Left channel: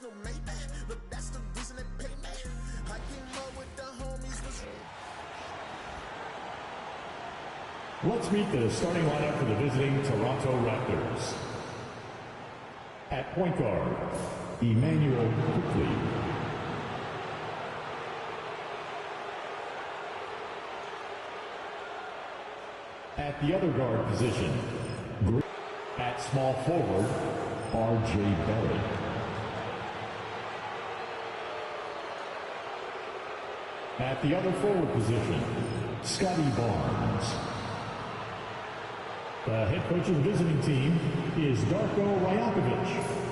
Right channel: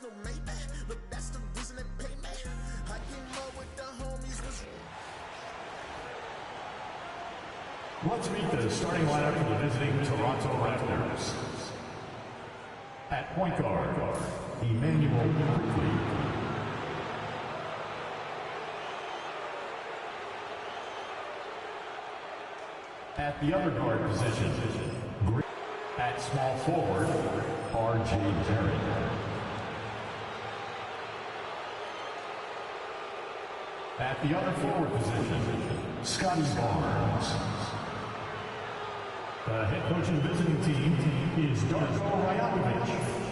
No Maybach, look, that's the reason they pay me. I came up with the homies was. Let's meet the starting lineup for the visiting Toronto Raptors. At point guard, Emmanuel Quickley. At the other guard position, at small forward, R.J. Barrett. At the other forward position, Scotty Barnes. The head coach of the visiting team is Darko Rajakovic.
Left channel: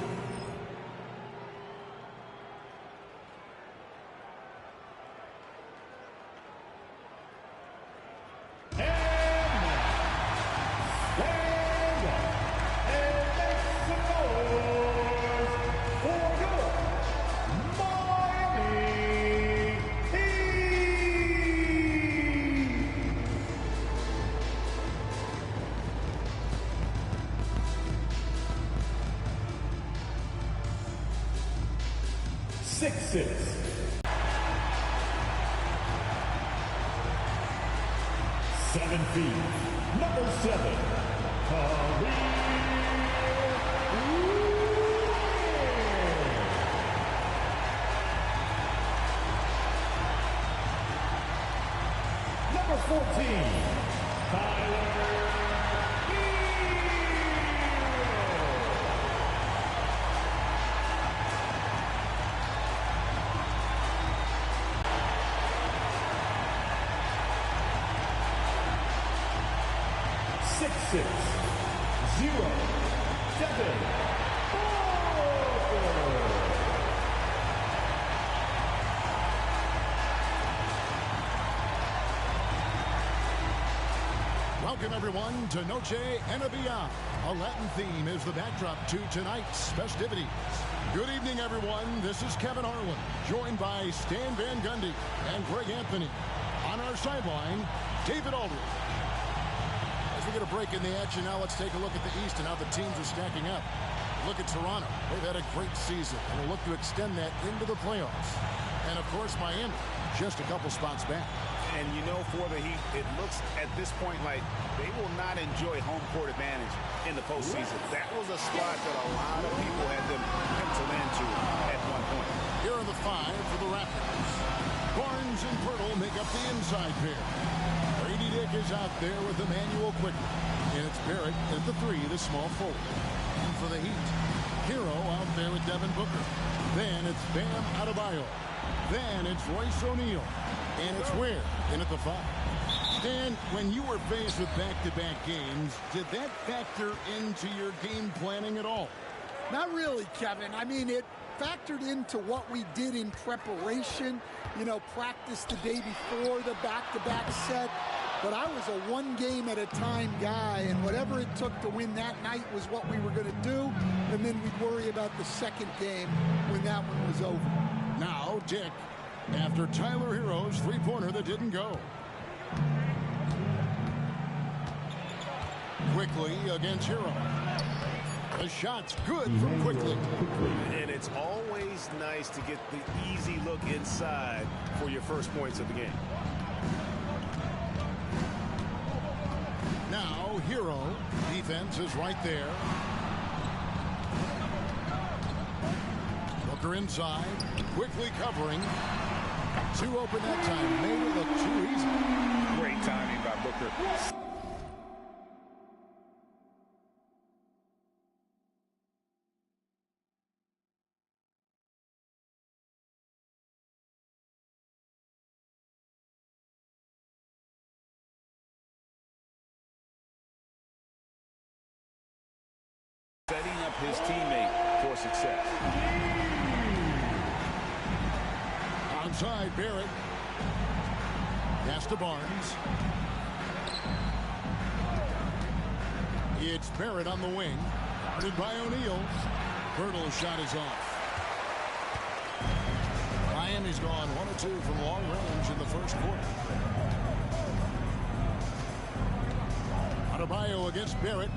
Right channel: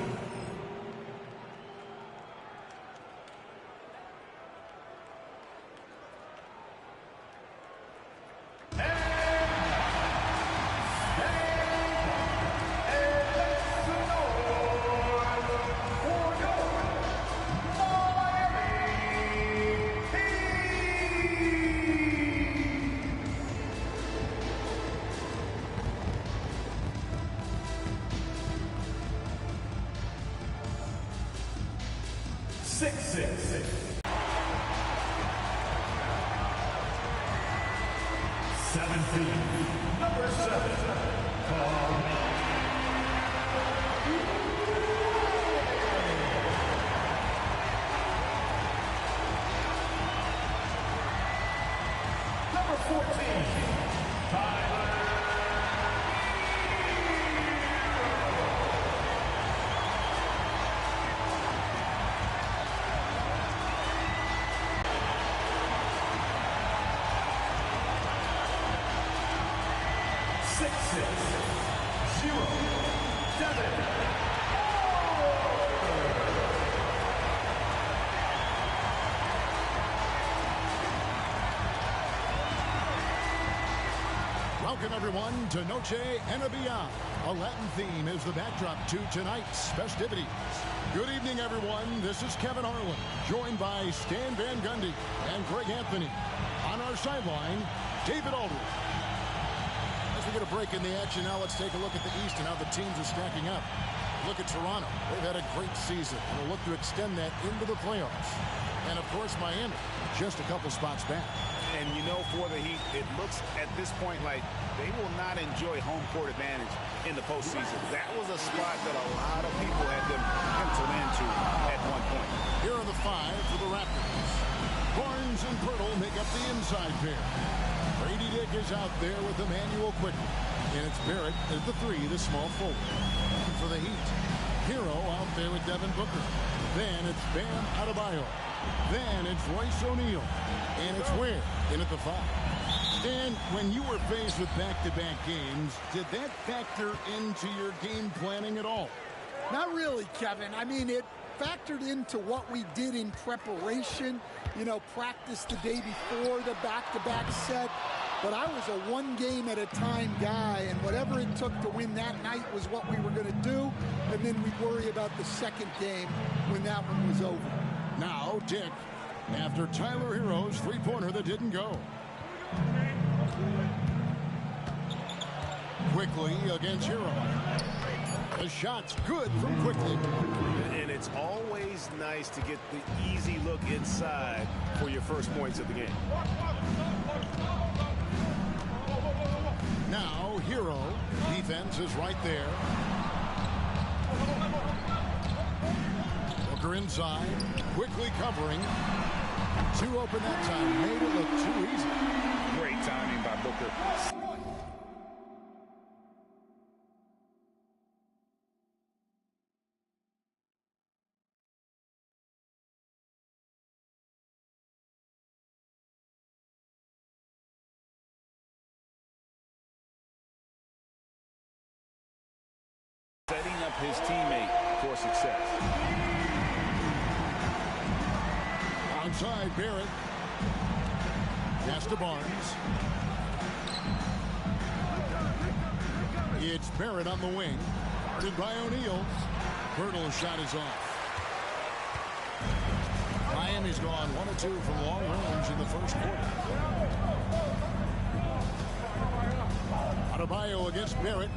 Welcome, everyone, to Noche Enabia. A Latin theme is the backdrop to tonight's festivities. Good evening, everyone. This is Kevin Harlan, joined by Stan Van Gundy and Greg Anthony. On our sideline, David Aldridge. As we get a break in the action now, let's take a look at the East and how the teams are stacking up. Look at Toronto. They've had a great season and will look to extend that into the playoffs. And, of course, Miami, just a couple spots back. And you know, for the Heat, it looks at this point like they will not enjoy home court advantage in the postseason. That was a spot that a lot of people had them penciled into at one point. Here are the five for the Raptors. Barnes and Pirtle make up the inside pair. Brady Dick is out there with Emmanuel Quickley. And it's Barrett at the three, the small forward. And for the Heat, Hero out there with Devin Booker. Then it's Bam Adebayo. Then it's Royce O'Neal. And it's Ware in at the five. Stan, when you were faced with back-to-back games, did that factor into your game planning at all? Not really, Kevin. I mean, it factored into what we did in preparation. You know, practice the day before the back-to-back set. But I was a one-game-at-a-time guy, and whatever it took to win that night was what we were going to do. And then we'd worry about the second game when that one was over. Now, Dick, after Tyler Hero's three-pointer that didn't go. Quickly against Hero. The shot's good from Quickly. And it's always nice to get the easy look inside for your first points of the game. Now, Hero. Defense is right there. Booker inside. Quickly covering. Two open that time. Made it look too easy. Great timing by Booker. Setting up his teammate for success. Outside, Barrett. Pass to Barnes. It's Barrett on the wing. Guarded by O'Neal. Pirtle's shot is off. Miami's gone 1 of 2 from long range in the first quarter. Adebayo against Barrett.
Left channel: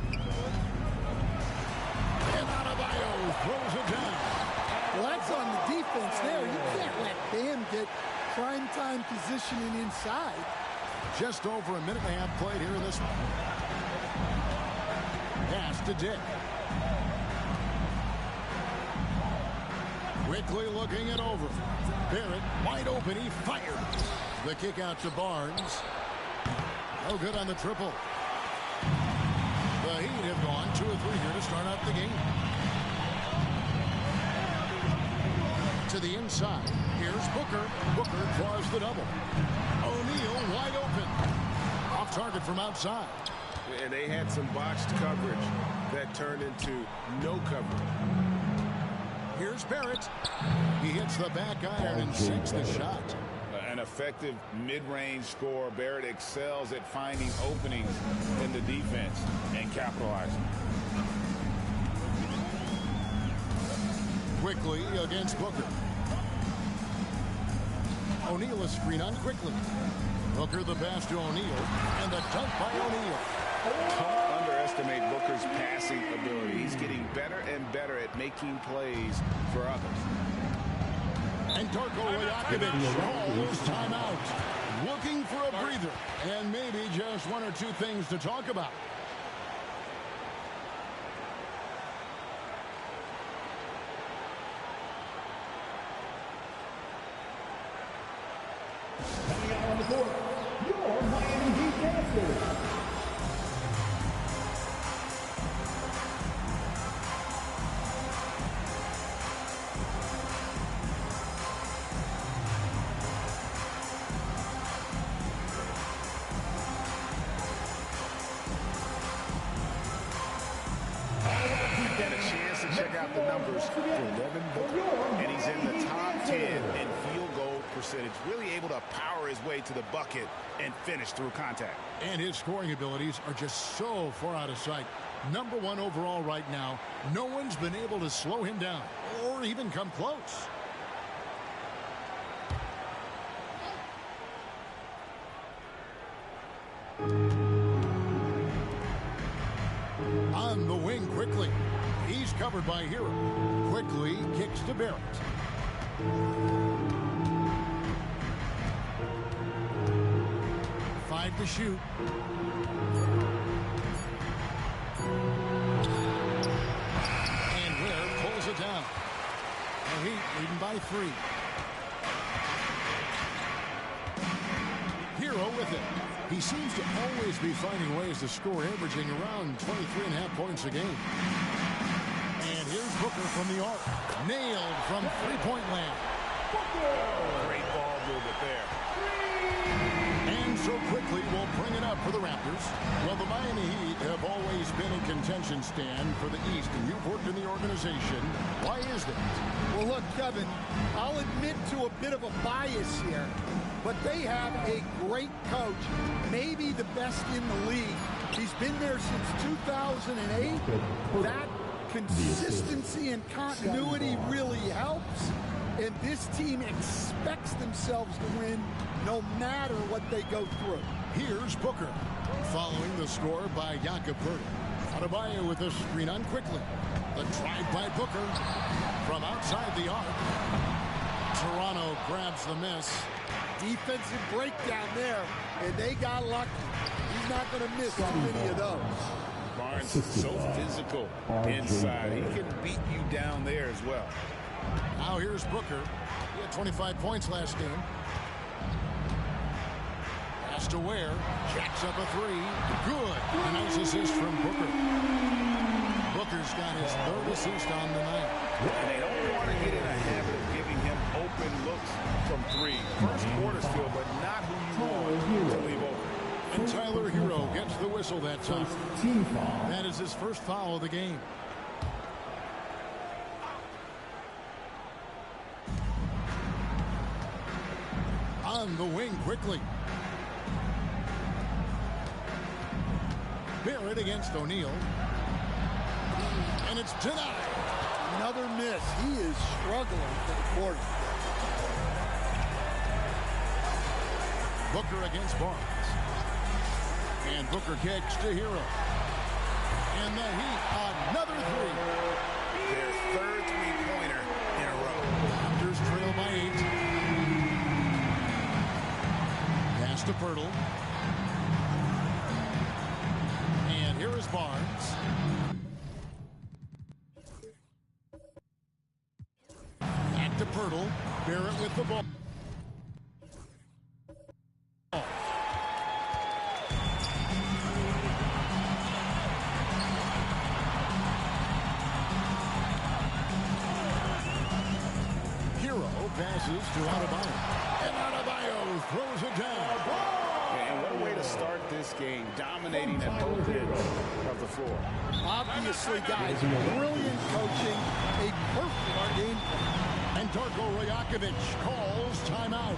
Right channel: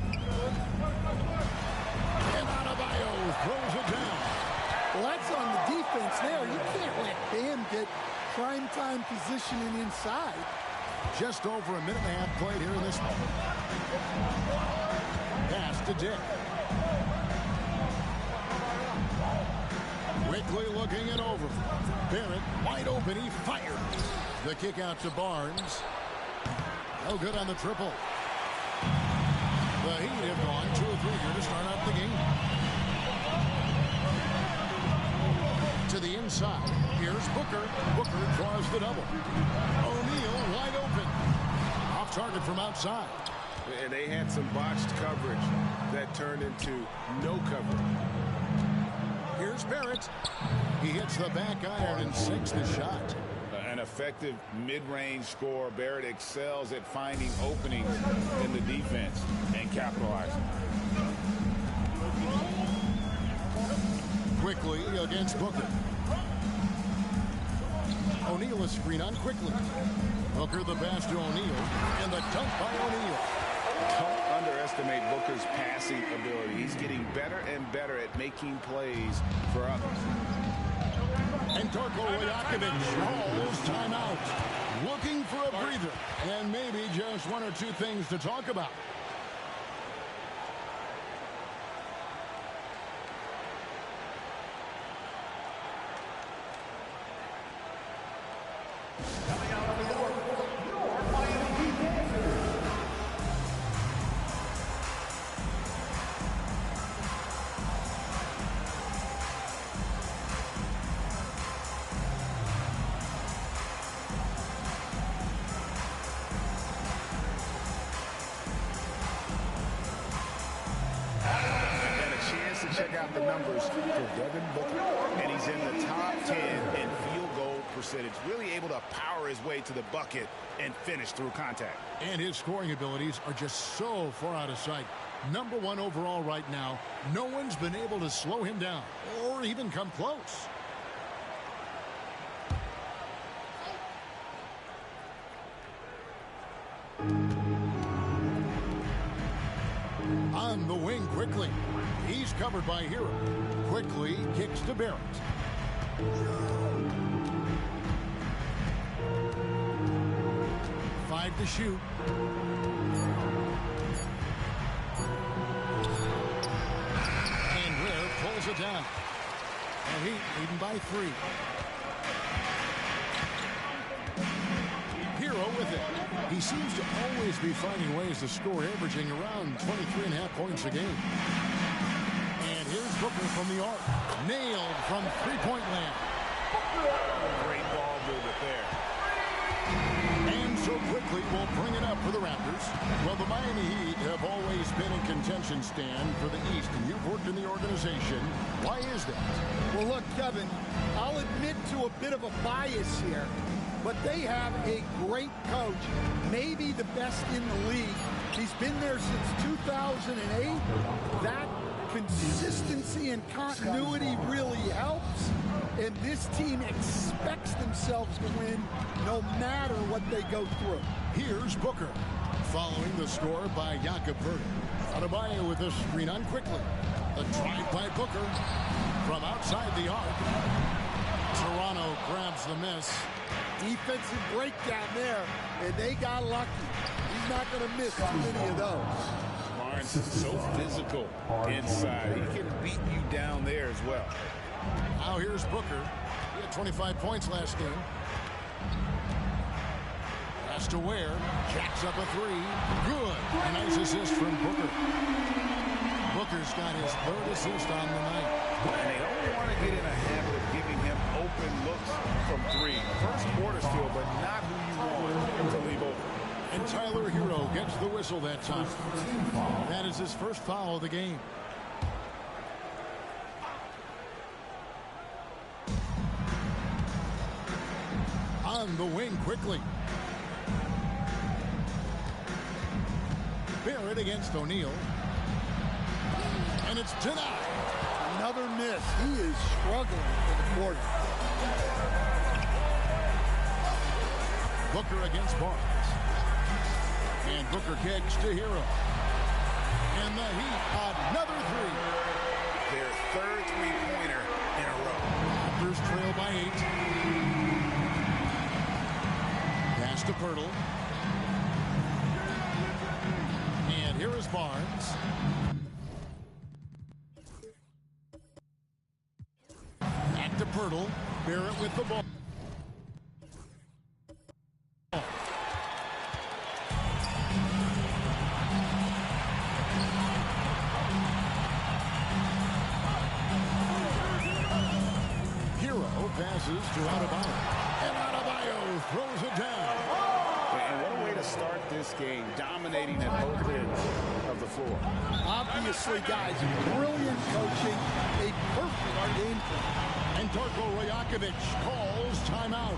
And Adebayo throws it down. Well, that's on the defense there. You can't let Bam get prime-time positioning inside. Just over a minute and a half played here in this one. Pass to Dick. Quickly looking it over. Barrett wide open. He fires. The kick out to Barnes. No good on the triple. The Heat have gone 2 of 3 here to start out the game. To the inside. Here's Booker. Booker draws the double. O'Neal wide open. Off target from outside. And they had some botched coverage that turned into no coverage. Here's Barrett. He hits the back iron and sinks the shot. An effective mid-range scorer. Barrett excels at finding openings in the defense and capitalizing. Quickly against Booker. O'Neal is screen on quickly. Booker the pass to O'Neal, and the dunk by O'Neal. Don't underestimate Booker's passing ability. He's getting better and better at making plays for others. And Darko Rajakovic calls timeout. Looking for a breather, and maybe just 1 or 2 things to talk about. Coming out on the court, your Miami Heat Dancers. To check out the numbers for Devin Booker, and he's in the top 10 in field goal percentage, really able to power his way to the bucket and finish through contact. And his scoring abilities are just so far out of sight. Number 1 overall right now. No one's been able to slow him down or even come close. On the wing quickly. He's covered by Hero. Quickly kicks to Barrett. Five to shoot. And Ware pulls it down. And Heat leading by 3. Hero with it. He seems to always be finding ways to score, averaging around 23.5 points a game. And here's Booker from the arc. Nailed from three-point land. Great ball movement there. And so quickly we'll bring it up for the Raptors. Well, the Miami Heat have always been in contention, Stan, for the East, and you've worked in the organization. Why is that? Well, look, Kevin, I'll admit to a bit of a bias here, but they have a great coach, maybe the best in the league. He's been there since 2008. That consistency and continuity really helps, and this team expects themselves to win no matter what they go through. Here's Booker, following the score by Jakob Poeltl. Adebayo with the screen on quickly. The drive by Booker from outside the arc. Toronto grabs the miss. Defensive breakdown there, and they got lucky. He's not going to miss too many of those. Barnes so physical inside. He can beat you down there as well. Now here's Booker. He had 25 points last game. Pass to Ware. Jacks up a 3. Good. A nice assist from Booker. Booker's got his 3rd assist on the night. And they don't want to get in a habit of giving him open looks from 3. First quarter still, but not who you want to leave open. And Tyler Hero gets the whistle that time. That is his first foul of the game. On the wing quickly. Barrett against O'Neal. And it's denied. Another miss. He is struggling for the quarter. Booker against Barnes. And Booker kicks to Hero. And the Heat, another 3. Their 3rd three-pointer in a row. Raptors trail by 8. Pass to Pirtle. And here is Barnes. Back to Pirtle. Barrett with the ball. Hero passes to Adebayo. And Adebayo throws it down. And what a way to start this game, dominating at both ends of the floor. Obviously, guys, brilliant coaching, a perfect game plan. And Darko Rajakovic calls timeout.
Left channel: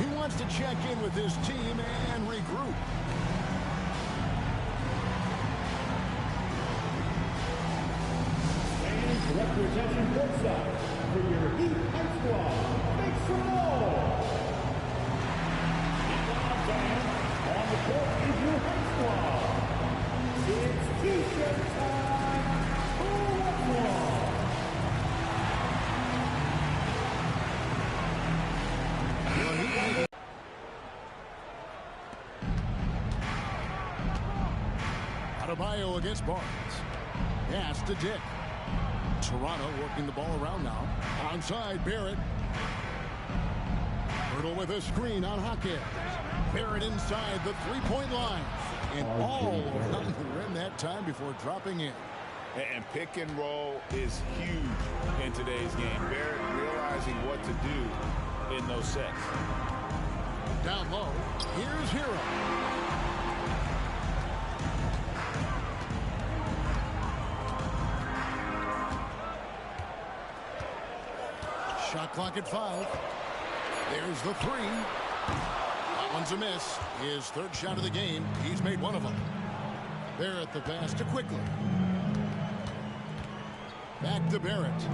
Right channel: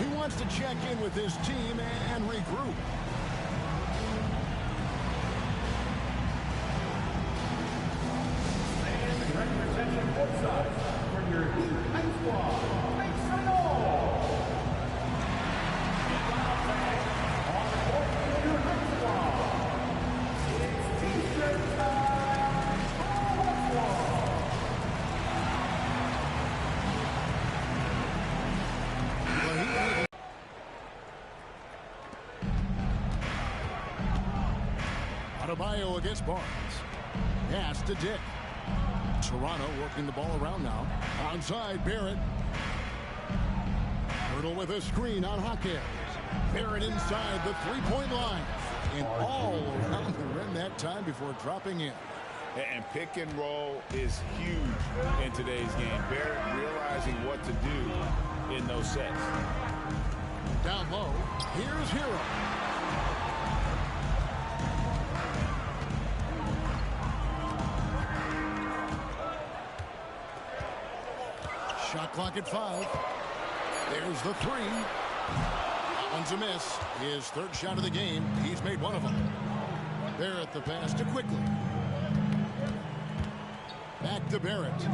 He wants to check in with his team and regroup. Fans representing both sides for your Heat High Squad. Make some noise! Inbound fans, on the court is your High Squad. It's T-shirt time. Who wants one? Well, he may... Adebayo against Barnes. Pass to Dick. Toronto working the ball around now. Onside, Barrett. Pirtle with a screen on Jaquez. Barrett inside the three-point line. And all around the rim that time before dropping in. And pick and roll is huge in today's game. Barrett realizing what to do in those sets. Down low, here's Hero. Shot clock at 5. There's the 3. That one's a miss. His third shot of the game. He's made one of them. Barrett the pass to Quickly. Back to Barrett.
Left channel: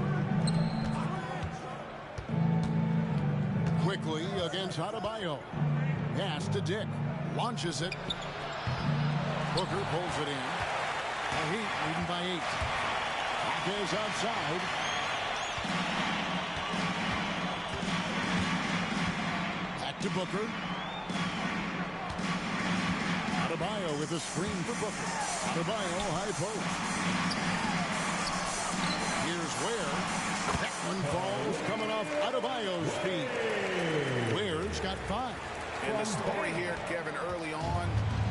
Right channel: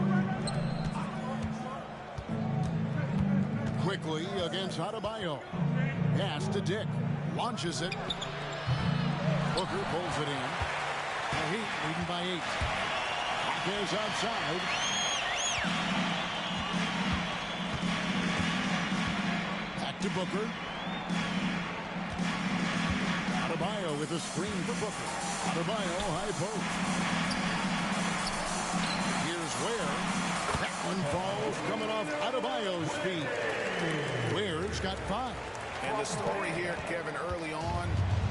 Quickly against Adebayo. Pass to Dick. Launches it. Booker pulls it in. The Heat leading by 8. Jaquez outside. Back to Booker. Adebayo with a screen for Booker. Adebayo high post. Here's Ware. That one falls coming off Adebayo's feet. Ware's got 5. And the story here, Kevin, early on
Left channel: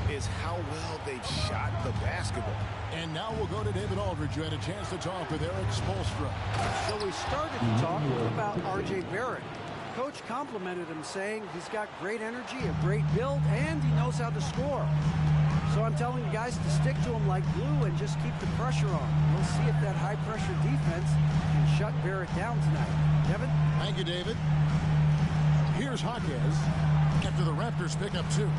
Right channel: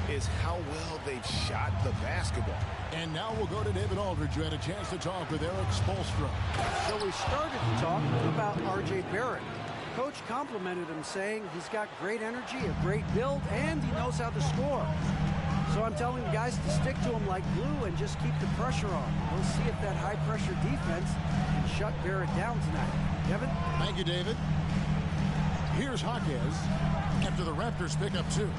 is how well they've shot the basketball. And now we'll go to David Aldridge, who had a chance to talk with Eric Spoelstra. So we started to talk about R.J. Barrett. Coach complimented him, saying he's got great energy, a great build, and he knows how to score. So I'm telling the guys to stick to him like glue and just keep the pressure on. We'll see if that high-pressure defense can shut Barrett down tonight. Kevin? Thank you, David. Here's Jaquez after the Raptors pick up 2.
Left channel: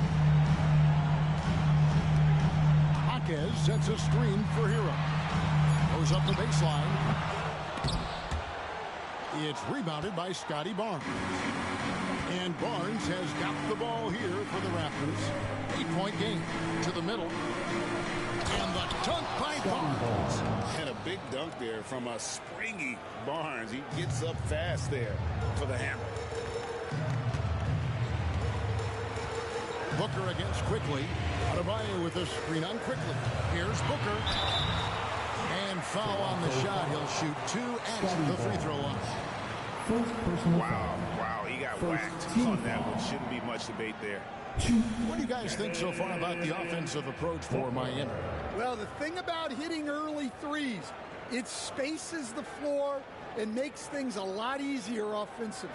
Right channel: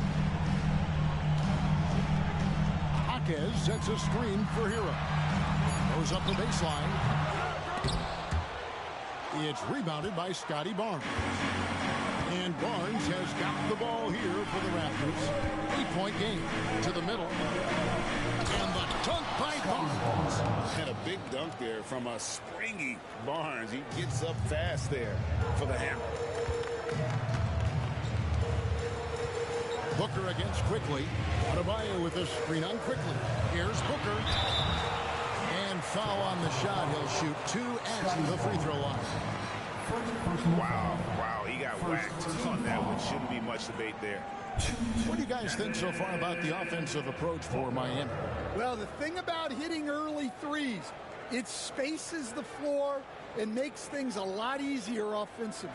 Jaquez sets a screen for Hero. Goes up the baseline. It's rebounded by Scotty Barnes. And Barnes has got the ball here for the Raptors. 8-point game to the middle. And the dunk by Barnes. And a big dunk there from a springy Barnes. He gets up fast there for the hammer. Booker against Quickly. Adebayo with a screen on Quickly. Here's Booker. And foul on the shot. He'll shoot 2 at the free throw line. Wow, he got whacked on that one. Shouldn't be much debate there. What do you guys think so far about the offensive approach for Miami? Well, the thing about hitting early threes, it spaces the floor and makes things a lot easier offensively.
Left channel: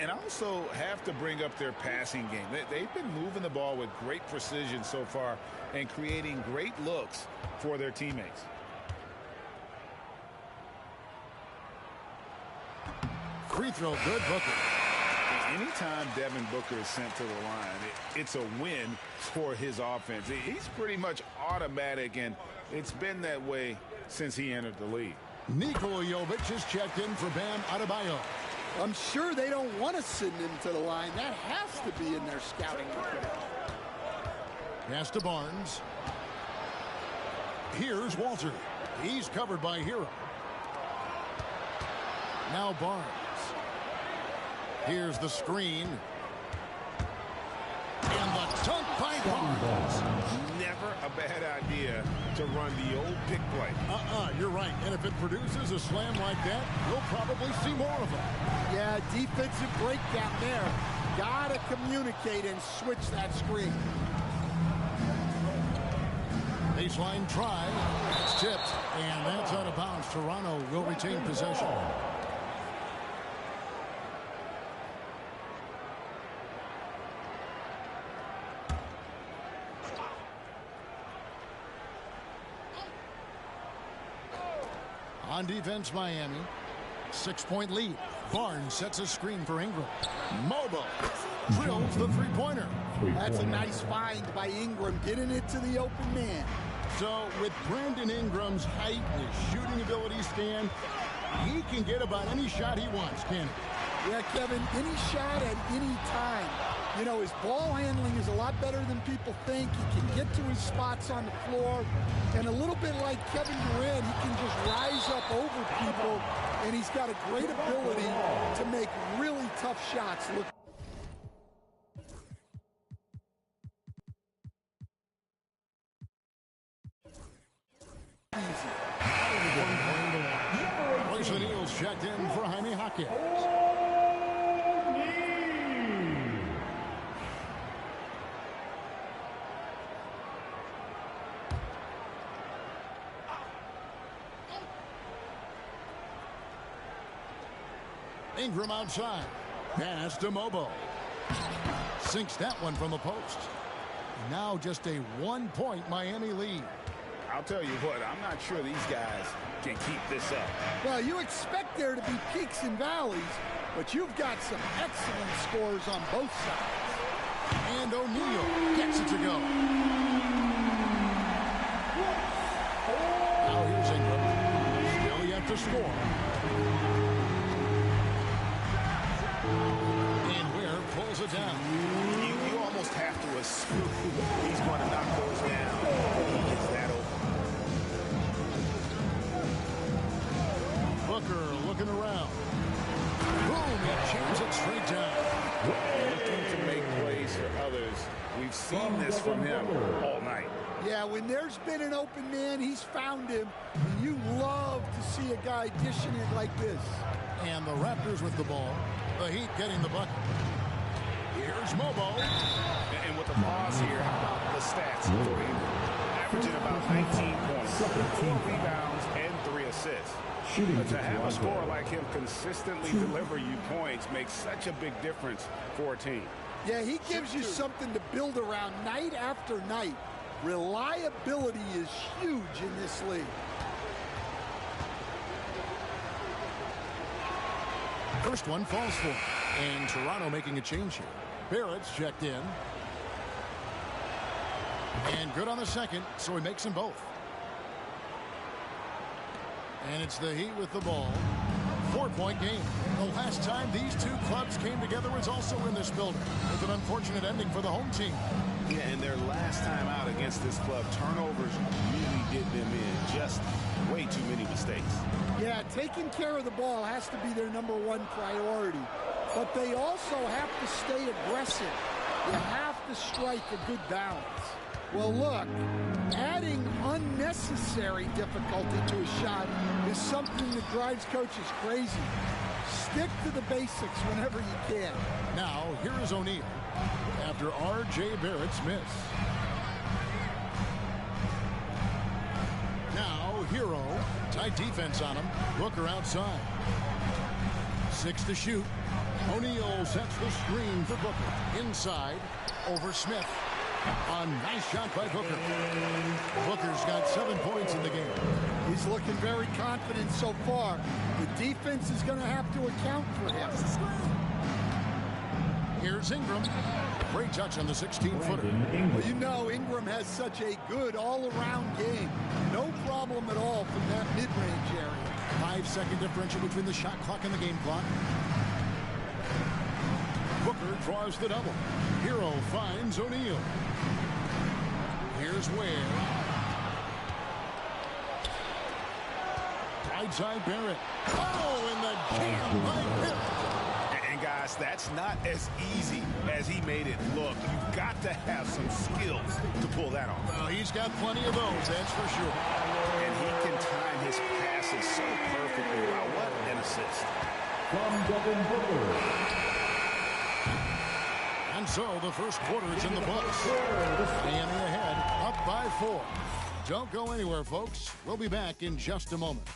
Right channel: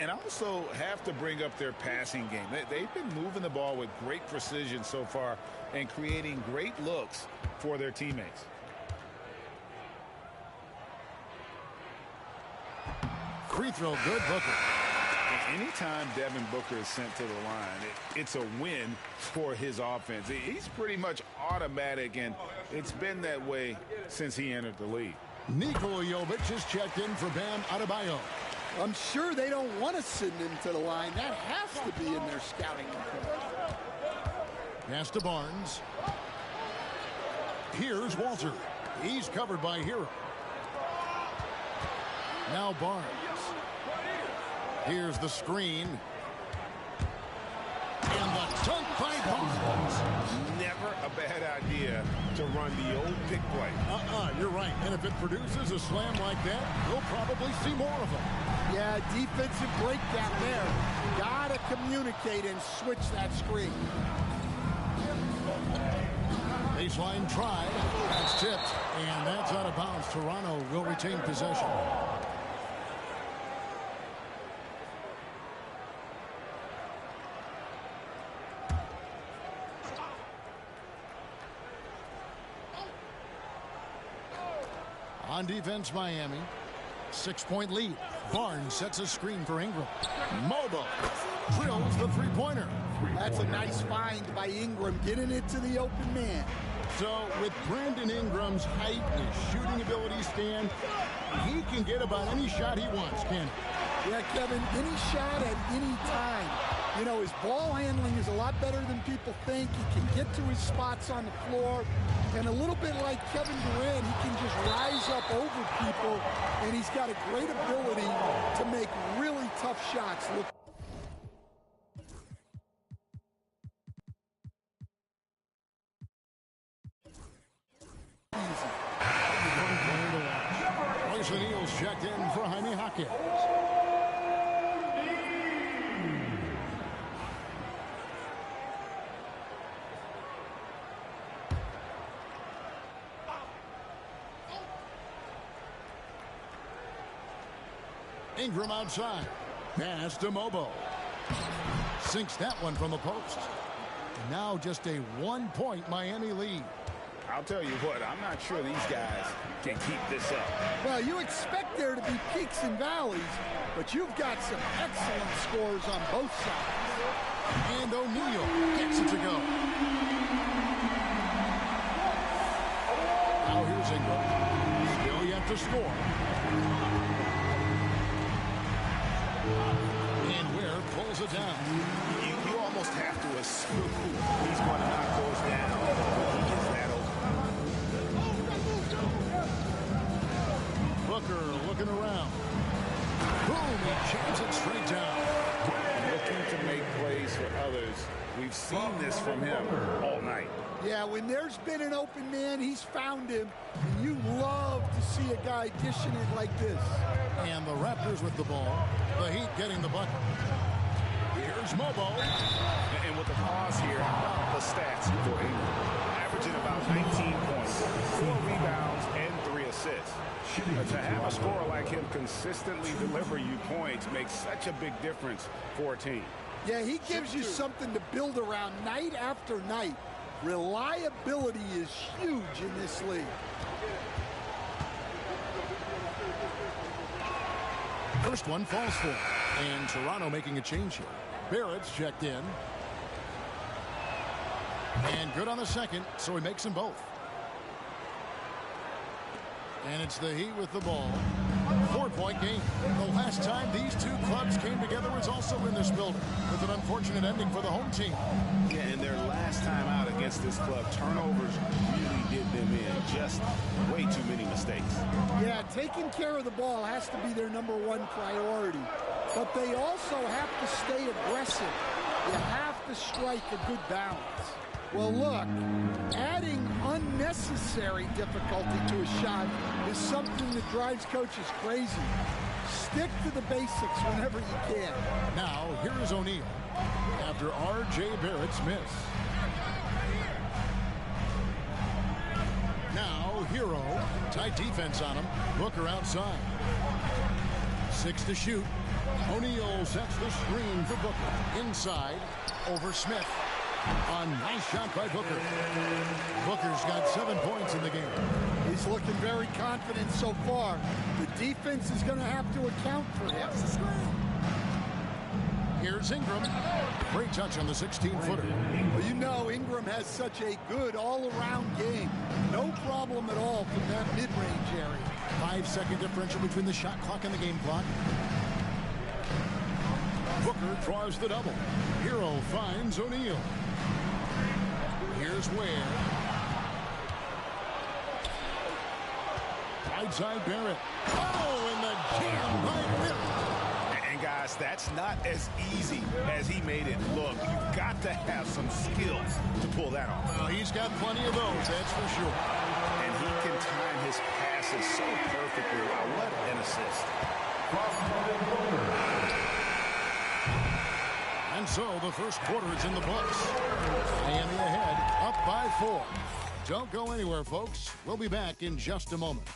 And also have to bring up their passing game. They've been moving the ball with great precision so far and creating great looks for their teammates. Free throw good, Booker. Anytime Devin Booker is sent to the line, it's a win for his offense. He's pretty much automatic, and it's been that way since he entered the league. Nikola Jovic is checked in for Bam Adebayo. I'm sure they don't want to send him to the line. That has to be in their scouting report. Pass to Barnes. Here's Walter. He's covered by Hero. Now Barnes. Here's the screen. And the dunk by Barnes. Never a bad idea to run the old pick play. You're right. And if it produces a slam like that, we'll probably see more of them. Yeah, defensive breakdown there. Gotta communicate and switch that screen. Baseline try. That's tipped. And that's out of bounds. Toronto will retain possession. On defense, Miami. 6-point lead. Barnes sets a screen for Ingram. Mobo drills the three-pointer. That's a nice find by Ingram, getting it to the open man. So with Brandon Ingram's height and his shooting ability, Stan, he can get about any shot he wants, can't he? Yeah, Kevin, any shot at any time. You know, his ball handling is a lot better than people think. He can get to his spots on the floor. And a little bit like Kevin Durant, he can just rise up over people. And he's got a great ability to make really tough shots look easy. Royce O'Neal's checked in for Jaime Jaquez. Ingram outside. Pass to Mobo. Sinks that one from the post. Now just a 1-point Miami lead. I'll tell you what, I'm not sure these guys can keep this up. Well, you expect there to be peaks and valleys, but you've got some excellent scores on both sides. And O'Neal gets it to go. Now here's Ingram. Still yet to score. And Ware pulls it down. You almost have to assume he's going to knock those down when he gets that open. Booker looking around. Boom, he jams it straight down. Looking to make plays for others. We've seen this from him all night. Yeah, when there's been an open man, he's found him. And you love to see a guy dishing it like this. And the Raptors with the ball. The Heat getting the bucket. Here's Mobo. And with the pause here, how about the stats for Ingram? Averaging about 19 points, 4 rebounds, and 3 assists. To have a scorer like him consistently deliver you points makes such a big difference for a team. Yeah, he gives you something to build around night after night. Reliability is huge in this league. First one falls for him. And Toronto making a change here. Barrett's checked in. And good on the second, so he makes them both. And it's the Heat with the ball. 4-point game. The last time these two clubs came together was also in this building, with an unfortunate ending for the home team. Yeah, and their last time out against this club, turnovers really did them in. Just way too many mistakes. Yeah, taking care of the ball has to be their #1 priority. But they also have to stay aggressive. You have to strike a good balance. Well, look, adding unnecessary difficulty to a shot is something that drives coaches crazy. Stick to the basics whenever you can. Now, here is O'Neal after R.J. Barrett's miss. Now, Hero. Tight defense on him. Booker outside. 6 to shoot. O'Neal sets the screen for Booker. Inside, over Smith. A nice shot by Booker. Booker's got 7 points in the game. He's looking very confident so far. The defense is going to have to account for him. Here's Ingram. Great touch on the 16-footer. Well, you know Ingram has such a good all-around game. No problem at all from that mid-range area. 5-second differential between the shot clock and the game clock. Booker draws the double. Hero finds O'Neal. Here's Ware. Right side, Barrett. Oh, and the jam by Barrett. And guys, that's not as easy as he made it look. You've got to have some skills to pull that off. Well, he's got plenty of those, that's for sure. And he can time his passes so perfectly. Wow, what an assist. From Devin Booker. And so the first quarter is in the books. Miami ahead, up by 4. Don't go anywhere, folks. We'll be back in just a moment.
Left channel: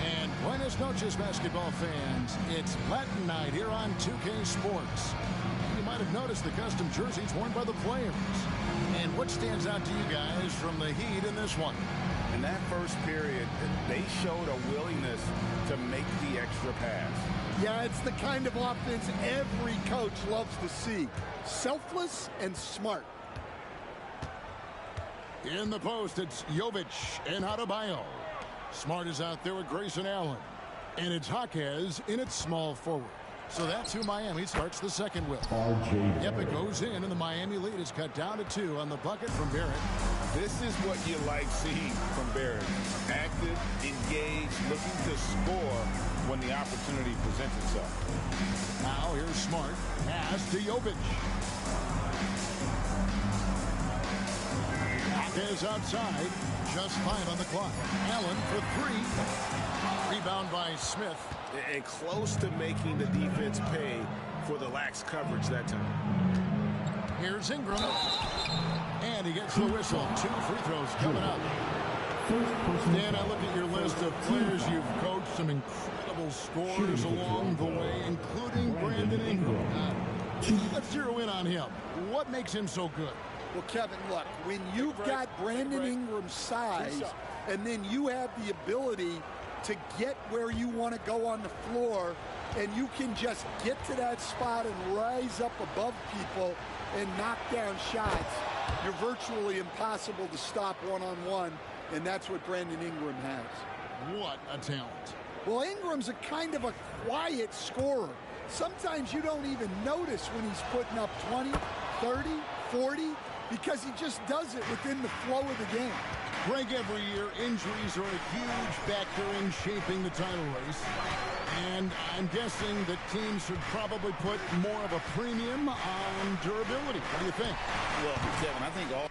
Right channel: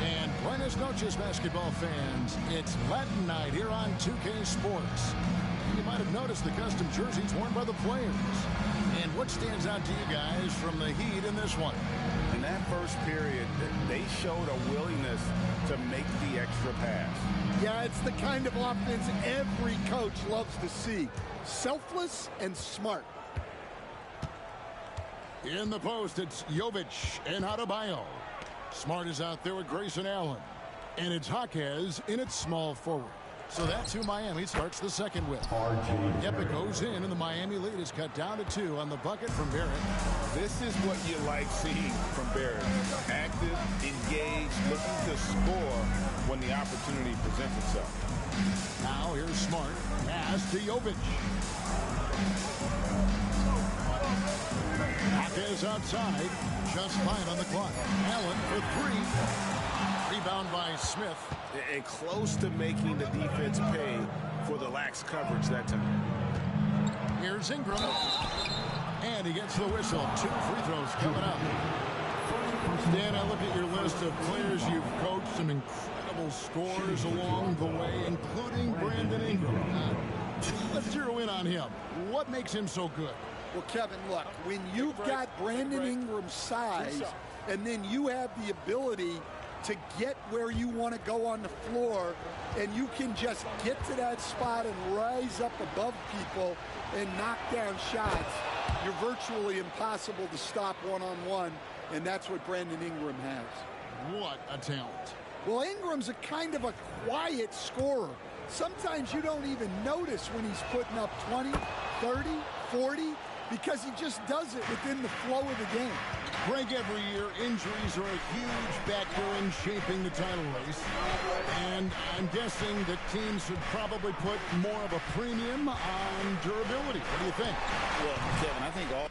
And buenos noches, basketball fans. It's Latin night here on 2K Sports. You might have noticed the custom jerseys worn by the players. And what stands out to you guys from the Heat in this one? In that first period, they showed a willingness to make the extra pass. Yeah, it's the kind of offense every coach loves to see. Selfless and smart. In the post, it's Jovic and Adebayo. Smart is out there with Grayson Allen. And it's Jaquez in its small forward. So that's who Miami starts the second with. RJ Yep, it goes in, and the Miami lead is cut down to 2 on the bucket from Barrett. This is what you like seeing from Barrett. Active, engaged, looking to score when the opportunity presents itself. Now here's Smart. Pass to Jovic. Jaquez outside. Just 5 on the clock. Allen for 3. Rebound by Smith. And close to making the defense pay for the lax coverage that time. Here's Ingram. And he gets the whistle. 2 free throws coming up. Dan, I look at your list of players you've coached, some incredible scorers along the way, including Brandon Ingram. Let's zero in on him. What makes him so good? Well, Kevin, look, when you've got Brandon Ingram's size, and then you have the ability to get where you want to go on the floor, and you can just get to that spot and rise up above people and knock down shots, you're virtually impossible to stop one-on-one, and that's what Brandon Ingram has. What a talent. Well, Ingram's a kind of a quiet scorer. Sometimes you don't even notice when he's putting up 20, 30, 40, because he just does it within the flow of the game. Greg, every year, injuries are a huge factor in shaping the title race. And I'm guessing that teams should probably put more of a premium on durability. What do you think? Well, Kevin, I think all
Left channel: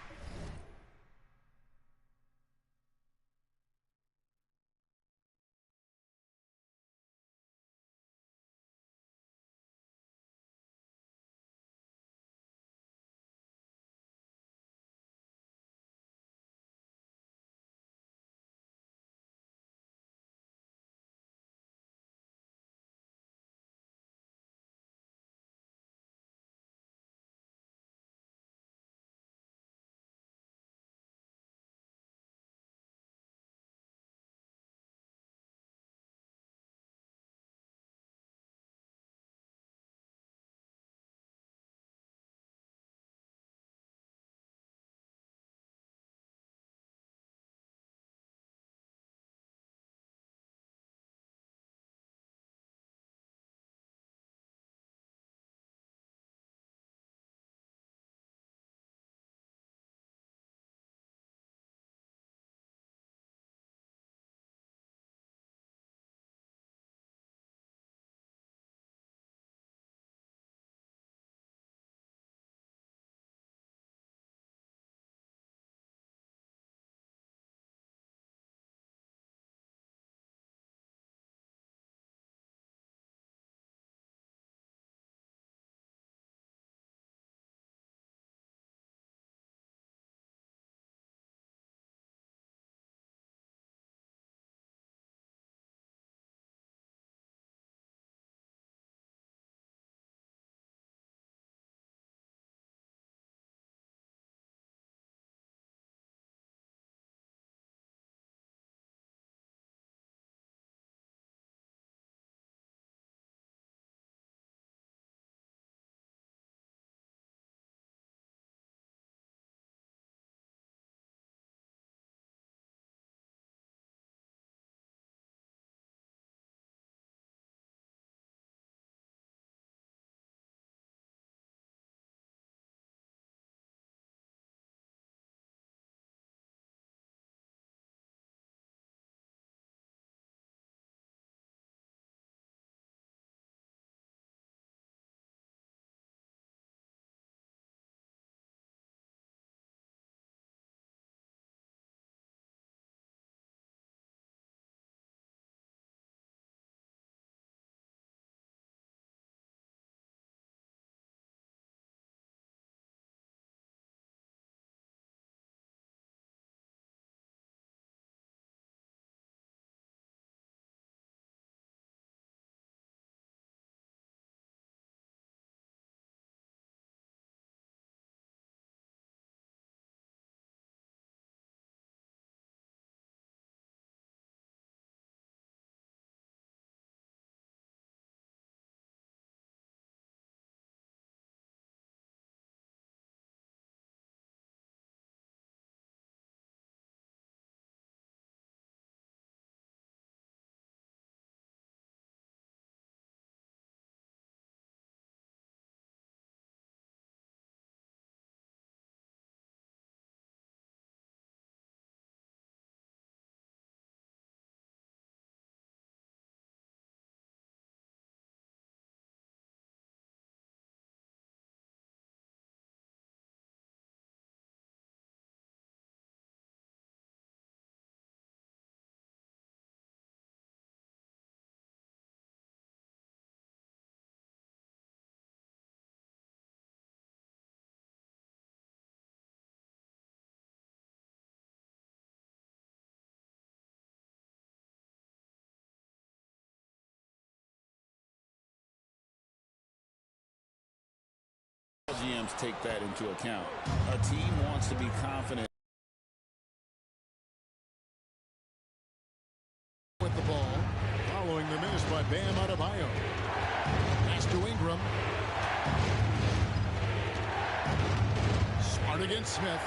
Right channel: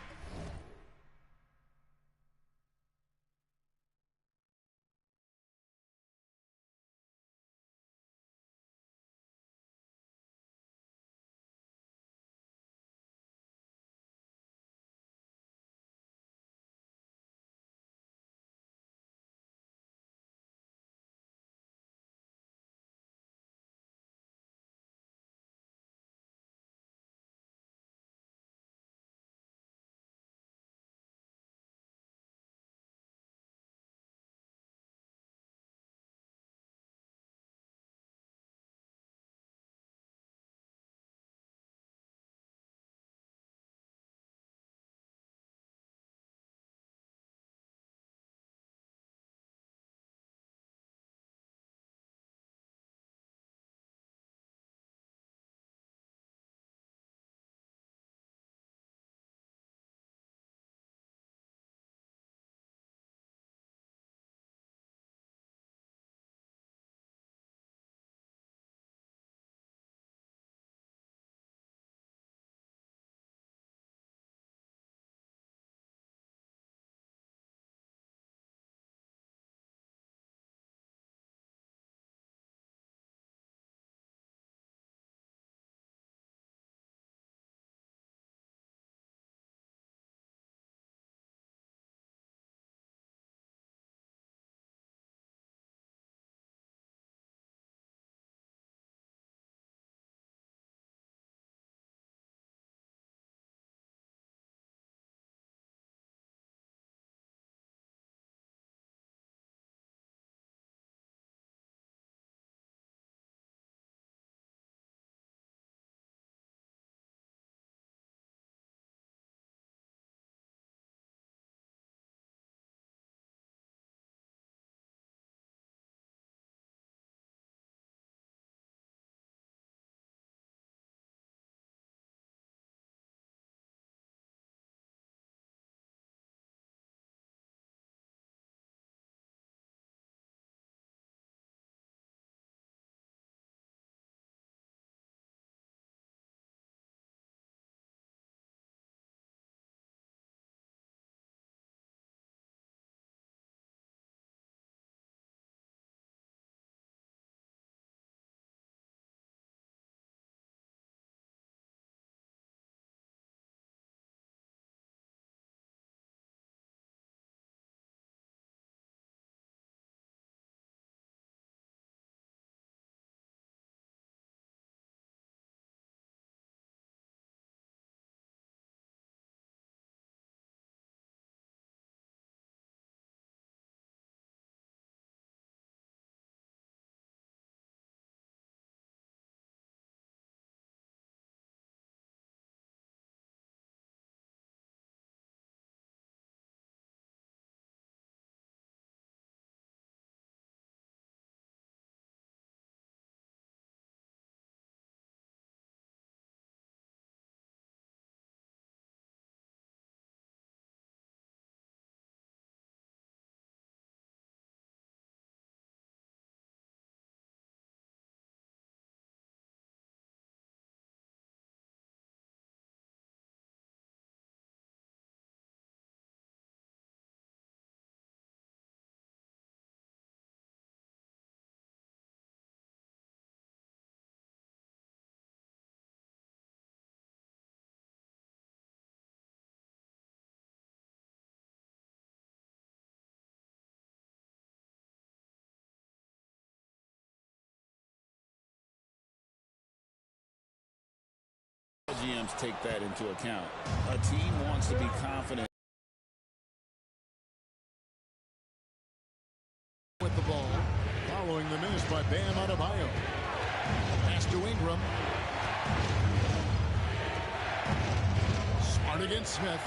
GMs take that into account. A team wants to be confident with the ball, following the miss by Bam Adebayo. Pass to Ingram. Smart against Smith.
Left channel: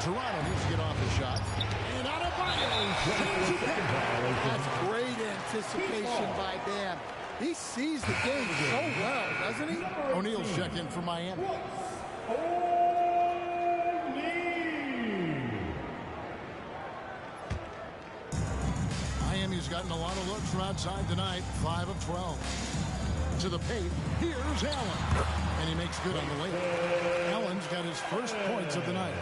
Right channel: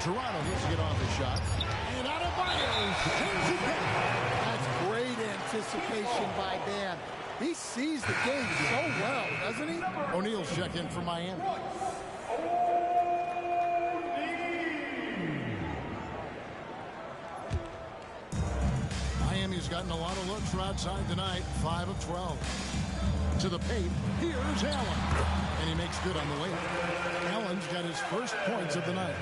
Toronto needs to get off the shot. And Adebayo sends it back. That's great anticipation by Bam. He sees the game so well, doesn't he? O'Neal's check in for Miami. Miami's gotten a lot of looks from outside tonight. 5 of 12. To the paint. Here's Allen. And he makes good on the layup. Allen's got his first points of the night.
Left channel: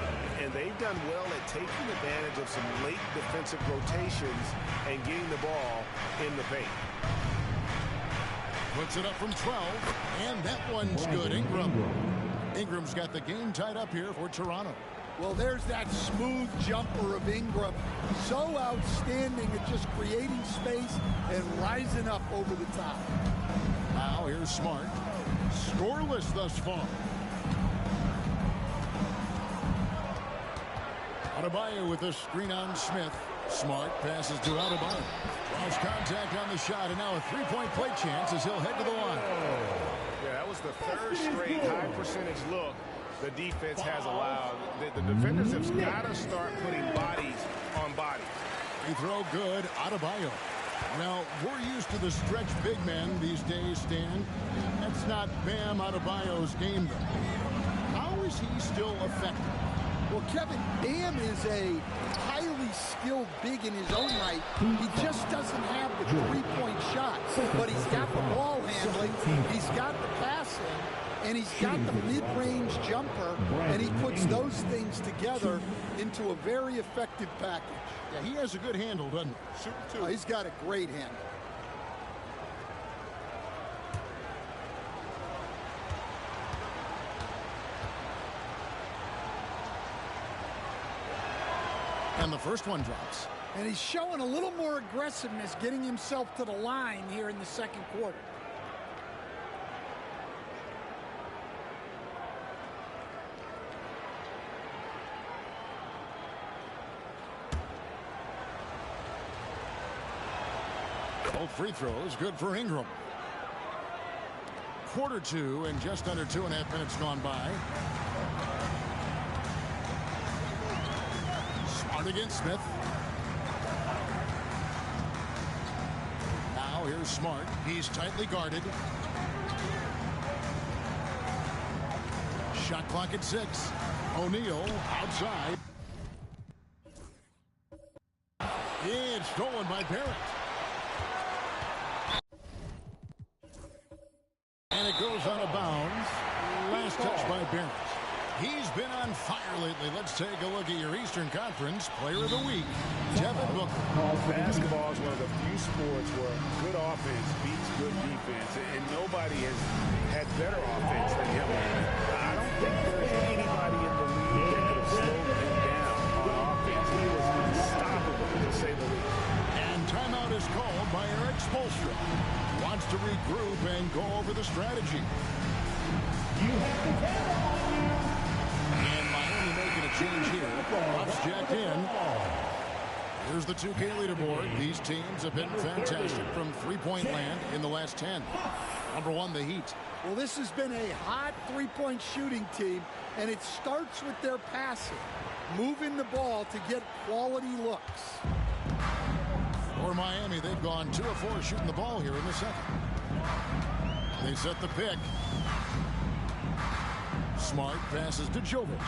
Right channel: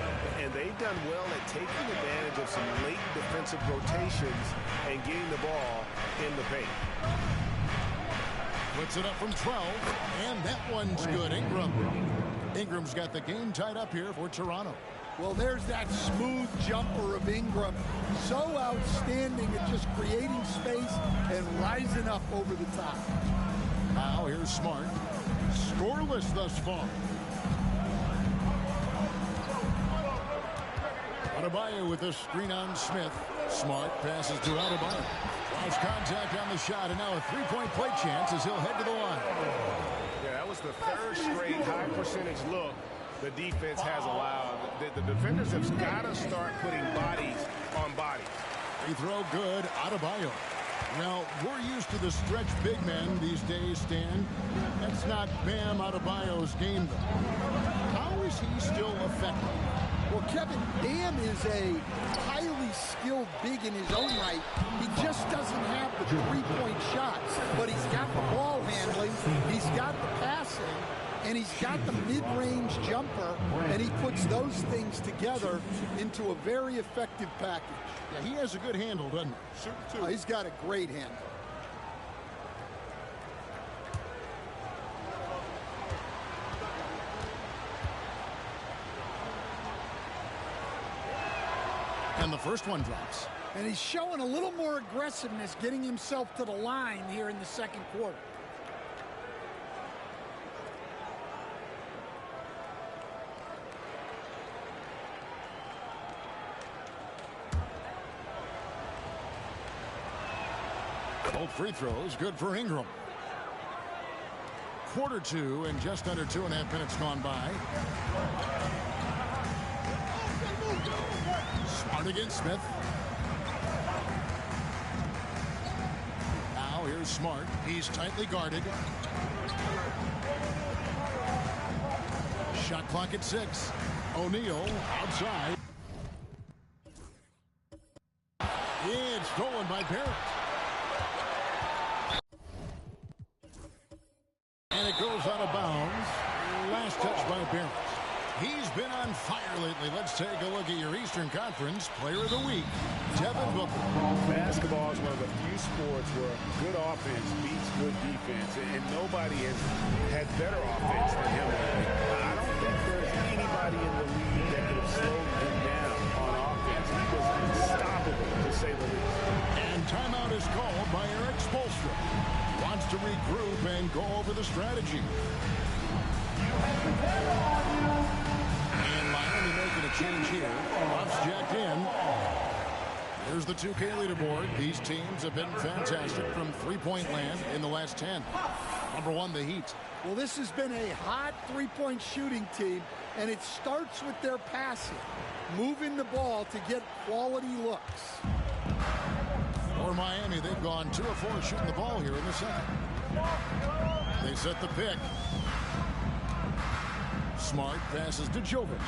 And they've done well at taking advantage of some late defensive rotations and getting the ball in the paint. Puts it up from 12, and that one's good. Ingram's got the game tied up here for Toronto. Well, there's that smooth jumper of Ingram. So outstanding at just creating space and rising up over the top. Now here's Smart. Scoreless thus far. Adebayo with a screen on Smith. Smart passes to Adebayo. Draws contact on the shot, and now a three-point play chance as he'll head to the line. Yeah, that was the third straight high percentage look the defense has allowed. The defenders have got to start putting bodies on bodies. Free throw good. Adebayo. Now, we're used to the stretch big men these days, Stan. That's not Bam Adebayo's game, though. How is he still effective? Well, Kevin, Bam is a highly skilled big in his own right. He just doesn't have the three-point shot. But he's got the ball handling, he's got the passing, and he's got the mid-range jumper, and he puts those things together into a very effective package. Yeah, he has a good handle, doesn't he? Shooting two. He's got a great handle. And the first one drops. And he's showing a little more aggressiveness, getting himself to the line here in the second quarter. Both free throws good for Ingram. Quarter two and just under 2.5 minutes gone by. Smart against Smith. Now here's Smart. He's tightly guarded. Shot clock at 6. O'Neal outside. It's stolen by Barrett. And it goes out of bounds. Last touch by Barrett. He's been on fire lately. Let's take a look at your Eastern Conference Player of the Week, Devin Booker. Basketball is one of the few sports where good offense beats good defense, and nobody has had better offense than him lately. I don't think there's anybody in the league that could have slowed him down on offense. He was unstoppable, to say the least. And timeout is called by Eric Spoelstra. He wants to regroup and go over the strategy. And Miami making a change here. Ruff's jacked in. Here's the 2K leaderboard. These teams have been fantastic from three-point land in the last 10. Number 1, the Heat. Well, this has been a hot three-point shooting team, and it starts with their passing, moving the ball to get quality looks. For Miami, they've gone 2 of 4 shooting the ball here in the second. They set the pick. Smart passes to Jovic.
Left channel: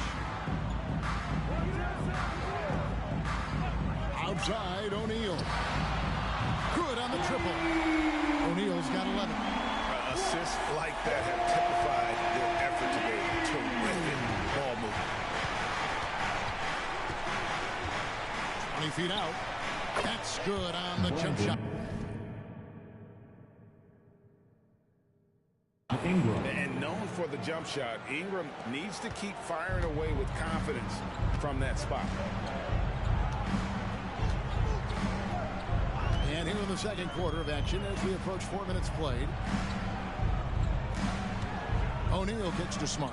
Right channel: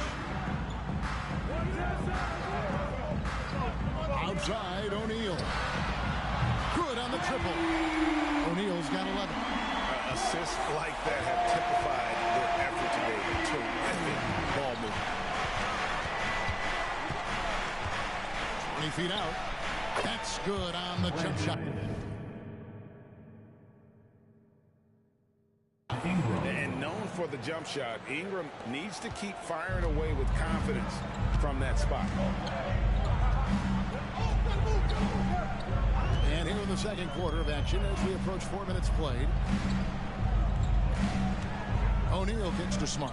Outside, O'Neal. Good on the triple. O'Neal's got 11. Assists like that have typified their effort today. Terrific ball movement. 20 feet out. That's good on the jump shot. And known for the jump shot, Ingram needs to keep firing away with confidence from that spot. And here in the second quarter of action as we approach 4 minutes played. O'Neal kicks to Smart.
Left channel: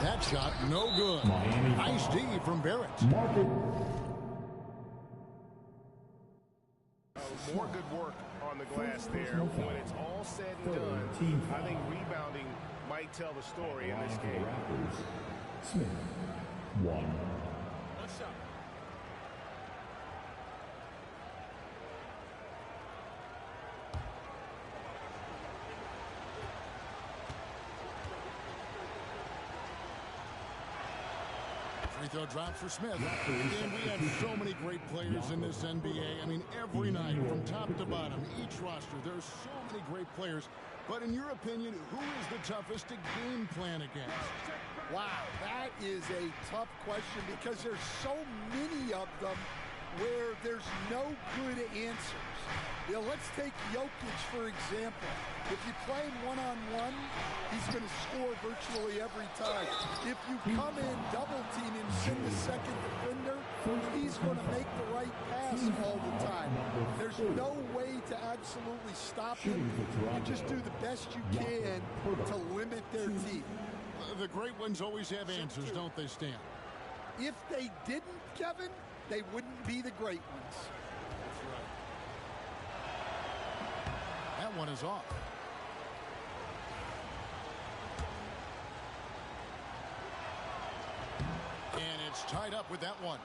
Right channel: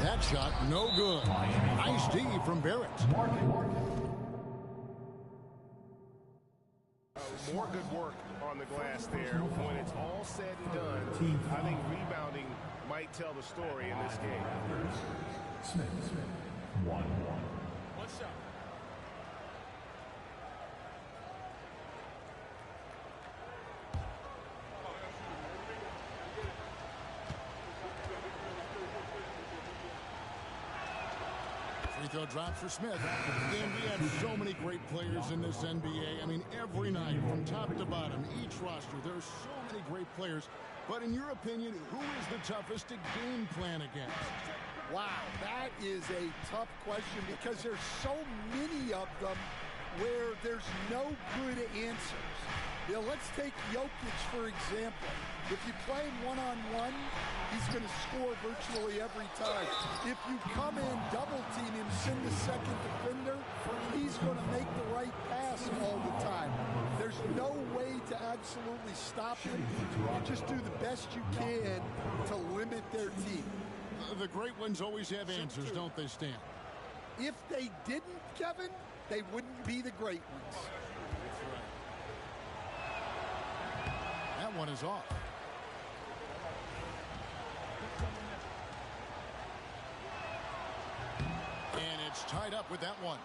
That shot no good. Miami Nice D from Barrett. Market. More good work on the glass there. When it's all said and done, I think rebounding might tell the story in this game. Raptors. Smith. 1. What's up? Free throw drops for Smith. And we have so many great players in this NBA. I mean, every night from top to bottom, each roster, there's so many great players. But in your opinion, who is the toughest to game plan against? Wow, that is a tough question because there's so many of them where there's no good answers. You know, let's take Jokic, for example. If you play him one-on-one, he's going to score virtually every time. If you come in, double-team him, send the second defender, he's going to make the right pass all the time. There's no way to absolutely stop him. You just do the best you can to limit their team. The great ones always have answers, don't they, Stan? If they didn't, Kevin, they wouldn't be the great ones. That's right. That one is off. And it's tied up with that one.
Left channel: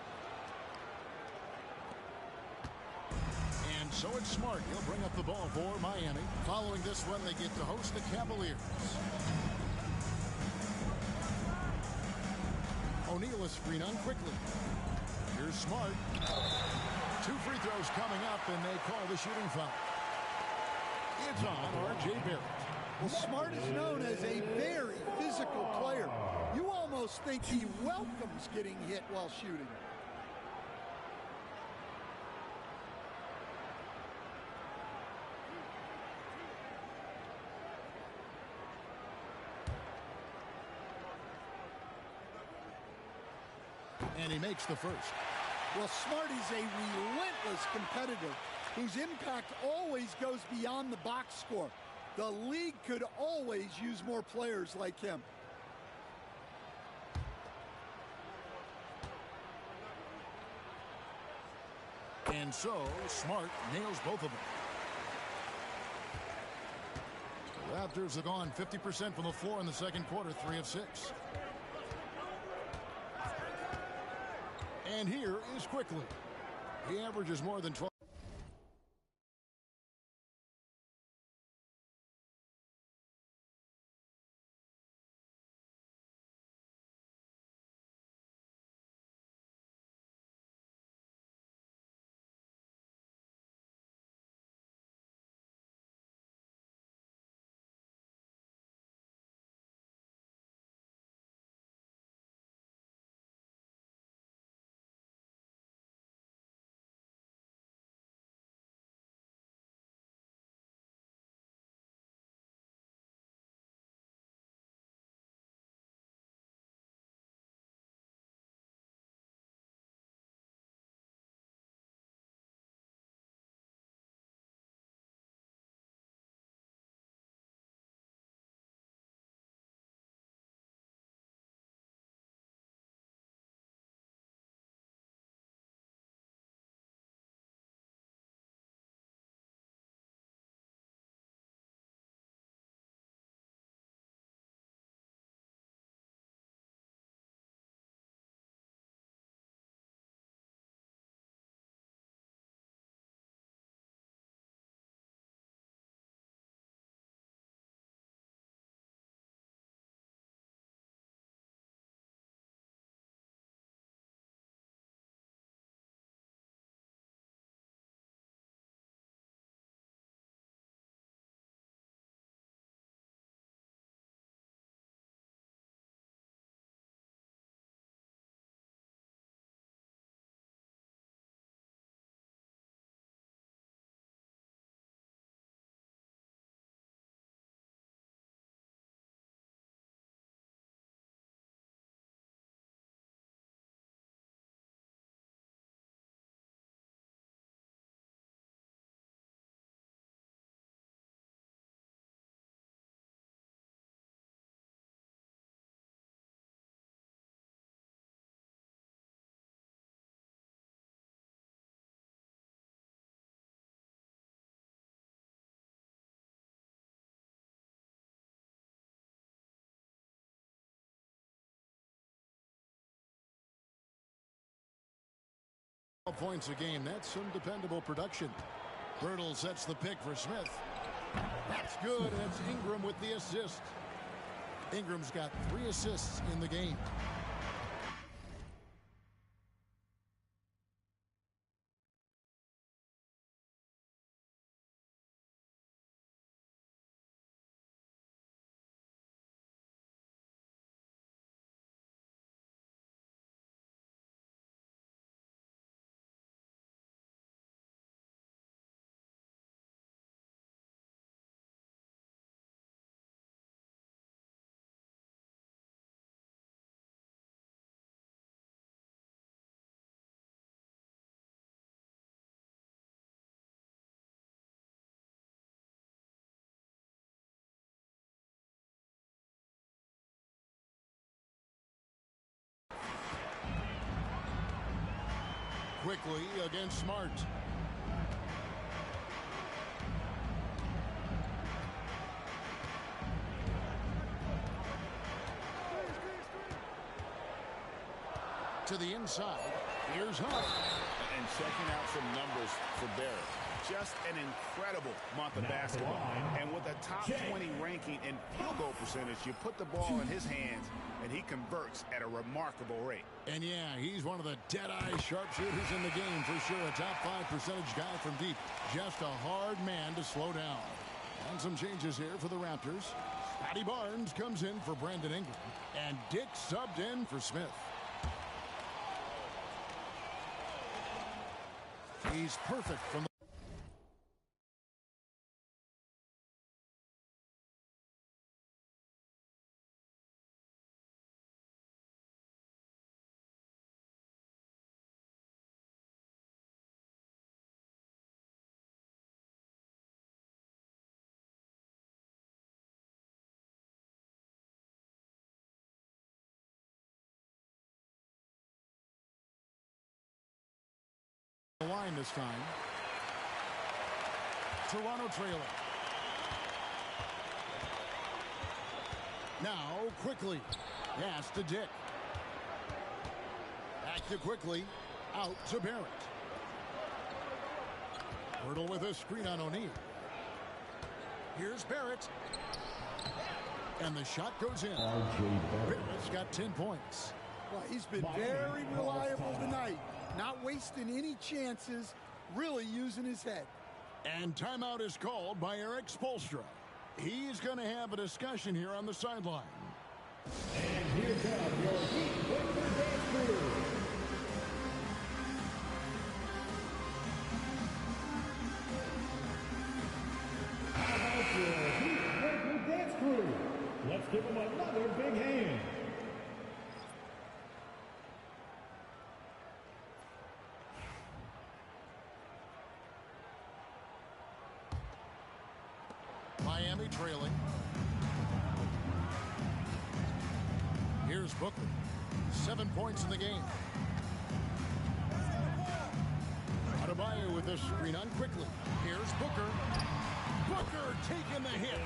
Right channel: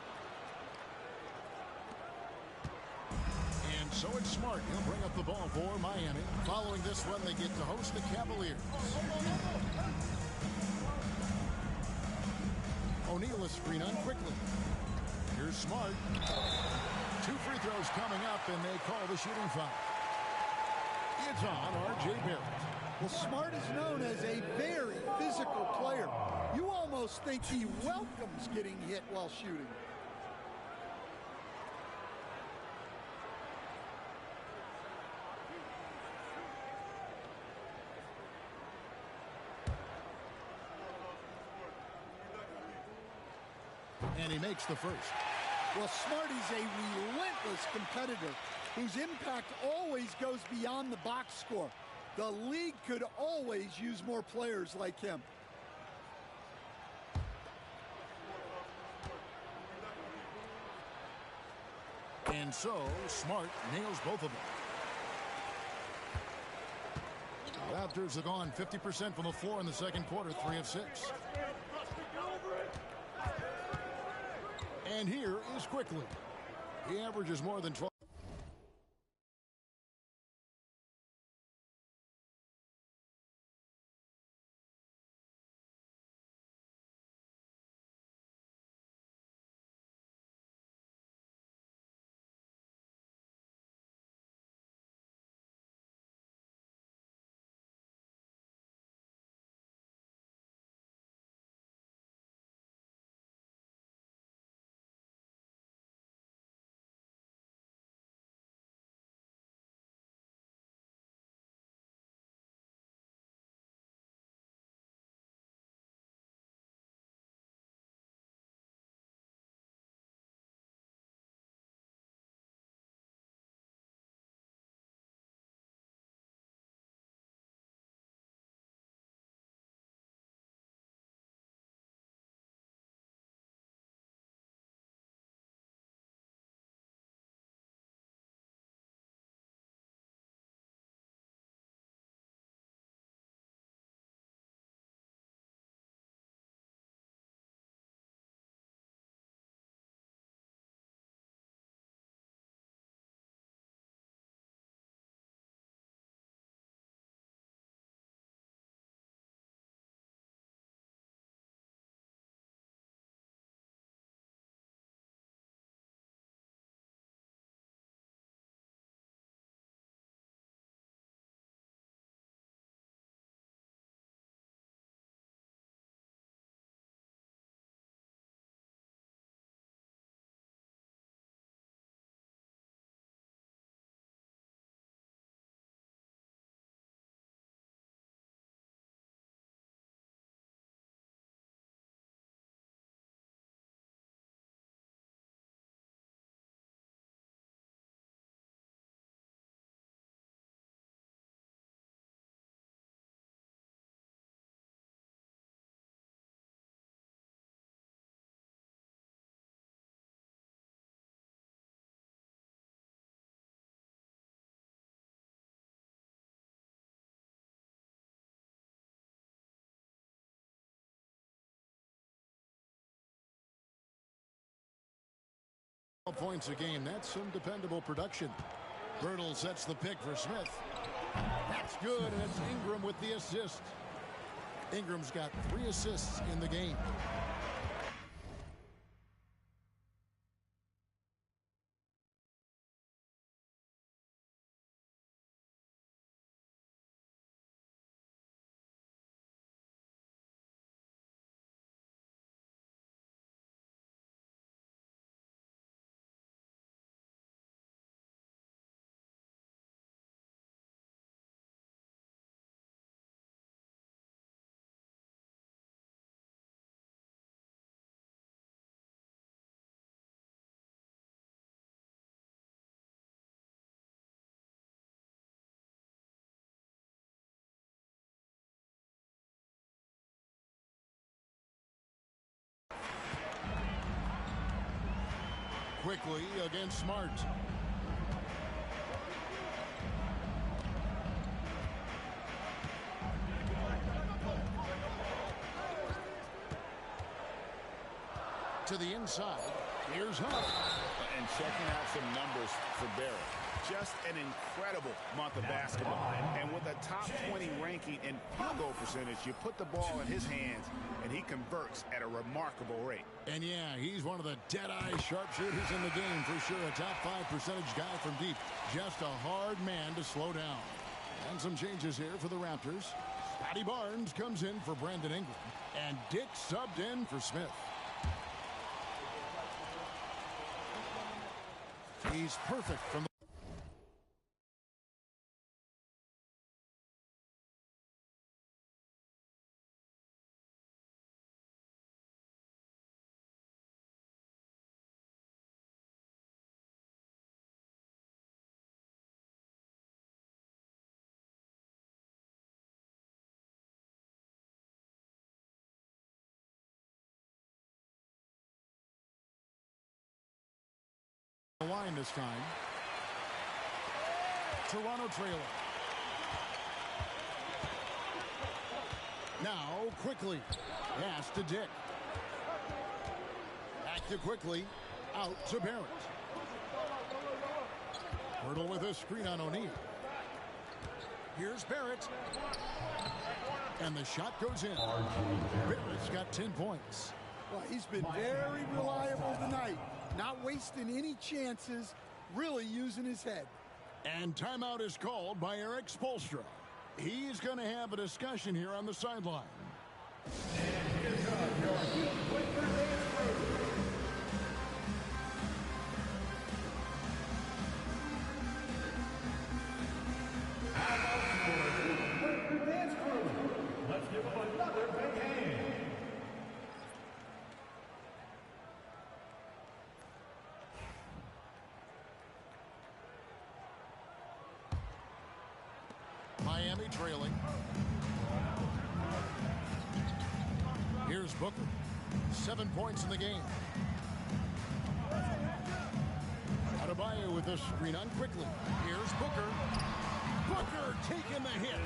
And so it's Smart. He'll bring up the ball for Miami. Following this one, they get to host the Cavaliers. O'Neal is screen on quickly. Here's Smart. 2 free throws coming up, and they call the shooting foul. It's on R.J. Barrett. Well, Smart is known as a very physical player. You almost think he welcomes getting hit while shooting. And he makes the first. Well, Smart is a relentless competitor whose impact always goes beyond the box score. The league could always use more players like him. And so, Smart nails both of them. The Raptors have gone 50% from the floor in the second quarter, 3 of 6. And here is Quickly. He averages more than 12. Points a game. That's some dependable production. Birtle sets the pick for Smith. That's good, and it's Ingram with the assist. Ingram's got 3 assists in the game. Quickly against Smart. To the inside. Here's Hunt. And checking out some numbers for Barrett. Just an incredible month of basketball. And with a top 20 ranking in field goal percentage, you put the ball in his hands, and he converts at a remarkable rate. And yeah, he's one of the dead-eye sharpshooters in the game for sure. A top 5 percentage guy from deep. Just a hard man to slow down. And some changes here for the Raptors. Scotty Barnes comes in for Brandon Ingram. And Dick subbed in for Smith. He's perfect from the line this time. Toronto trailing. Now quickly. Pass to Dick. Back to quickly. Out to Barrett. Birtle with a screen on O'Neal. Here's Barrett. And the shot goes in. Barrett's got 10 points. Well, he's been very reliable tonight. Not wasting any chances, really using his head. And timeout is called by Eric Spoelstra. He's going to have a discussion here on the sideline. And here comes your Heat Winter Dance Crew. How about your Heat Winter Dance Crew? Let's give them another big hand. Miami trailing. Here's Booker. 7 points in the game. Adebayo with a screen on quickly. Here's Booker. Booker taking the hit.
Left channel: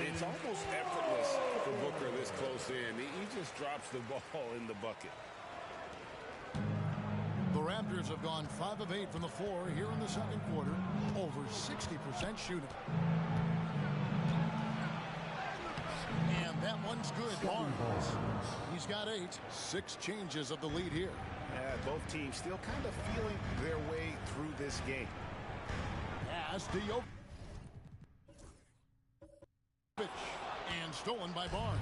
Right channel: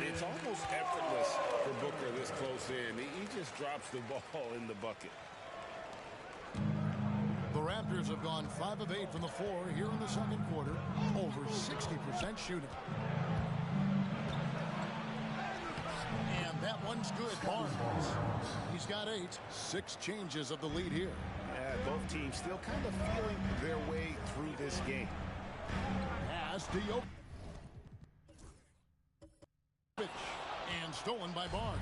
It's almost effortless for Booker this close in. He just drops the ball in the bucket. The Raptors have gone 5 of 8 from the floor here in the second quarter. Over 60% shooting. And that one's good. Barnes. He's got 8. 6 changes of the lead here. Yeah, both teams still kind of feeling their way through this game. Pass to Jokic. And stolen by Barnes.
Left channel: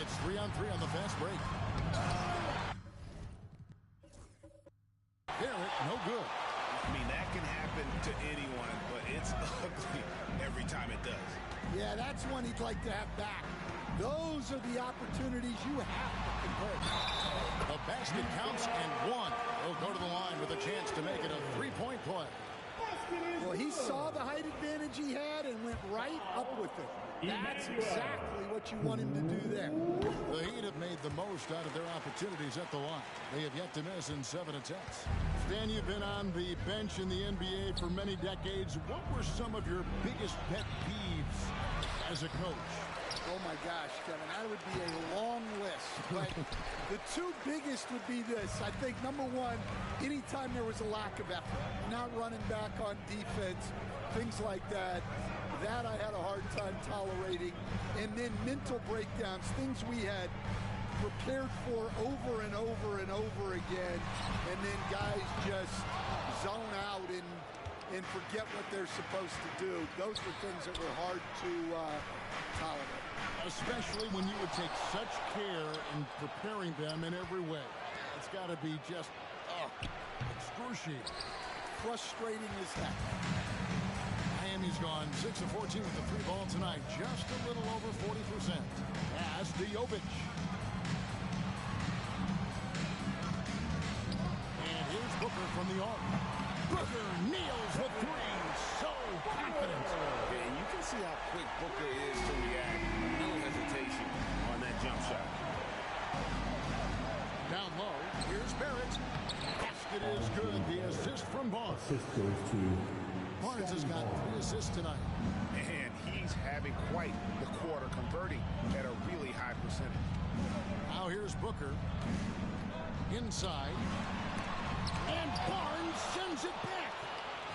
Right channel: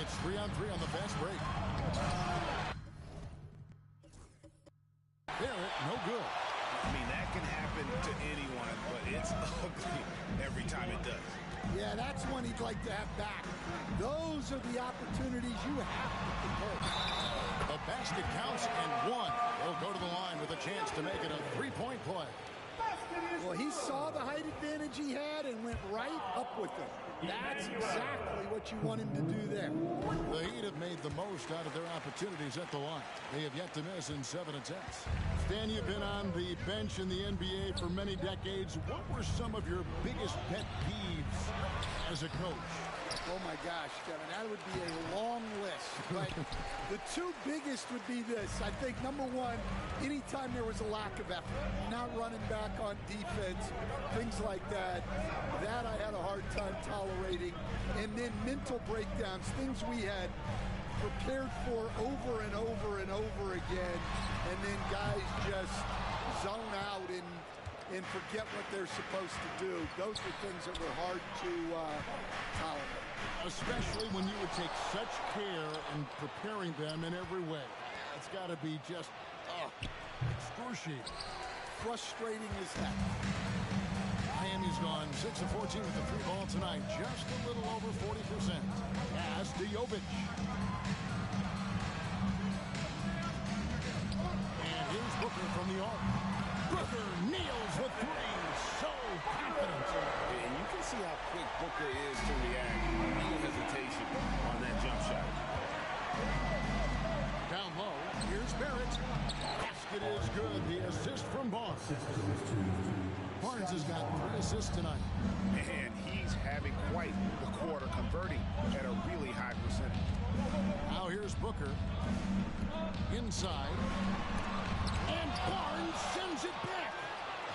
It's 3-on-3 on the fast break. Barrett, no good. I mean, that can happen to anyone, but it's ugly every time it does. Yeah, that's one he'd like to have back. Those are the opportunities you have to convert. The basket counts and one. They'll go to the line with a chance to make it a 3-point play. Well, he saw the height advantage he had and went right up with it. That's exactly what you want him to do there. The Heat have made the most out of their opportunities at the line. They have yet to miss in 7 attempts. Stan, you've been on the bench in the NBA for many decades. What were some of your biggest pet peeves as a coach? Oh, my gosh, Kevin, that would be a long list. But the two biggest would be this. I think, number one, anytime there was a lack of effort, not running back on defense, things like that, that I had a hard time tolerating. And then mental breakdowns, things we had prepared for over and over and over again, and then guys just zone out and forget what they're supposed to do. Those were things that were hard to tolerate. Especially when you would take such care in preparing them in every way. It's got to be just excruciating. Frustrating as heck. Miami's gone 6 of 14 with the 3 ball tonight. Just a little over 40%. Pass to Jovic. And here's Booker from the arc. Booker nails the 3. So confident. And you can see how quick Booker is to react. No hesitation on that jump shot. Down low, here's Barrett. Basket is good. The assist from Barnes. Barnes has got 3 assists tonight. And he's having quite the quarter, converting at a really high percentage. Now here's Booker. Inside. And Barnes sends it back.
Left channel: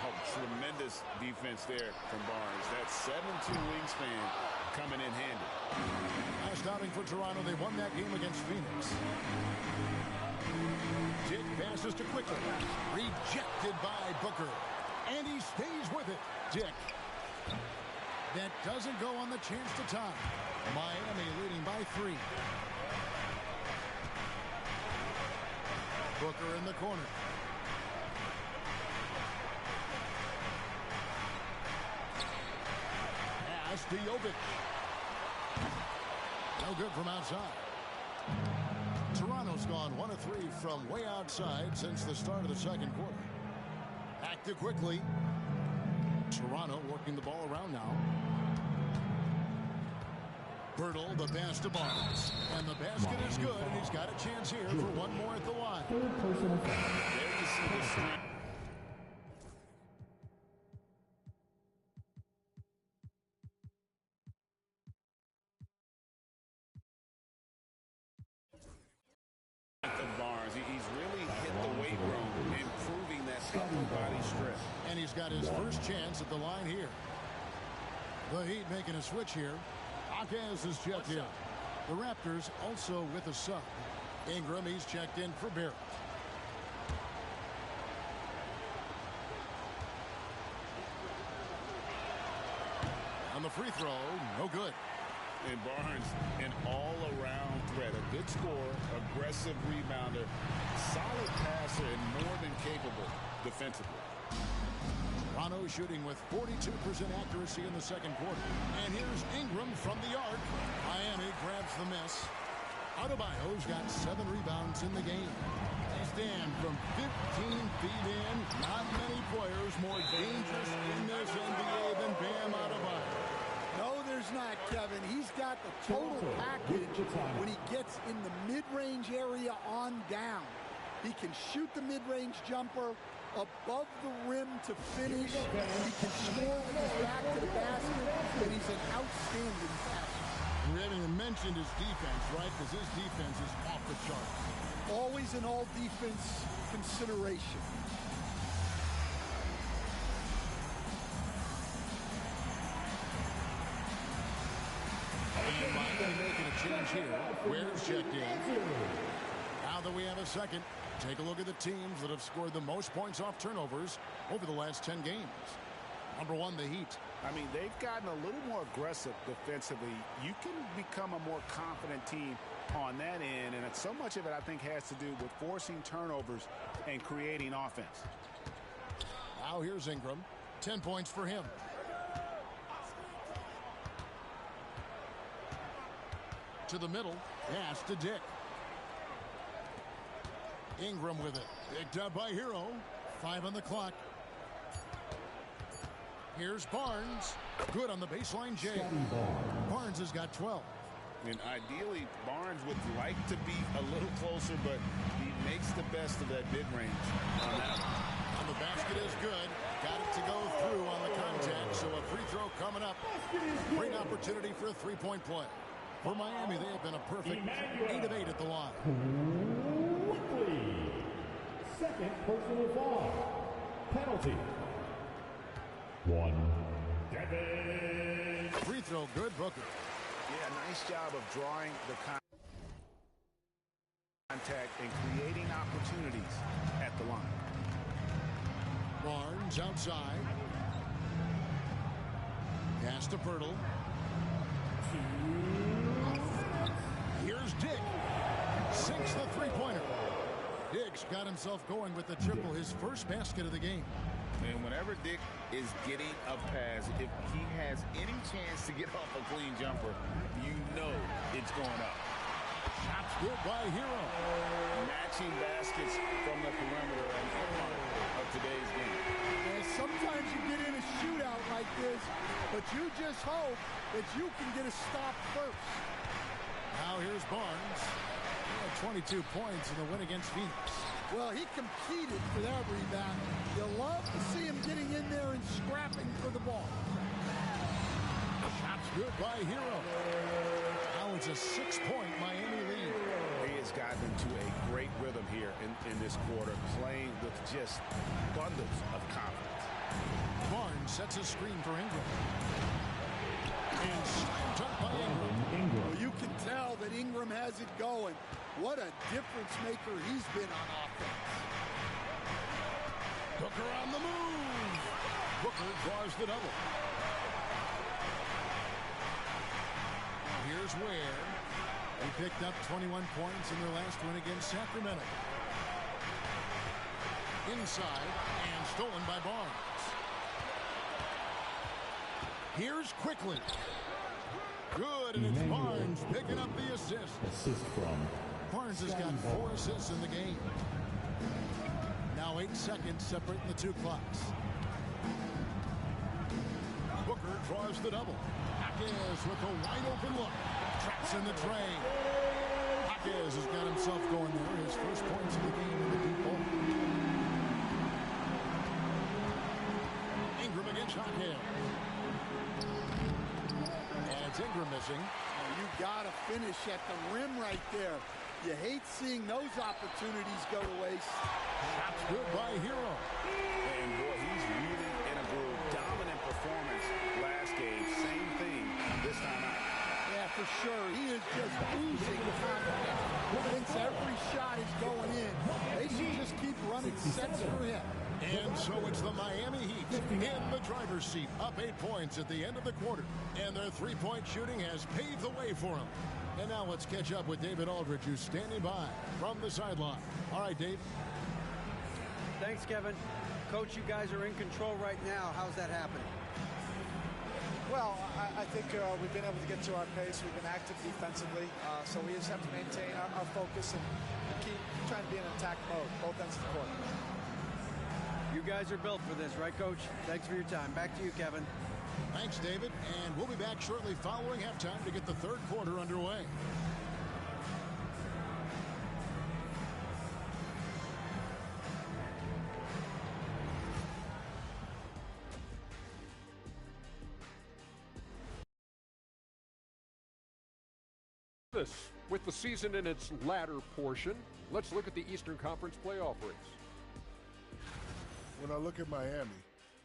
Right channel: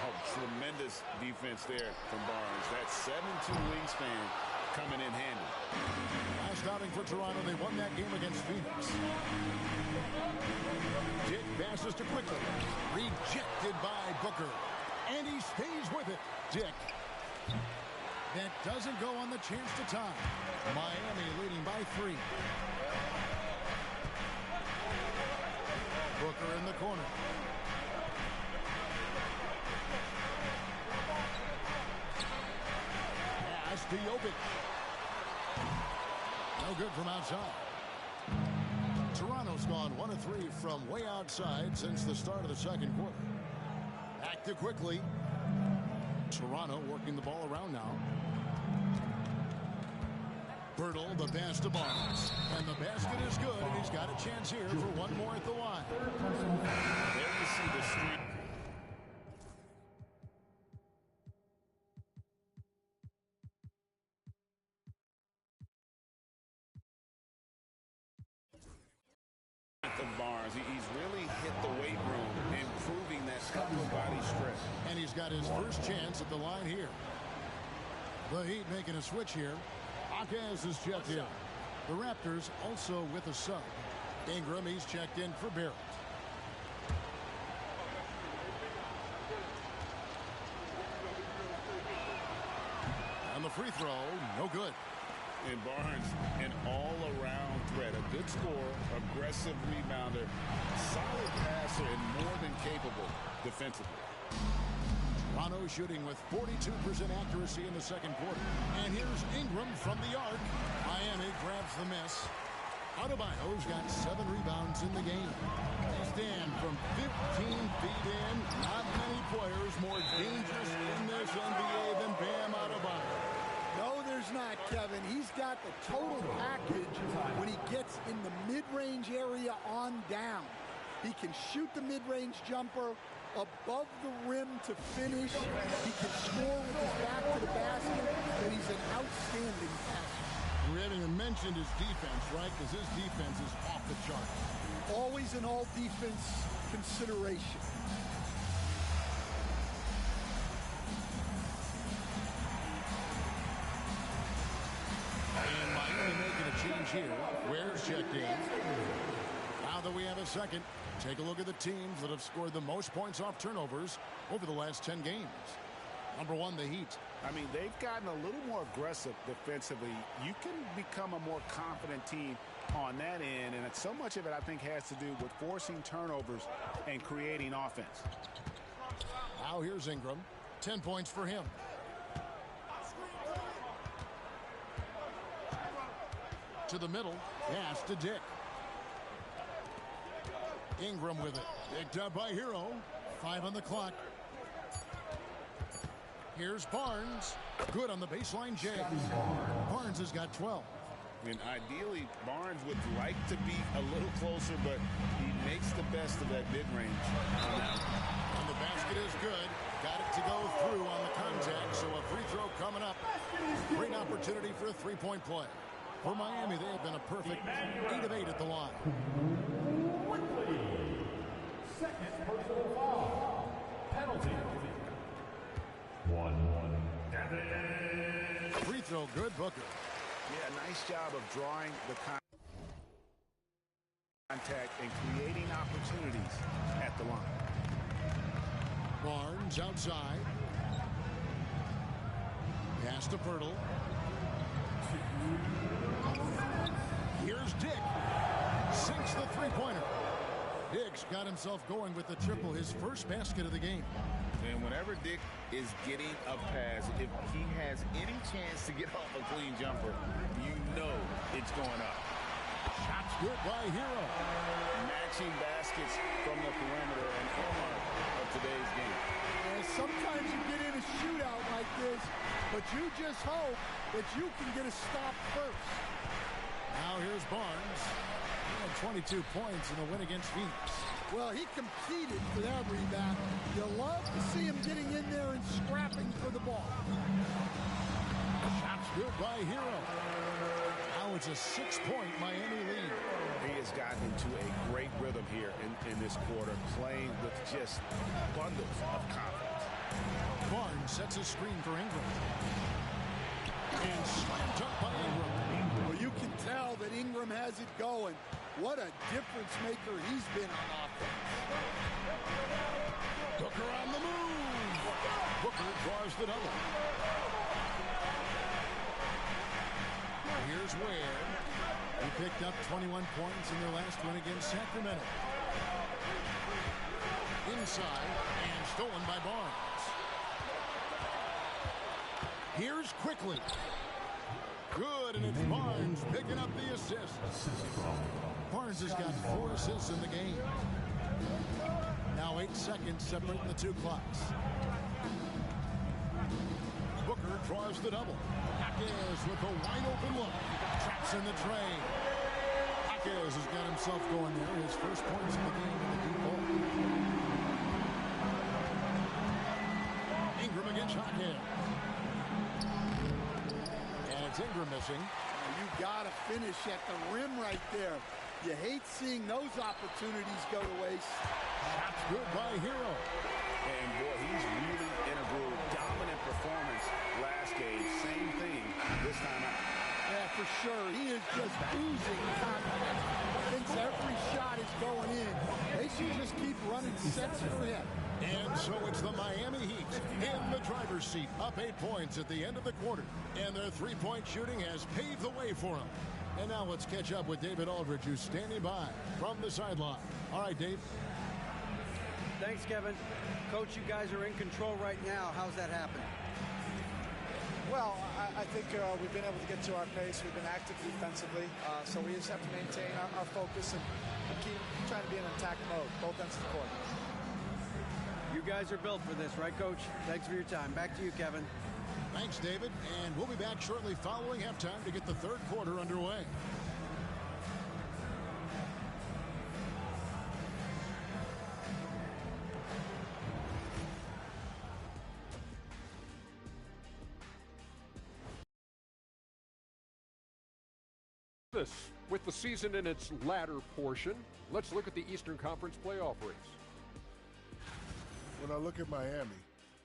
Oh, tremendous defense there from Barnes. That 7'2" wingspan coming in handy. Last outing for Toronto, they won that game against Phoenix. Dick passes to Quickly. Rejected by Booker. And he stays with it. Dick. That doesn't go on the chance to tie. Miami leading by 3. Booker in the corner. Pass to Jovic. No good from outside. Toronto's gone 1 of 3 from way outside since the start of the second quarter. Back to Quickly. Toronto working the ball around now. Bertle, the pass to Barnes. And the basket is good, and he's got a chance here for one more at the line. There you see the strength. Of Barnes. He's really hit the weight room, improving that upper body strength. And he's got his first chance at the line here. The Heat making a switch here. Akaz is checked in. The Raptors also with a sub. Ingram, he's checked in for Barrett. And the free throw, no good. And Barnes, an all-around threat. A good scorer, aggressive rebounder, solid passer, and more than capable defensively. Toronto shooting with 42% accuracy in the second quarter. And here's Ingram from the arc. Miami grabs the miss. Adebayo's got 7 rebounds in the game. They stand from 15 feet in. Not many players more dangerous in this NBA than Bam Adebayo. No, there's not, Kevin. He's got the total package when he gets in the mid-range area on down. He can shoot the mid-range jumper above the rim to finish. He can score with his back to the basket, and he's an outstanding passer. We haven't even mentioned his defense, right? Because his defense is off the charts. Always an all-defense consideration. And Miami making a change here. Ware's checked in. Now that we have a second, take a look at the teams that have scored the most points off turnovers over the last 10 games. Number 1, the Heat. I mean, they've gotten a little more aggressive defensively. You can become a more confident team on that end, and so much of it, I think, has to do with forcing turnovers and creating offense. Now here's Ingram. 10 points for him. To the middle. Pass to Dick. Ingram with it. Picked up by Hero. 5 on the clock. Here's Barnes. Good on the baseline, Jay. Barnes has got 12. And ideally, Barnes would like to be a little closer, but he makes the best of that mid-range on that one. And the basket is good. Got it to go through on the contact, so a free throw coming up. Great opportunity for a three-point play. For Miami, they have been a perfect 8 of 8 at the line. Quickly. Second personal foul. Penalty. 1. Devin. Free throw good, Booker. Yeah, nice job of drawing the contact and creating opportunities at the line. Barnes outside. Pass to Pirtle. Here's Dick. Sinks the three-pointer. Dick's got himself going with the triple, his first basket of the game. And whenever Dick is getting a pass, if he has any chance to get off a clean jumper, you know it's going up. Shots good by Hero. Matching baskets from the perimeter, an earmark of today's game. And sometimes you get in a shootout like this, but you just hope that you can get a stop first. Now here's Barnes. He had 22 points in the win against Phoenix. Well, he competed for that rebound. You love to see him getting in there and scrapping for the ball. Shots good by Hero. Now it's a 6-point Miami lead. He has gotten into a great rhythm here in this quarter, playing with just bundles of confidence. Barnes sets a screen for Ingram. And slam dunk by Ingram. Well, you can tell that Ingram has it going. What a difference maker he's been on offense. Booker on the move. Booker draws the double. Here's Ware. He picked up 21 points in their last win against Sacramento. Inside and stolen by Barnes. Here's Quickly. Good, and it's Barnes picking up the assist. Assist from Barnes has got 4 assists in the game. Now 8 seconds separating the two clocks. Booker draws the double. Jaquez with a wide open look. Traps in the tray. Jaquez has got himself going there. His first points of the game in the deep ball. Ingram against Jaquez. And it's Ingram missing. You got to finish at the rim right there. You hate seeing those opportunities go to waste. Shots good by Hero. And boy, he's really in a groove. Dominant performance last game. Same thing this time out. Yeah, for sure. He is just oozing confidence. Thinks every shot is going in. They should just keep running sets for him. And so it's the Miami Heat in the driver's seat, up 8 points at the end of the quarter. And their three-point shooting has paved the way for them. And now let's catch up with David Aldridge, who's standing by from the sideline. All right, Dave. Thanks, Kevin. Coach, you guys are in control right now. How's that happening? Well, I think we've been able to get to our pace. We've been active defensively, so we just have to maintain our focus and keep trying to be in attack mode, both ends of the court. You guys are built for this, right, Coach? Thanks for your time. Back to you, Kevin. Thanks, David. And we'll be back shortly following halftime to get the third quarter underway. With the season in its latter portion, let's look at the Eastern Conference playoff race. When I look at Miami,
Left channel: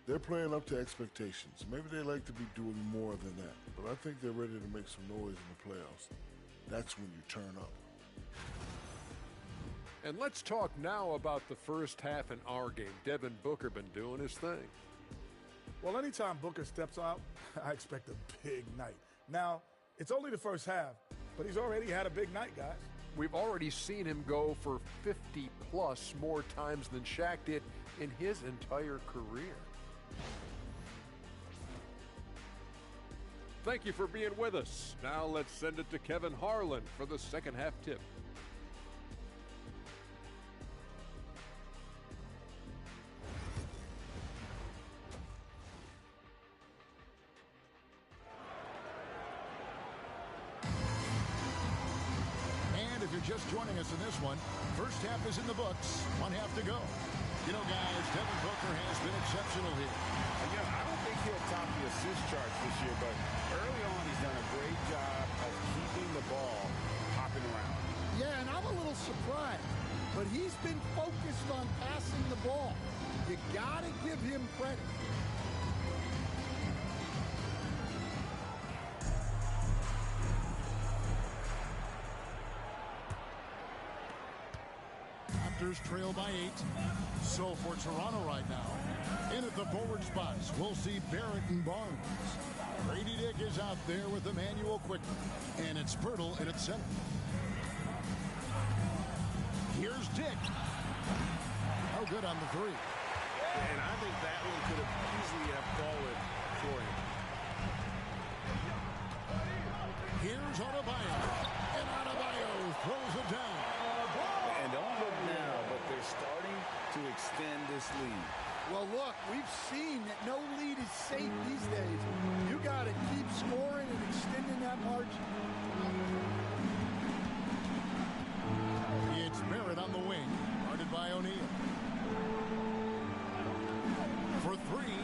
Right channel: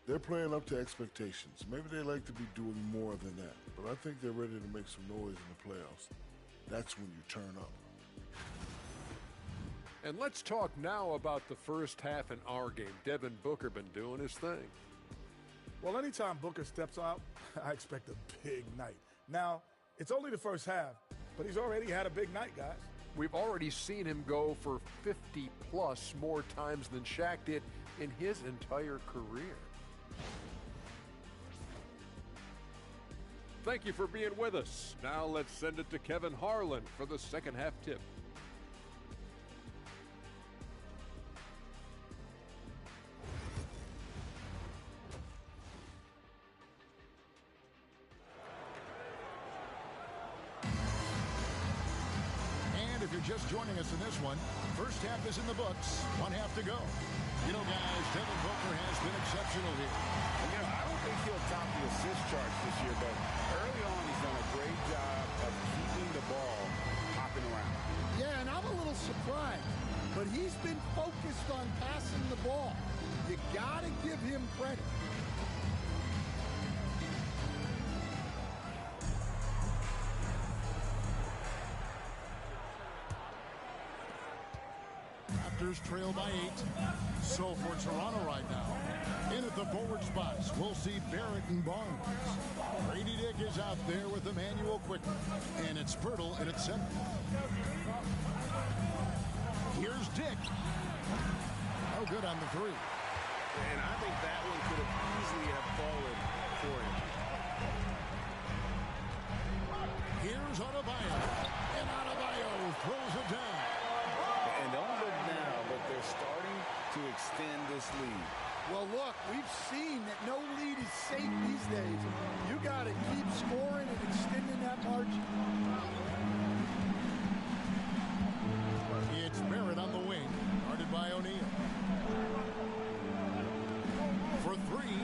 they're playing up to expectations. Maybe they like to be doing more than that, but I think they're ready to make some noise in the playoffs. That's when you turn up. And let's talk now about the first half in our game. Devin Booker been doing his thing. Well, anytime Booker steps out, I expect a big night. Now, it's only the first half, but he's already had a big night, guys. We've already seen him go for 50-plus more times than Shaq did in his entire career. Thank you for being with us. Now let's send it to Kevin Harlan for the second half tip. if you're just joining us in this one. First half is in the books. One half to go. You know, guys, Devin Booker has been exceptional here. And, you know, I don't think he'll top the assist charts this year, but early on he's done a great job of keeping the ball hopping around. Yeah, and I'm a little surprised, but he's been focused on passing the ball. You got to give him credit. Raptors trail by 8. So for Toronto right now, in at the forward spots, we'll see Barrett and Barnes. Grady Dick is out there with Emmanuel Quickly, and it's Pirtle in at center. Here's Dick. Oh, good on the three. And I think that one could have easily have fallen for him. Here's Adebayo, and Adebayo throws it down. And don't look now, but they're starting to extend this lead. Well, look, we've seen that no lead is safe these days. You got to keep scoring and extending that margin. It's Barrett on the wing, guarded by O'Neal. For three.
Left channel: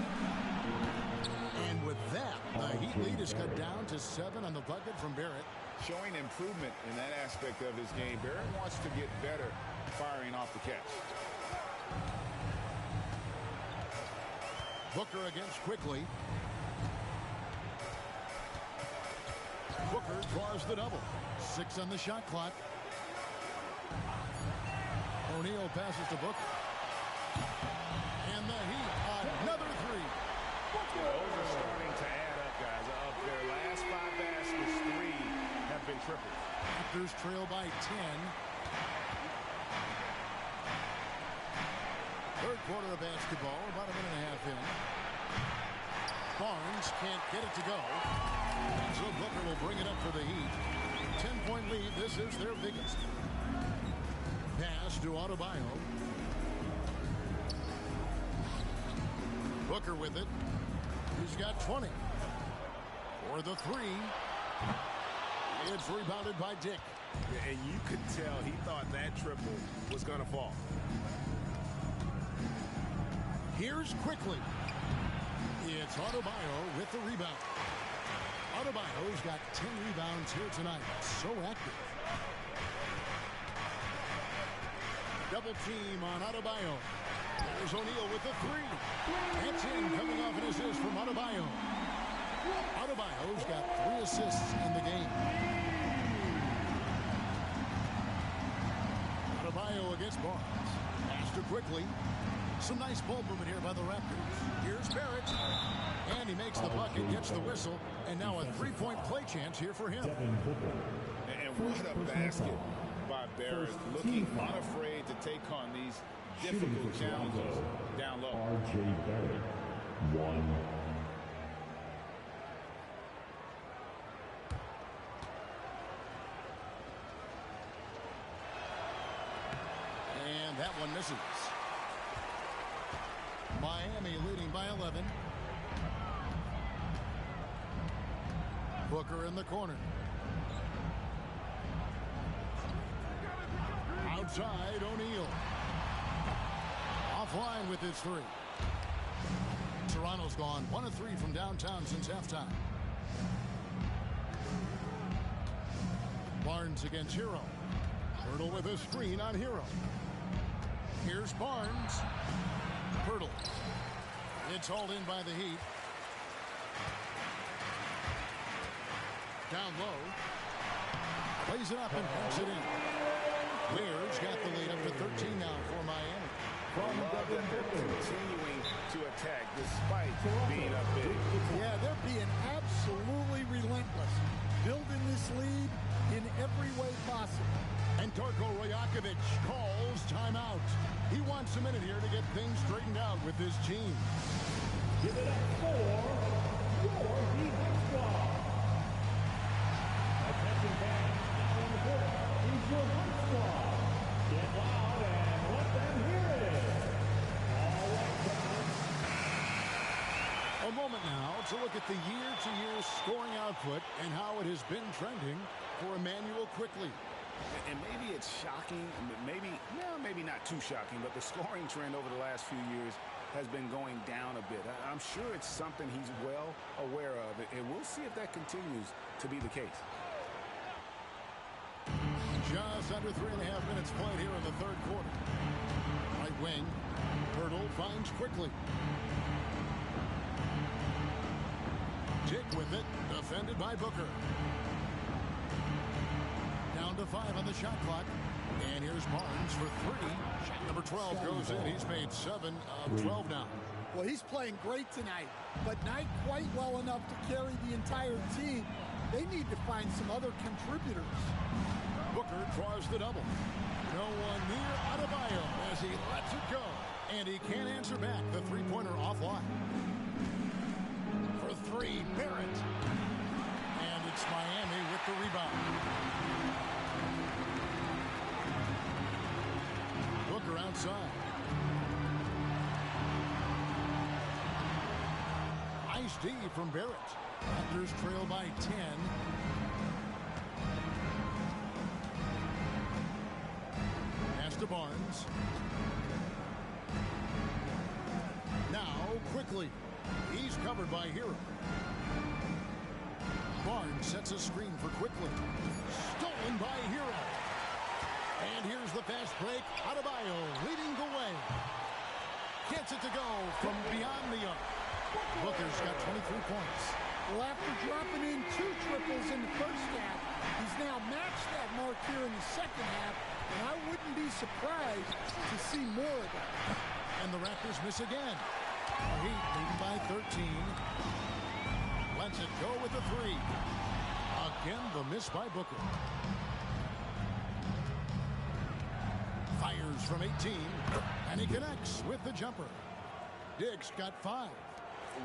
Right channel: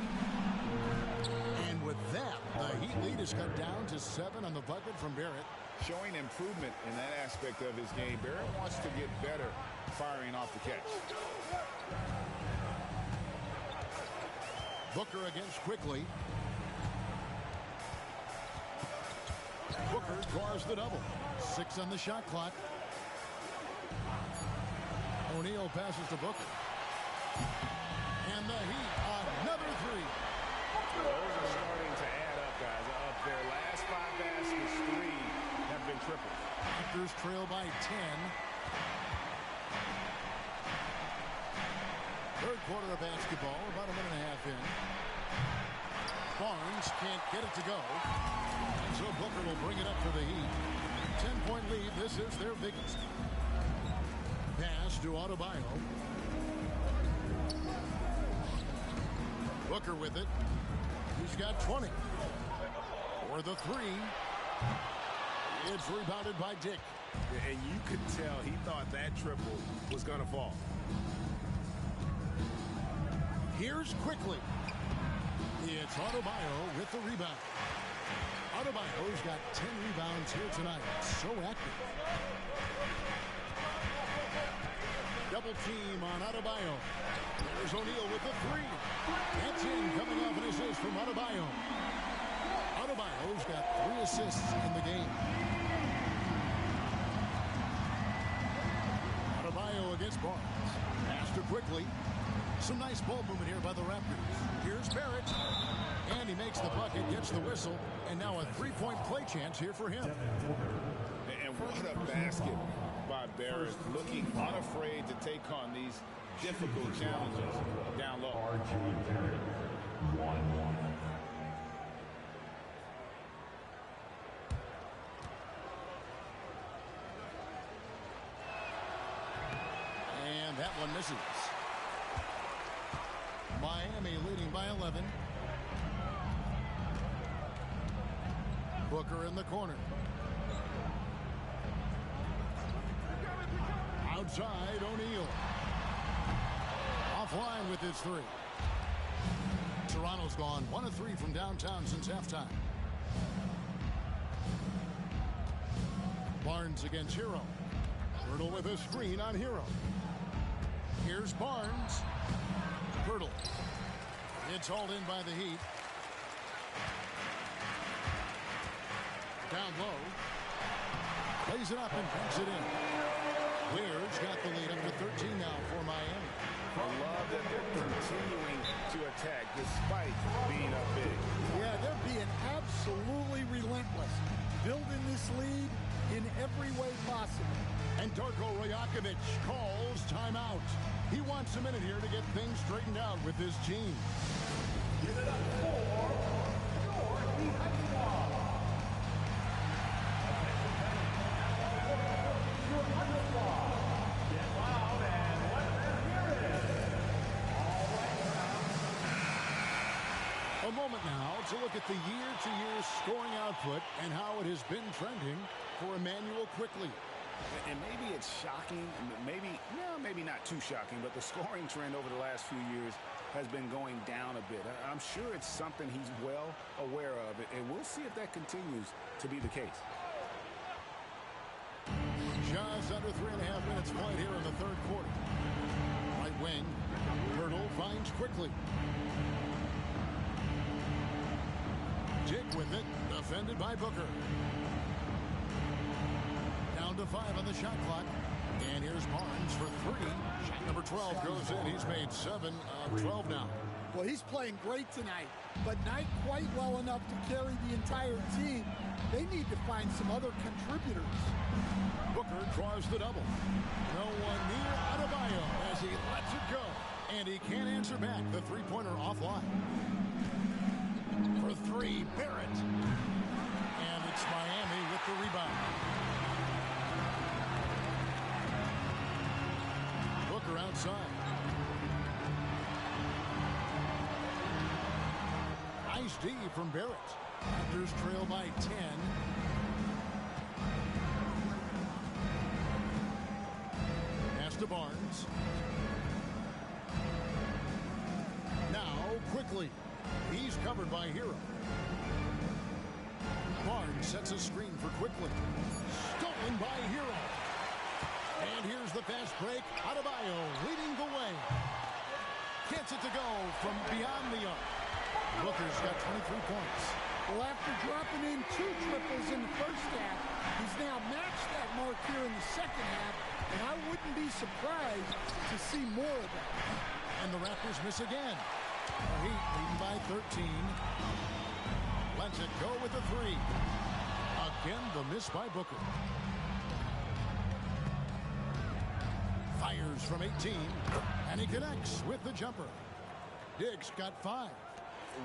And with that, the Heat lead is cut down to 7 on the bucket from Barrett. Showing improvement in that aspect of his game. Barrett wants to get better firing off the catch. Booker against Quickly. Booker draws the double. 6 on the shot clock. O'Neal passes to Booker. And the Heat, another three. Those are starting to add up, guys. Of their last 5 baskets, 3 have been triples. Raptors trail by 10. Third quarter of basketball, about a minute and a half in. Barnes can't get it to go. And so Booker will bring it up for the Heat. 10-point lead. This is their biggest. Pass to Adebayo. Booker with it. He's got 20. For the three. It's rebounded by Dick. And you could tell he thought that triple was going to fall. Here's Quickly. It's Adebayo with the rebound. Adebayo's got 10 rebounds here tonight. So active. Double team on Adebayo. There's O'Neal with the three. That's in, coming off an assist from Adebayo. Adebayo's got 3 assists in the game. Adebayo against Barnes. Pass to Quickly. Some nice ball movement here by the Raptors. Here's Barrett. And he makes the bucket, gets the whistle, and now a 3-point play chance here for him. And what a basket by Barrett, looking unafraid to take on these difficult challenges down low. R.J. Barrett, 1. And that one misses. Miami leading by 11. Booker in the corner. Outside, O'Neal. Offline with his three. Toronto's gone 1 of 3 from downtown since halftime. Barnes against Hero. Pirtle with a screen on Hero. Here's Barnes. Pirtle. It's hauled in by the Heat. Down low. Plays it up and banks it in. Weir's got the lead up to 13 now for Miami. I love that they're continuing to attack despite being up big. Yeah, they're being absolutely relentless. Building this lead in every way possible. And Darko Rajakovic calls timeout. He wants a minute here to get things straightened out with his team. Give it up for your Heat squad. Attention fans, now on the court is your Heat squad. Get loud and let them hear it. All right, crowd. A moment now to look at the year-to-year scoring output and how it has been trending for Emmanuel Quickly. And maybe it's shocking, maybe not too shocking, but the scoring trend over the last few years has been going down a bit. I'm sure it's something he's well aware of, and we'll see if that continues to be the case. Just under 3.5 minutes played here in the third quarter. Right wing, Hurdle finds quickly. Dick with it, defended by Booker. Down to 5 on the shot clock. And here's Barnes for 3. Shot number 12 goes in. He's made 7 of 12 now. Well, he's playing great tonight, but not quite well enough to carry the entire team. They need to find some other contributors. Booker draws the double. No one near Adebayo as he lets it go. And he can't answer back. The three-pointer offline. For 3, Barrett. And it's Miami with the rebound. Booker outside. Nice D from Barrett. Raptors trail by 10. Pass to Barnes. Now quickly. He's covered by Hero. Barnes sets a screen for Quickly. Stolen by Hero. And here's the fast break. Adebayo leading the way. Gets it to go from beyond the arc. Booker's got 23 points. Well, after dropping in 2 triples in the first half, he's now matched that mark here in the second half, and I wouldn't be surprised to see more of that. And the Raptors miss again. The Heat leading by 13. Lets it go with a 3. Again, the miss by Booker. Fires from 18, and he connects with the jumper. Dick's got 5.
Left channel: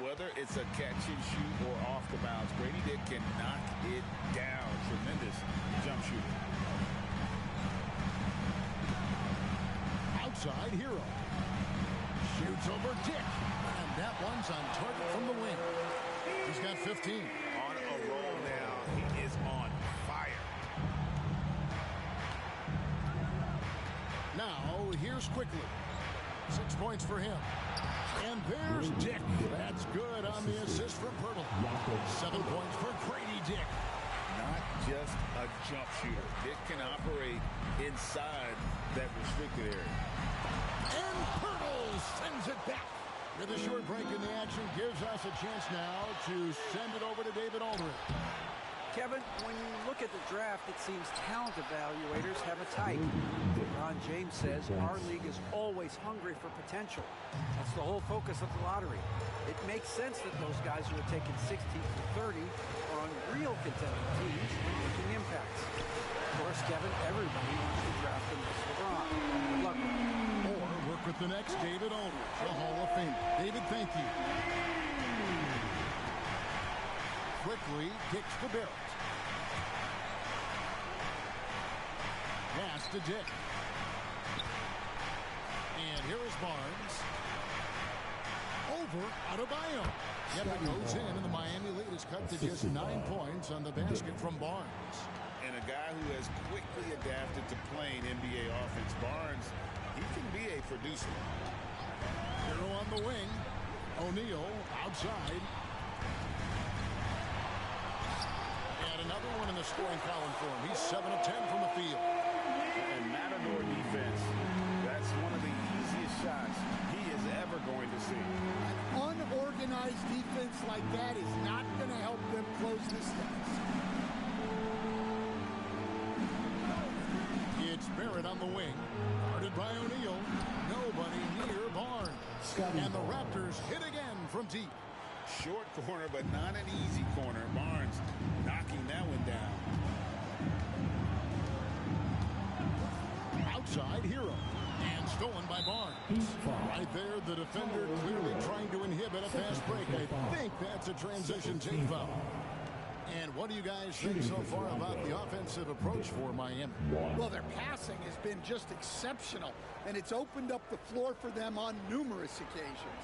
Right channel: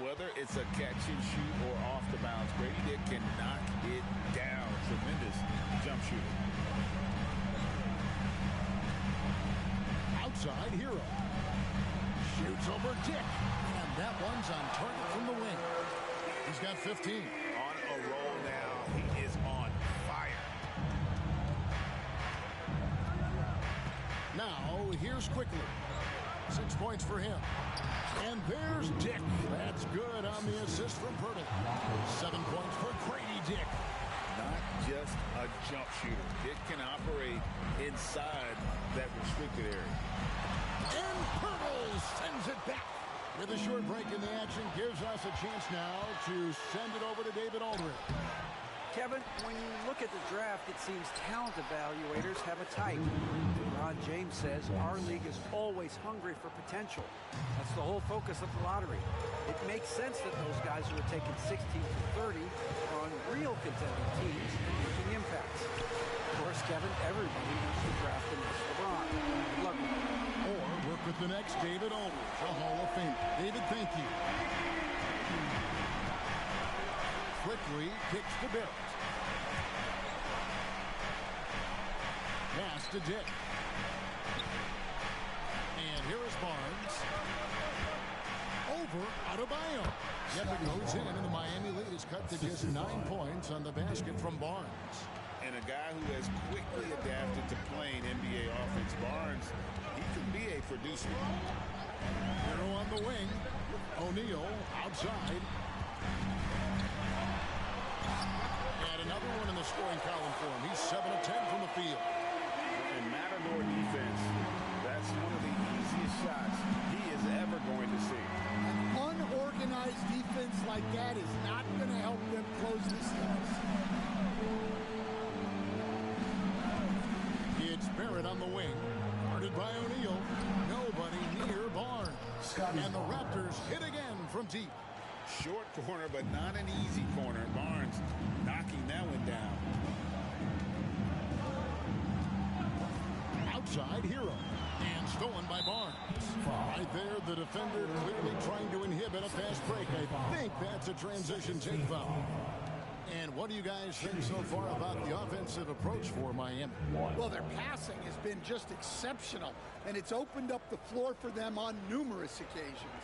Whether it's a catch and shoot or off the bounce, Grady Dick can knock it down. Tremendous jump shooter. Outside Hero. Shoots over Dick. And that one's on target from the wing. He's got 15. On a roll now. He is on fire. Now, here's Quickly. 6 points for him. And there's Dick. That's good on the assist from Pirtle. 7 points for Grady Dick. Not just a jump shooter. Dick can operate inside that restricted area. And Pirtle sends it back. With a short break in the action, gives us a chance now to send it over to David Aldridge. Kevin, when you look at the draft, it seems talent evaluators have a type. Ron James says our league is always hungry for potential. That's the whole focus of the lottery. It makes sense that those guys who are taken 16 to 30 are on real contending teams and making impacts. Of course, Kevin, everybody wants to draft the next LeBron. Good luck with that. Or work with the next David Aldridge, a Hall of Famer. David, thank you. Quickly kicks to Barrett. Pass to Dick. And here is Barnes. Over Adebayo. Yep, it goes in, and the Miami lead is cut to just 9 points on the basket from Barnes. And a guy who has quickly adapted to playing NBA offense, Barnes, he can be a producer. Hero on the wing. O'Neal outside. And another one in the scoring column for him. He's 7 of 10 from the field. And Matador defense, that's one of the easiest shots he is ever going to see. An unorganized defense like that is not going to help them close this deficit. It's Barrett on the wing. Guarded by O'Neal. Nobody near Barnes. And the Raptors hit again from deep. Short corner, but not an easy corner. Barnes knocking that one down. Outside Hero. And stolen by Barnes. Right there, the defender clearly trying to inhibit a fast break. I think that's a transition take foul. And what do you guys think so far about the offensive approach for Miami? Well, their passing has been just exceptional, and it's opened up the floor for them on numerous occasions.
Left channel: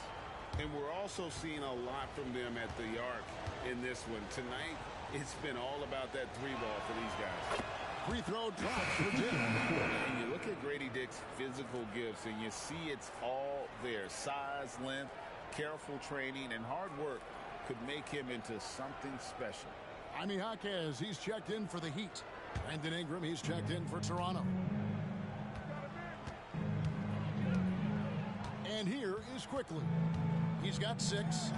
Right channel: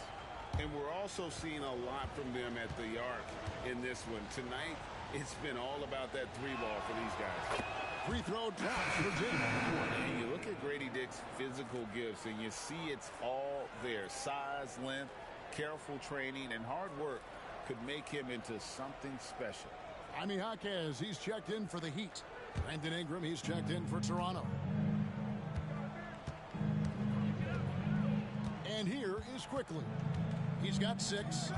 And we're also seeing a lot from them at the arc in this one. Tonight, it's been all about that 3 ball for these guys. Free throw drops for Dick. And you look at Grady Dick's physical gifts, and you see it's all there. Size, length, careful training, and hard work could make him into something special. Jaime Jaquez, he's checked in for the Heat. Brandon Ingram, he's checked in for Toronto. And here is Quickly. He's got 6.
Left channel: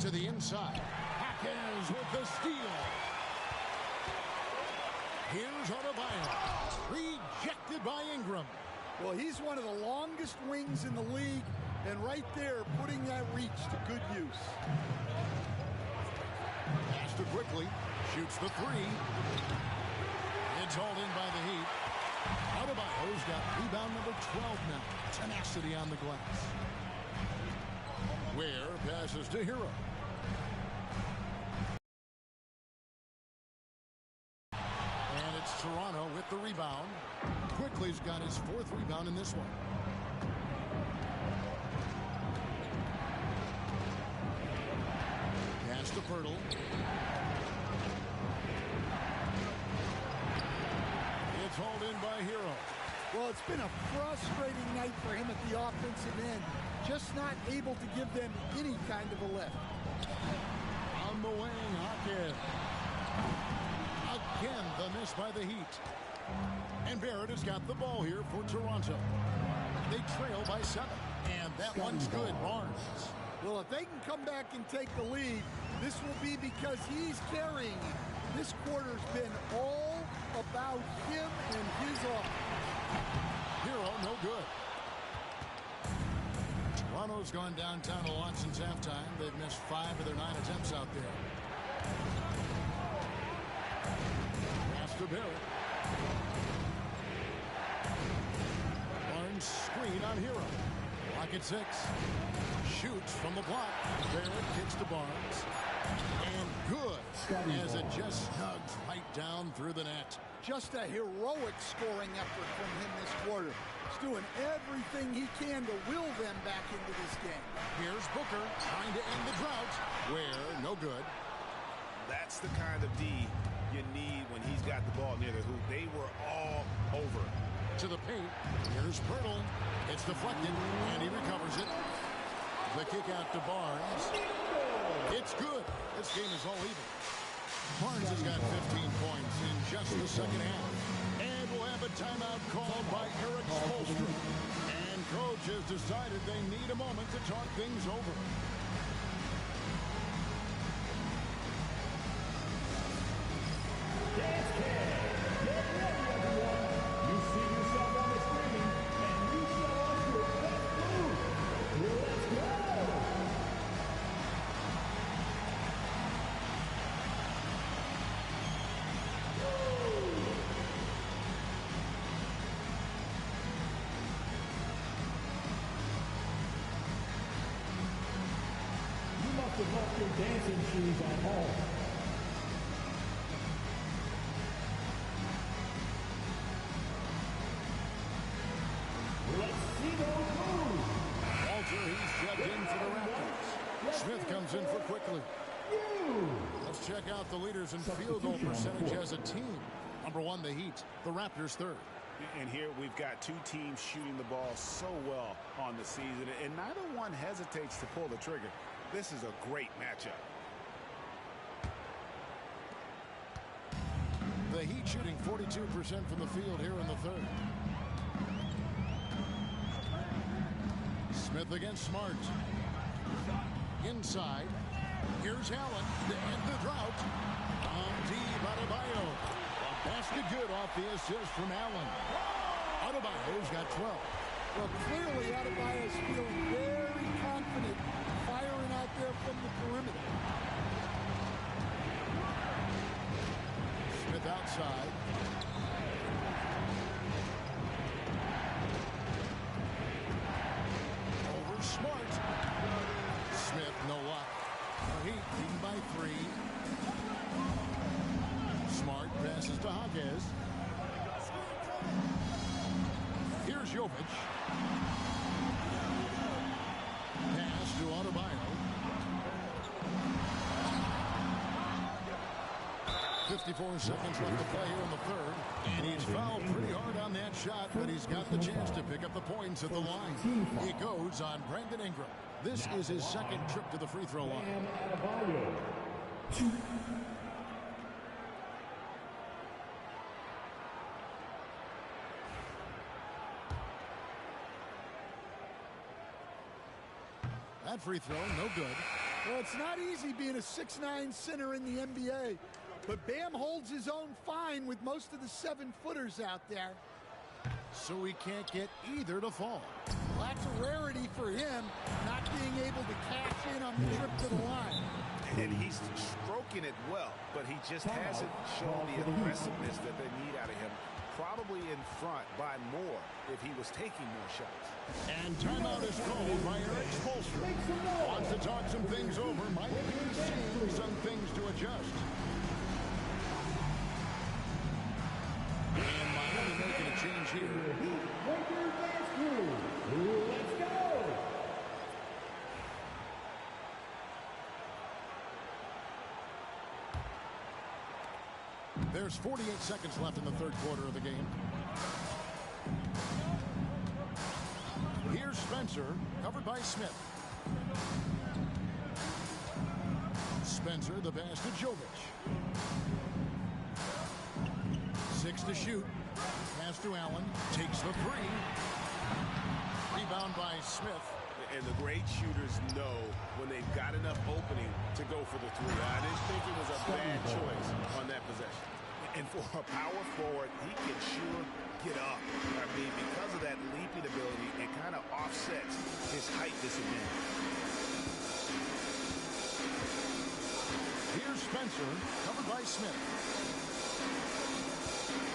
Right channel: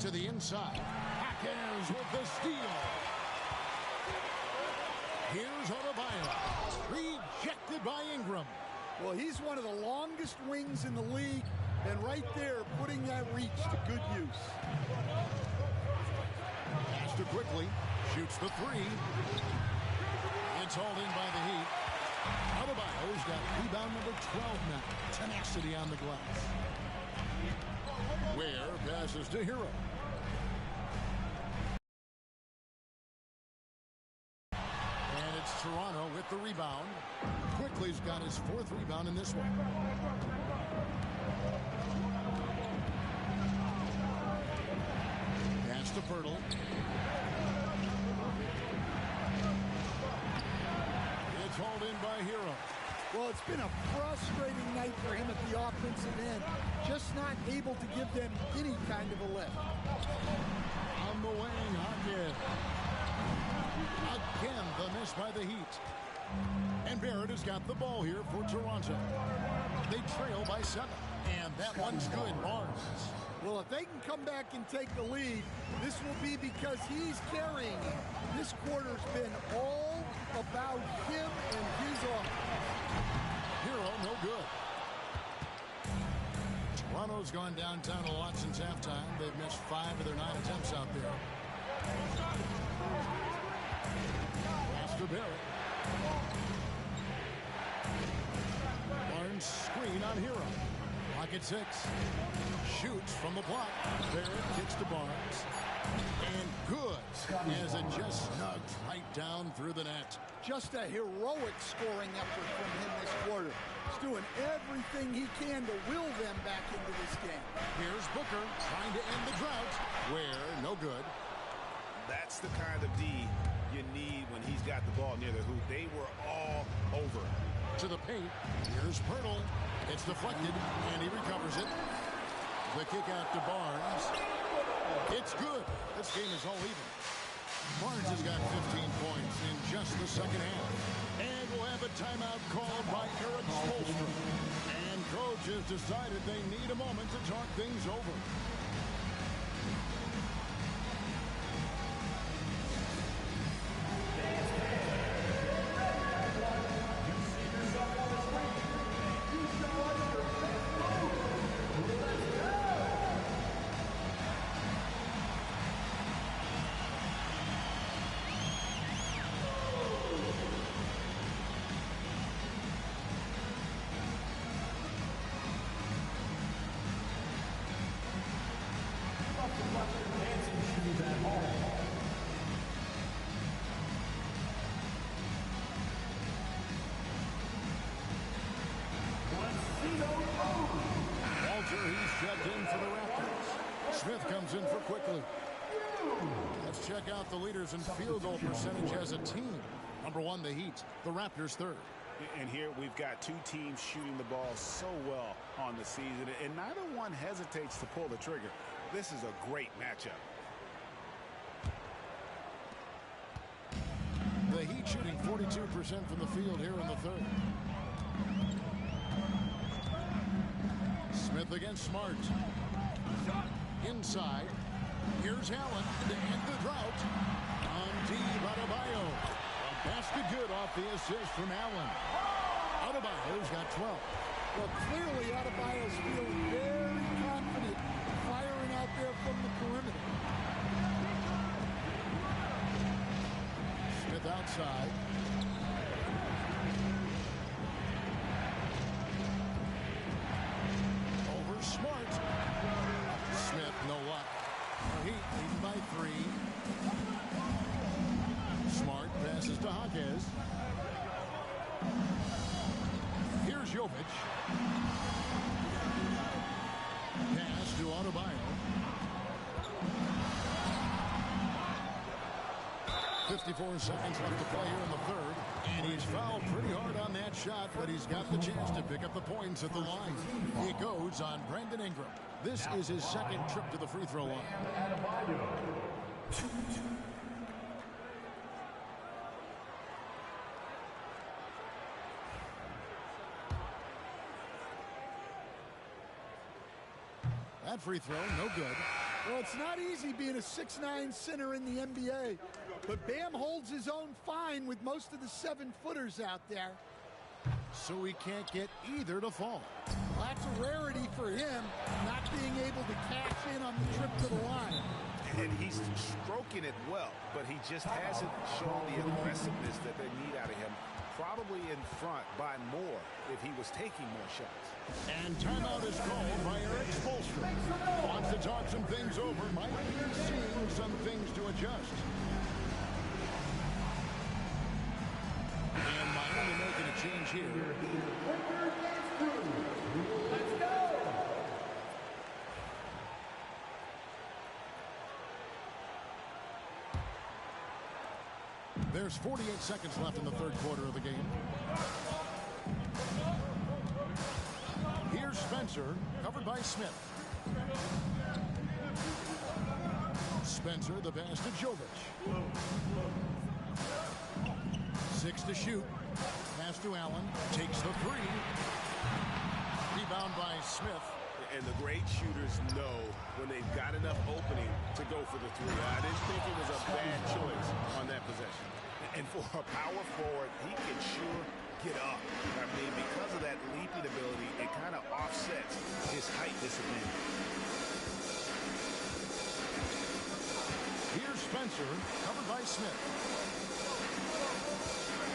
To the inside. Jaquez with the steal. Here's Adebayo. Rejected by Ingram. Well, he's one of the longest wings in the league, and right there, putting that reach to good use. Pass to Quickly. Shoots the 3. It's hauled in by the Heat. Adebayo's got rebound number 12 now. Tenacity on the glass. Ware passes to Hero. And it's Toronto with the rebound. Quickly's got his 4th rebound in this one. Pass to Pirtle. It's hauled in by Hero. Well, it's been a frustrating night for him at the offensive end. Just not able to give them any kind of a lift. On the wing, Jaquez. Again, the miss by the Heat. And Barrett has got the ball here for Toronto. They trail by 7. And that one's good, Barnes. Well, if they can come back and take the lead, this will be because he's carrying it. This quarter's been all about him and his offense. Hero, no good. Toronto's gone downtown a lot since halftime. They've missed 5 of their 9 attempts out there. Pass to Barrett. Barnes screen on Hero. Pocket 6. Shoots from the block. Barrett kicks to Barnes. And good, as it just snugs right down through the net. Just a heroic scoring effort from him this quarter. He's doing everything he can to will them back into this game. Here's Booker trying to end the drought. Ware, no good. That's the kind of D you need when he's got the ball near the hoop. They were all over. To the paint. Here's Pirtle. It's deflected, and he recovers it. The kick out to Barnes. It's good. This game is all even. Barnes has got 15 points in just the second half. And we'll have a timeout called by Eric Spoelstra. And coach has decided they need a moment to talk things over. He's checked in for the Raptors. Smith comes in for Quickly. Let's check out the leaders in field goal percentage as a team. Number 1, the Heat. The Raptors 3rd. And here we've got 2 teams shooting the ball so well on the season, and neither one hesitates to pull the trigger. This is a great matchup. The Heat shooting 42% from the field here in the 3rd. Smith against Smart. Inside. Here's Allen to end the drought. Deep Adebayo. A basket good off the assist from Allen. Adebayo's got 12. Well, clearly Adebayo's feeling very confident firing out there from the perimeter. Smith outside. Over Smart. Smith, no luck. The Heat leading by 3. Smart passes to Jaquez. Here's Jovic. Pass to Adebayo. 54 seconds left to play here in the third. And he's fouled pretty hard on that shot, but he's got the chance to pick up the points at the line. It goes on Brandon Ingram. This is his second trip to the free throw line. That free throw, no good. Well, it's not easy being a 6'9" center in the NBA, but Bam holds his own fine with most of the 7-footers out there. So he can't get either to fall. Well, that's a rarity for him, not being able to cash in on the trip to the line. And he's stroking it well, but he just hasn't shown the aggressiveness that they need out of him. Probably in front by more if he was taking more shots. And timeout is called by Eric Spoelstra. Wants to talk some things over, might be seeing some things to adjust. And Miami making a change here. Let's go! There's 48 seconds left in the third quarter of the game. Here's Spencer, covered by Smith. Spencer, the pass to Jovic. 6 to shoot. Pass to Allen. Takes the 3. Rebound by Smith. And the great shooters know when they've got enough opening to go for the 3. I didn't think it was a bad choice on that possession. And for a power forward, he can sure get up. I mean, because of that leaping ability, it kind of offsets his height disadvantage. Here's Spencer, covered by Smith.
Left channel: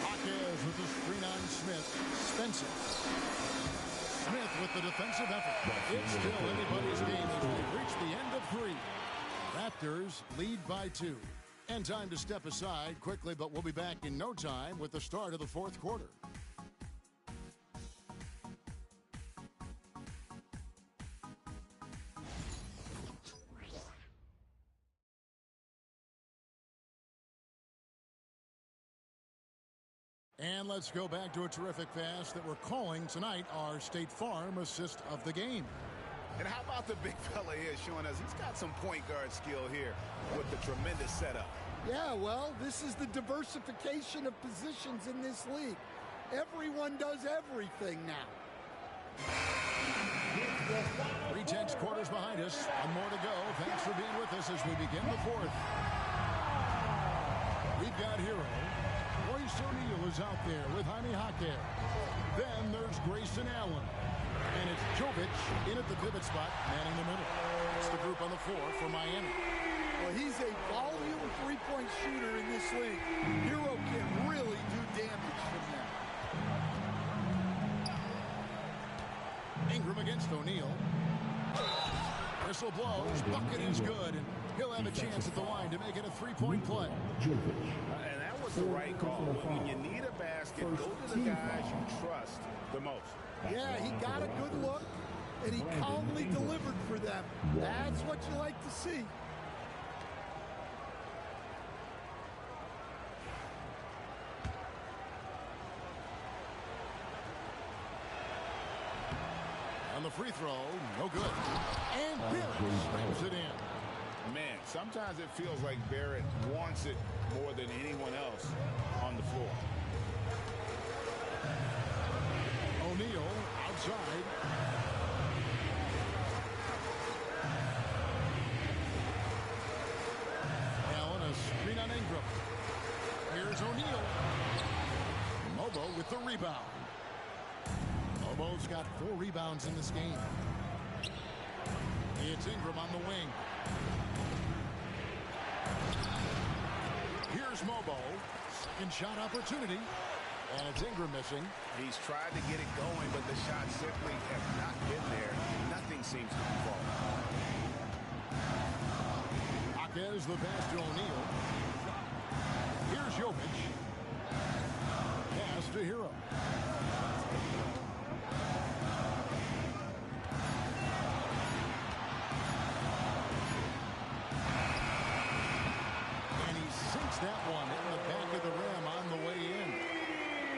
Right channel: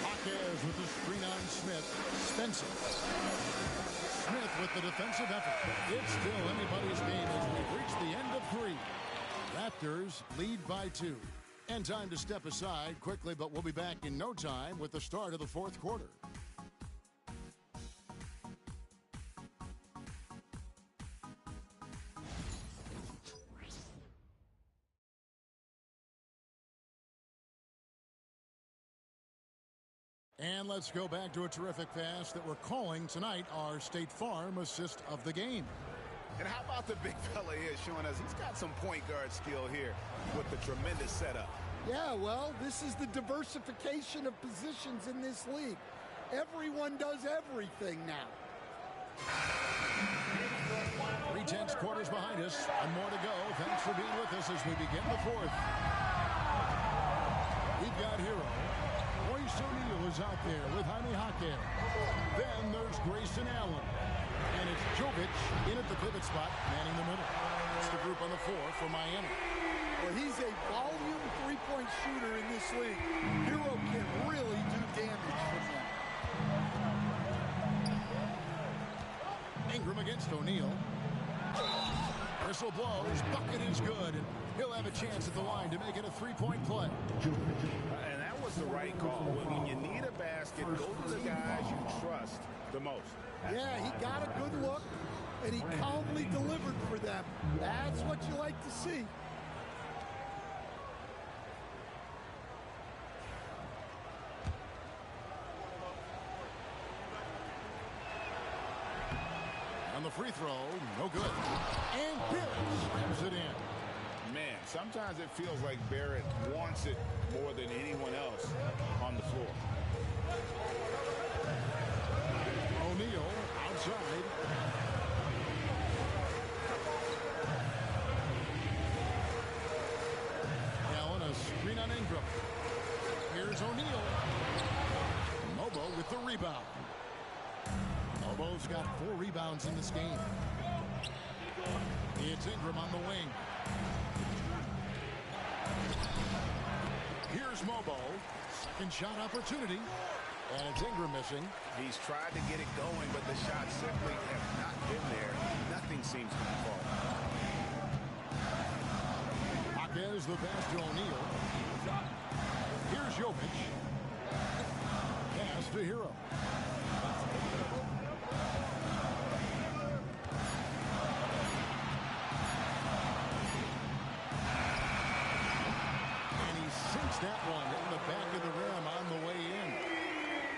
Jaquez with the screen on Smith. Spencer. Smith with the defensive effort. It's still anybody's game as we've reached the end of 3. Raptors lead by 2. And time to step aside quickly, but we'll be back in no time with the start of the fourth quarter. And let's go back to a terrific pass that we're calling tonight our State Farm assist of the game. And how about the big fella here showing us he's got some point guard skill here with the tremendous setup. Yeah, well, this is the diversification of positions in this league. Everyone does everything now. 3/10 quarters behind us. One more to go. Thanks for being with us as we begin the fourth. We've got Hero. Royce O'Neal is out there with Jaime Jaquez. Then there's Grayson Allen. And it's Jovic in at the pivot spot, manning the middle. It's the group on the floor for Miami. Well, he's a volume three-point shooter in this league. Hero can really do damage from them. Ingram against O'Neal. Whistle blows. Bucket is good. And he'll have a chance at the line to make it a three-point play. And that was the right call. When you need a basket, go to the guys you trust the most. Yeah, he got a good look, and he calmly delivered for them. That's what you like to see. On the free throw, no good. And Barrett slams it in. Man, sometimes it feels like Barrett wants it more than anyone else on the floor. O'Neal outside. Allen, a screen on Ingram. Here's O'Neal. Mobo with the rebound. Mobo's got 4 rebounds in this game. It's Ingram on the wing. Here's Mobo. Second shot opportunity. And it's Ingram missing. He's tried to get it going, but the shots simply have not been there. Nothing seems to be falling. Jaquez the pass to O'Neal. Here's Jovic. Pass to Hero. And he sinks sinks that one, hitting the back of the rim on the way in.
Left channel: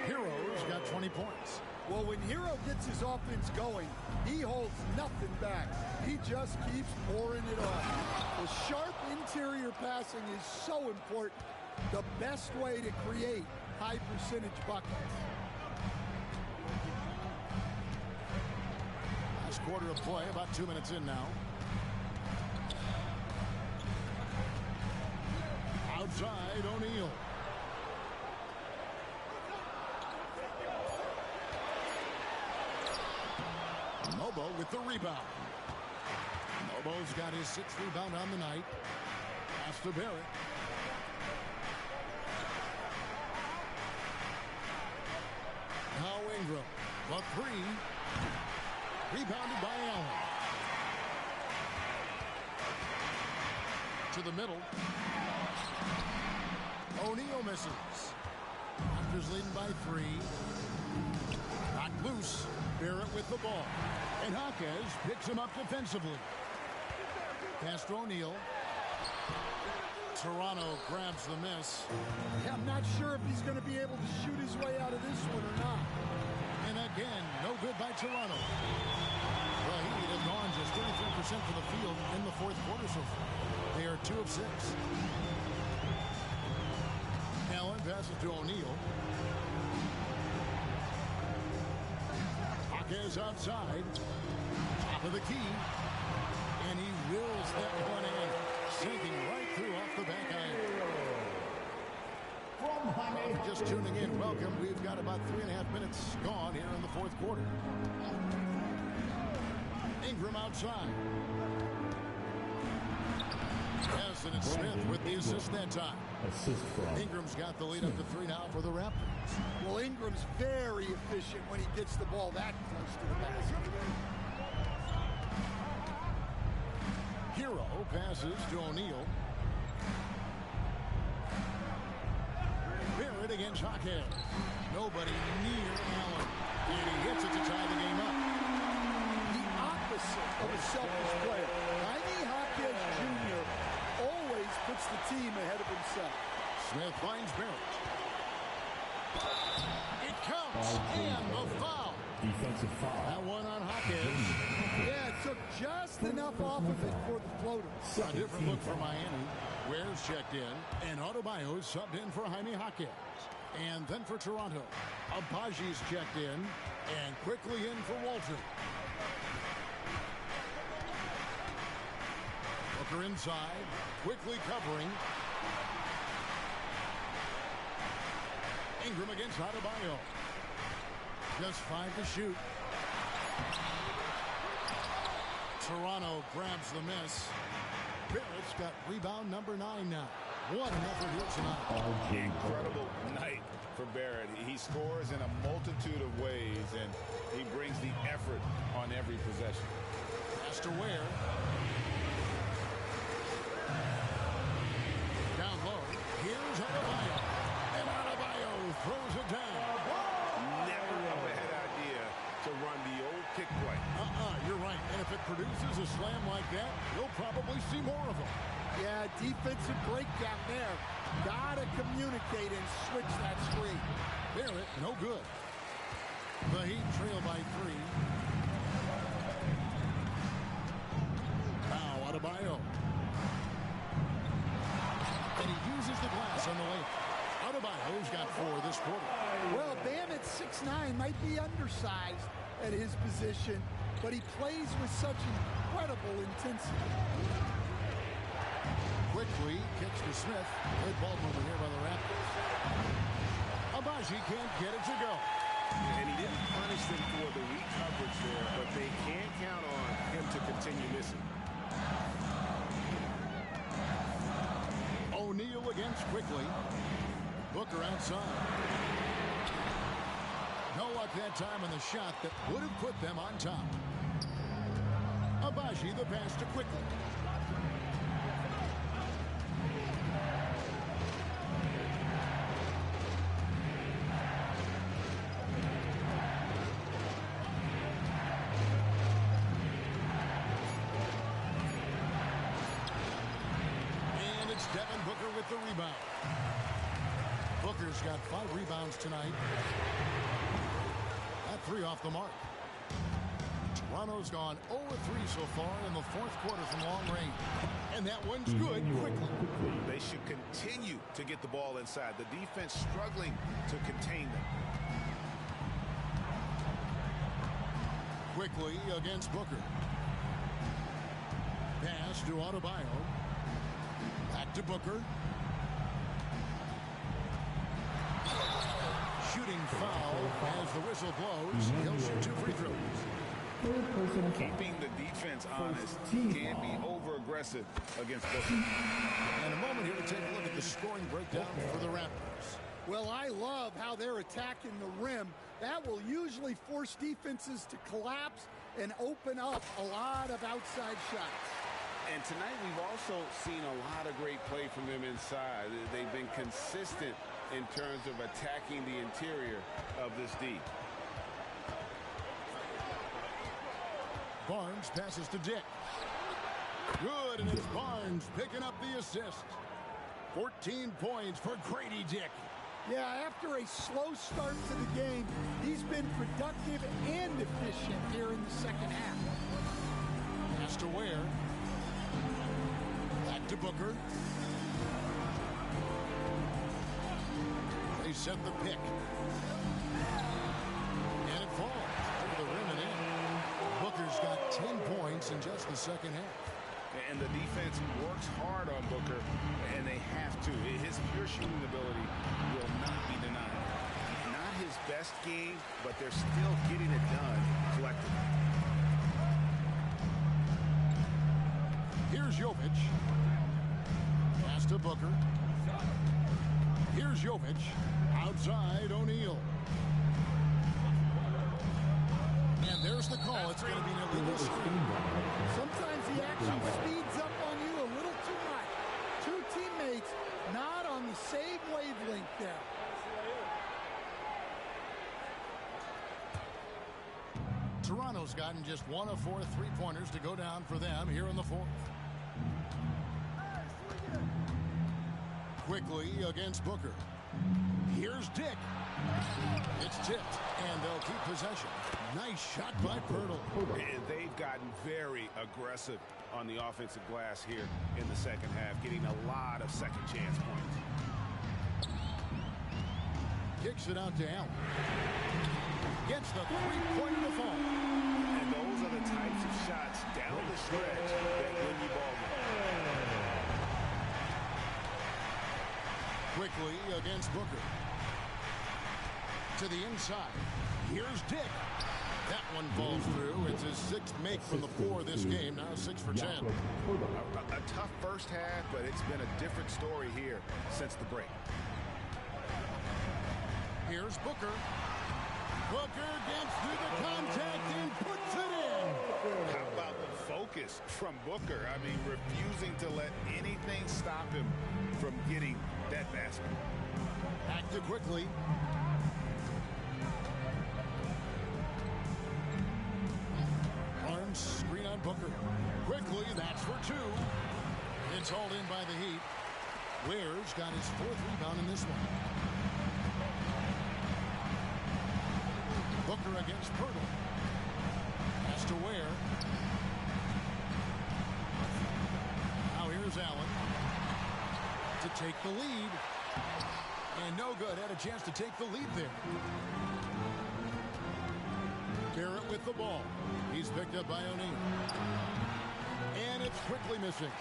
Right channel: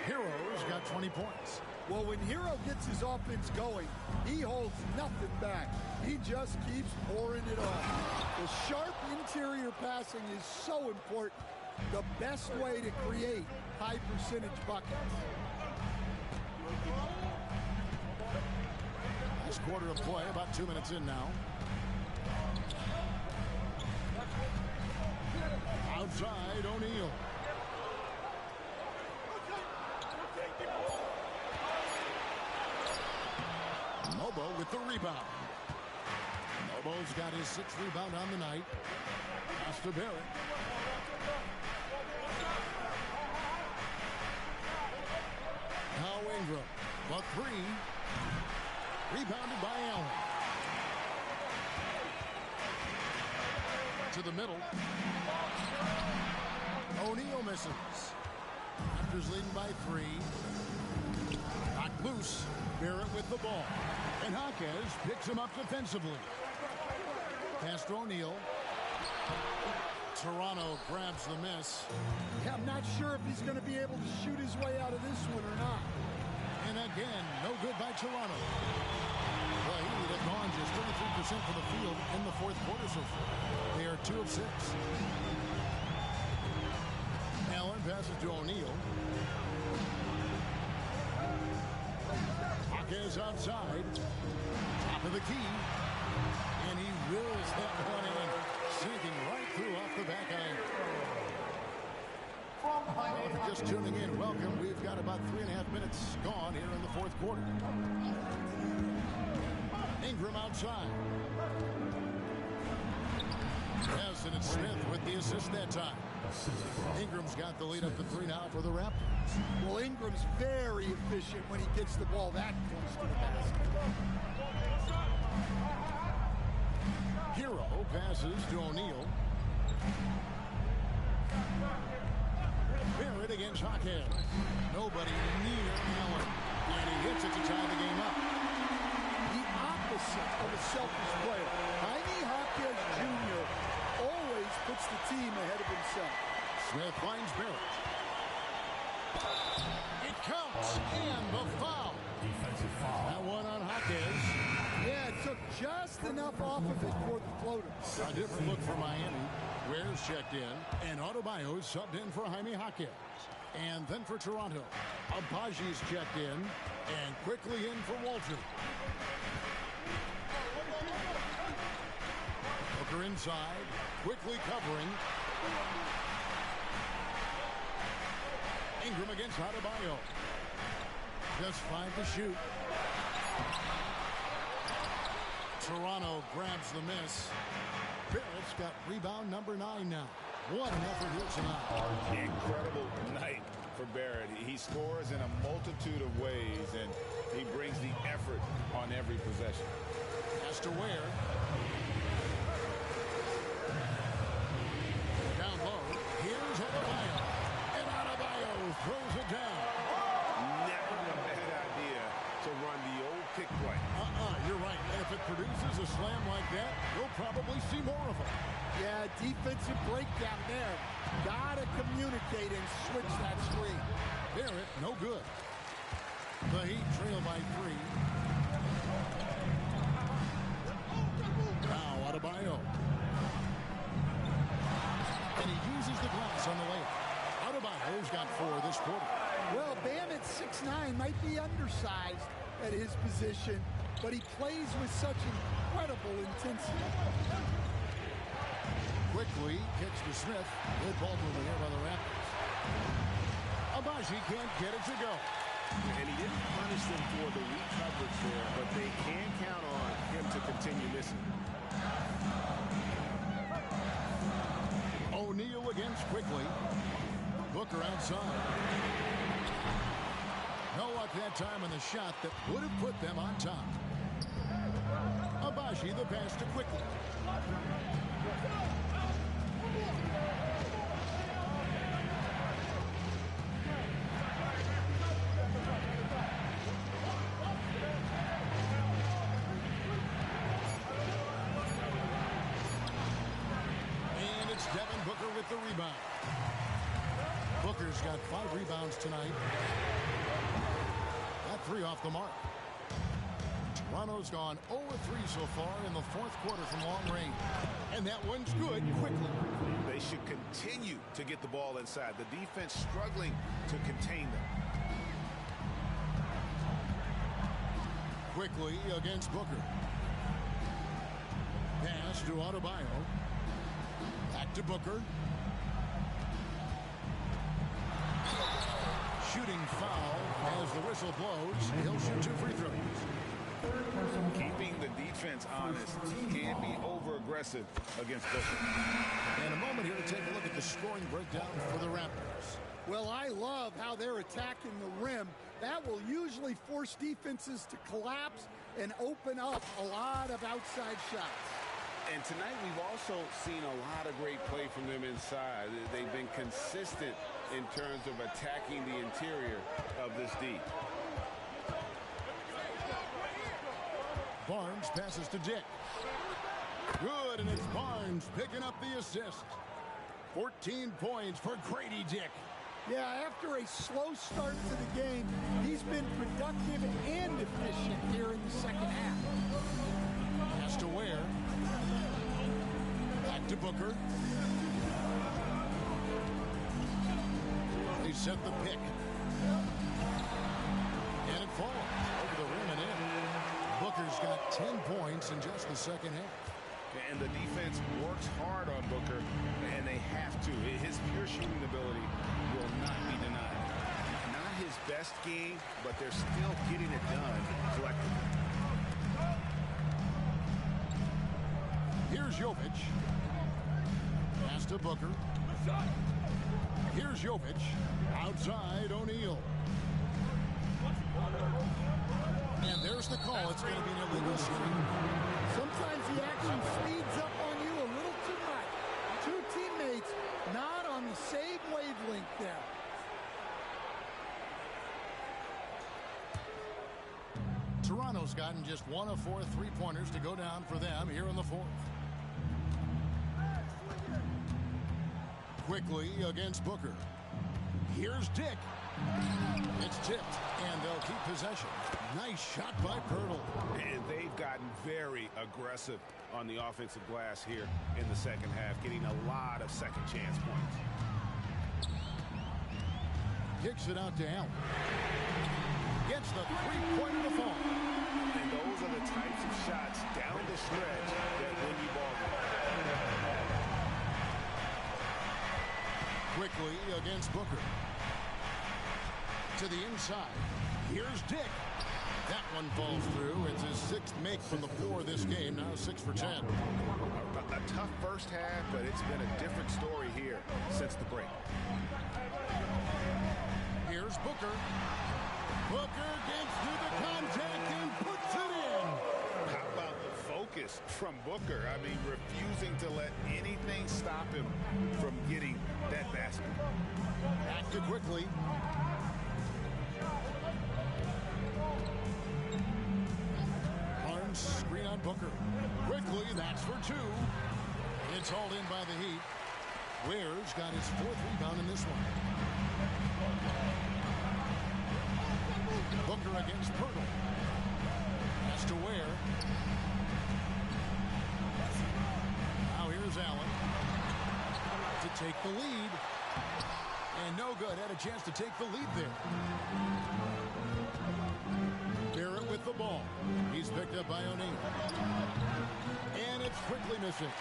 Hero's got 20 points. Well, when Hero gets his offense going, he holds nothing back. He just keeps pouring it on. The sharp interior passing is so important. The best way to create high percentage buckets. Last quarter of play, about 2 minutes in now. Outside, O'Neal. Mobo with the rebound. Mobo's got his 6th rebound on the night. Pass to Barrett. Now Ingram. The 3. Rebounded by Allen. To the middle. O'Neal misses. Raptors leading by 3. Knocked loose. Barrett with the ball. And Jaquez picks him up defensively. Pass to O'Neal. Toronto grabs the miss. Yeah, I'm not sure if he's going to be able to shoot his way out of this one or not. And again, no good by Toronto. The Heat have gone just 33% for the field in the 4th quarter so far. They are 2 of 6. Allen passes to O'Neal. Jaquez outside. Top of the key. And he wills that one in. Sinking right through off the back iron. Well, if you're just tuning in, welcome. We've got about 3.5 minutes gone here in the 4th quarter. Ingram outside. Yes, and it's Smith with the assist that time. Assist from Ingram's got the lead up to 3 now for the Raptors. Well, Ingram's very efficient when he gets the ball that close to the basket. Hero passes to O'Neal. Barrett against Jaquez. Nobody near Allen. And he hits it to tie the game up. The opposite of a selfish player. Jaime Jaquez Jr. always puts the team ahead of himself. Smith finds Barrett. It counts. And the foul. defensive foul. That one on Jaquez. Yeah, it took just enough off of it for the floater. A different look for Miami. Ware's checked in, and Adebayo subbed in for Jaime Jaquez. And then for Toronto, Abaji's checked in, and quickly in for Walter. Booker inside, quickly covering. Ingram against Adebayo. Just 5 to shoot. Toronto grabs the miss. Barrett's got rebound number 9 now. What an effort here tonight. Incredible night for Barrett. He scores in a multitude of ways, and he brings the effort on every possession. Pass to Ware. Down low. Here's Adebayo. And Adebayo throws it down. Never a bad idea to run the old pick play. You're right. And if it produces a slam like that, you'll probably see more of them. Yeah, defensive breakdown there. Gotta communicate and switch that screen. Barrett, no good. The Heat trail by 3. Now Adebayo. And he uses the glass on the layup. Adebayo's got 4 this quarter. Well, Bam at 6'9" might be undersized at his position, but he plays with such incredible intensity. Quickly kicks to Smith. Good ball movement here by the Raptors. Abaji can't get it to go. And he didn't punish them for the weak coverage there, but they can count on him to continue missing. O'Neal against Quickly. Booker outside. No luck that time on the shot that would have put them on top. Abaji the pass to Quickly. it's Devin Booker with the rebound. Booker's got 5 rebounds tonight. That 3 off the mark. Toronto's gone 0-3 so far in the 4th quarter from long range. And that one's good quickly. They should continue to get the ball inside. The defense struggling to contain them. Quickly against Booker. Pass to Adebayo. Back to Booker. Shooting foul as the whistle blows. He'll shoot 2 free throws. Keeping the defense honest. Can't be over-aggressive against Booker. And a moment here to take a look at the scoring breakdown for the Raptors. Well, I love how they're attacking the rim. That will usually force defenses to collapse and open up a lot of outside shots. And tonight we've also seen a lot of great play from them inside. They've been consistent in terms of attacking the interior of this D. Barnes passes to Dick. Good, and it's Barnes picking up the assist. 14 points for Grady Dick. Yeah, after a slow start to the game, he's been productive and efficient here in the second half. Pass to Ware. Back to Booker. They set the pick. And it falls over the rim and in. Booker's got 10 points in just the second half. And the defense works hard on Booker, and they have to. His pure shooting ability will not be denied. Not his best game, but they're still getting it done collectively. Here's Jovic. Pass to Booker. Here's Jovic. Outside O'Neal. And there's the call. It's going to be an illegal screen. Sometimes he actually speeds up on you a little too much. 2 teammates not on the same wavelength there. Toronto's gotten just 1 of 4 3-pointers to go down for them here in the 4th. Quickly against Booker. Here's Dick. It's tipped, and they'll keep possession. Nice shot by Pirtle. And they've gotten very aggressive on the offensive glass here in the second half, getting a lot of second chance points. Kicks it out to Allen. Gets the 3-pointer to fall. And those are the types of shots down the stretch that win you ball games. Quickly against Booker. To the inside. Here's Dick. That one falls through. It's his 6th make from the 4 this game. Now 6 for 10. A tough first half, but it's been a different story here since the break. Here's Booker. Booker gets through the contact and puts it in. How about the focus from Booker? I mean, refusing to let anything stop him from getting that basket. Back to Quickly. Barnes screen on Booker. Quickly, that's for 2. It's hauled in by the Heat. Ware's got his 4th rebound in this one. Booker against Pirtle. Pass to Ware. Now here's Allen to take the lead. And no good. Had a chance to take the lead there. Barrett with the ball. He's picked up by O'Neal. And it's Quickly missing.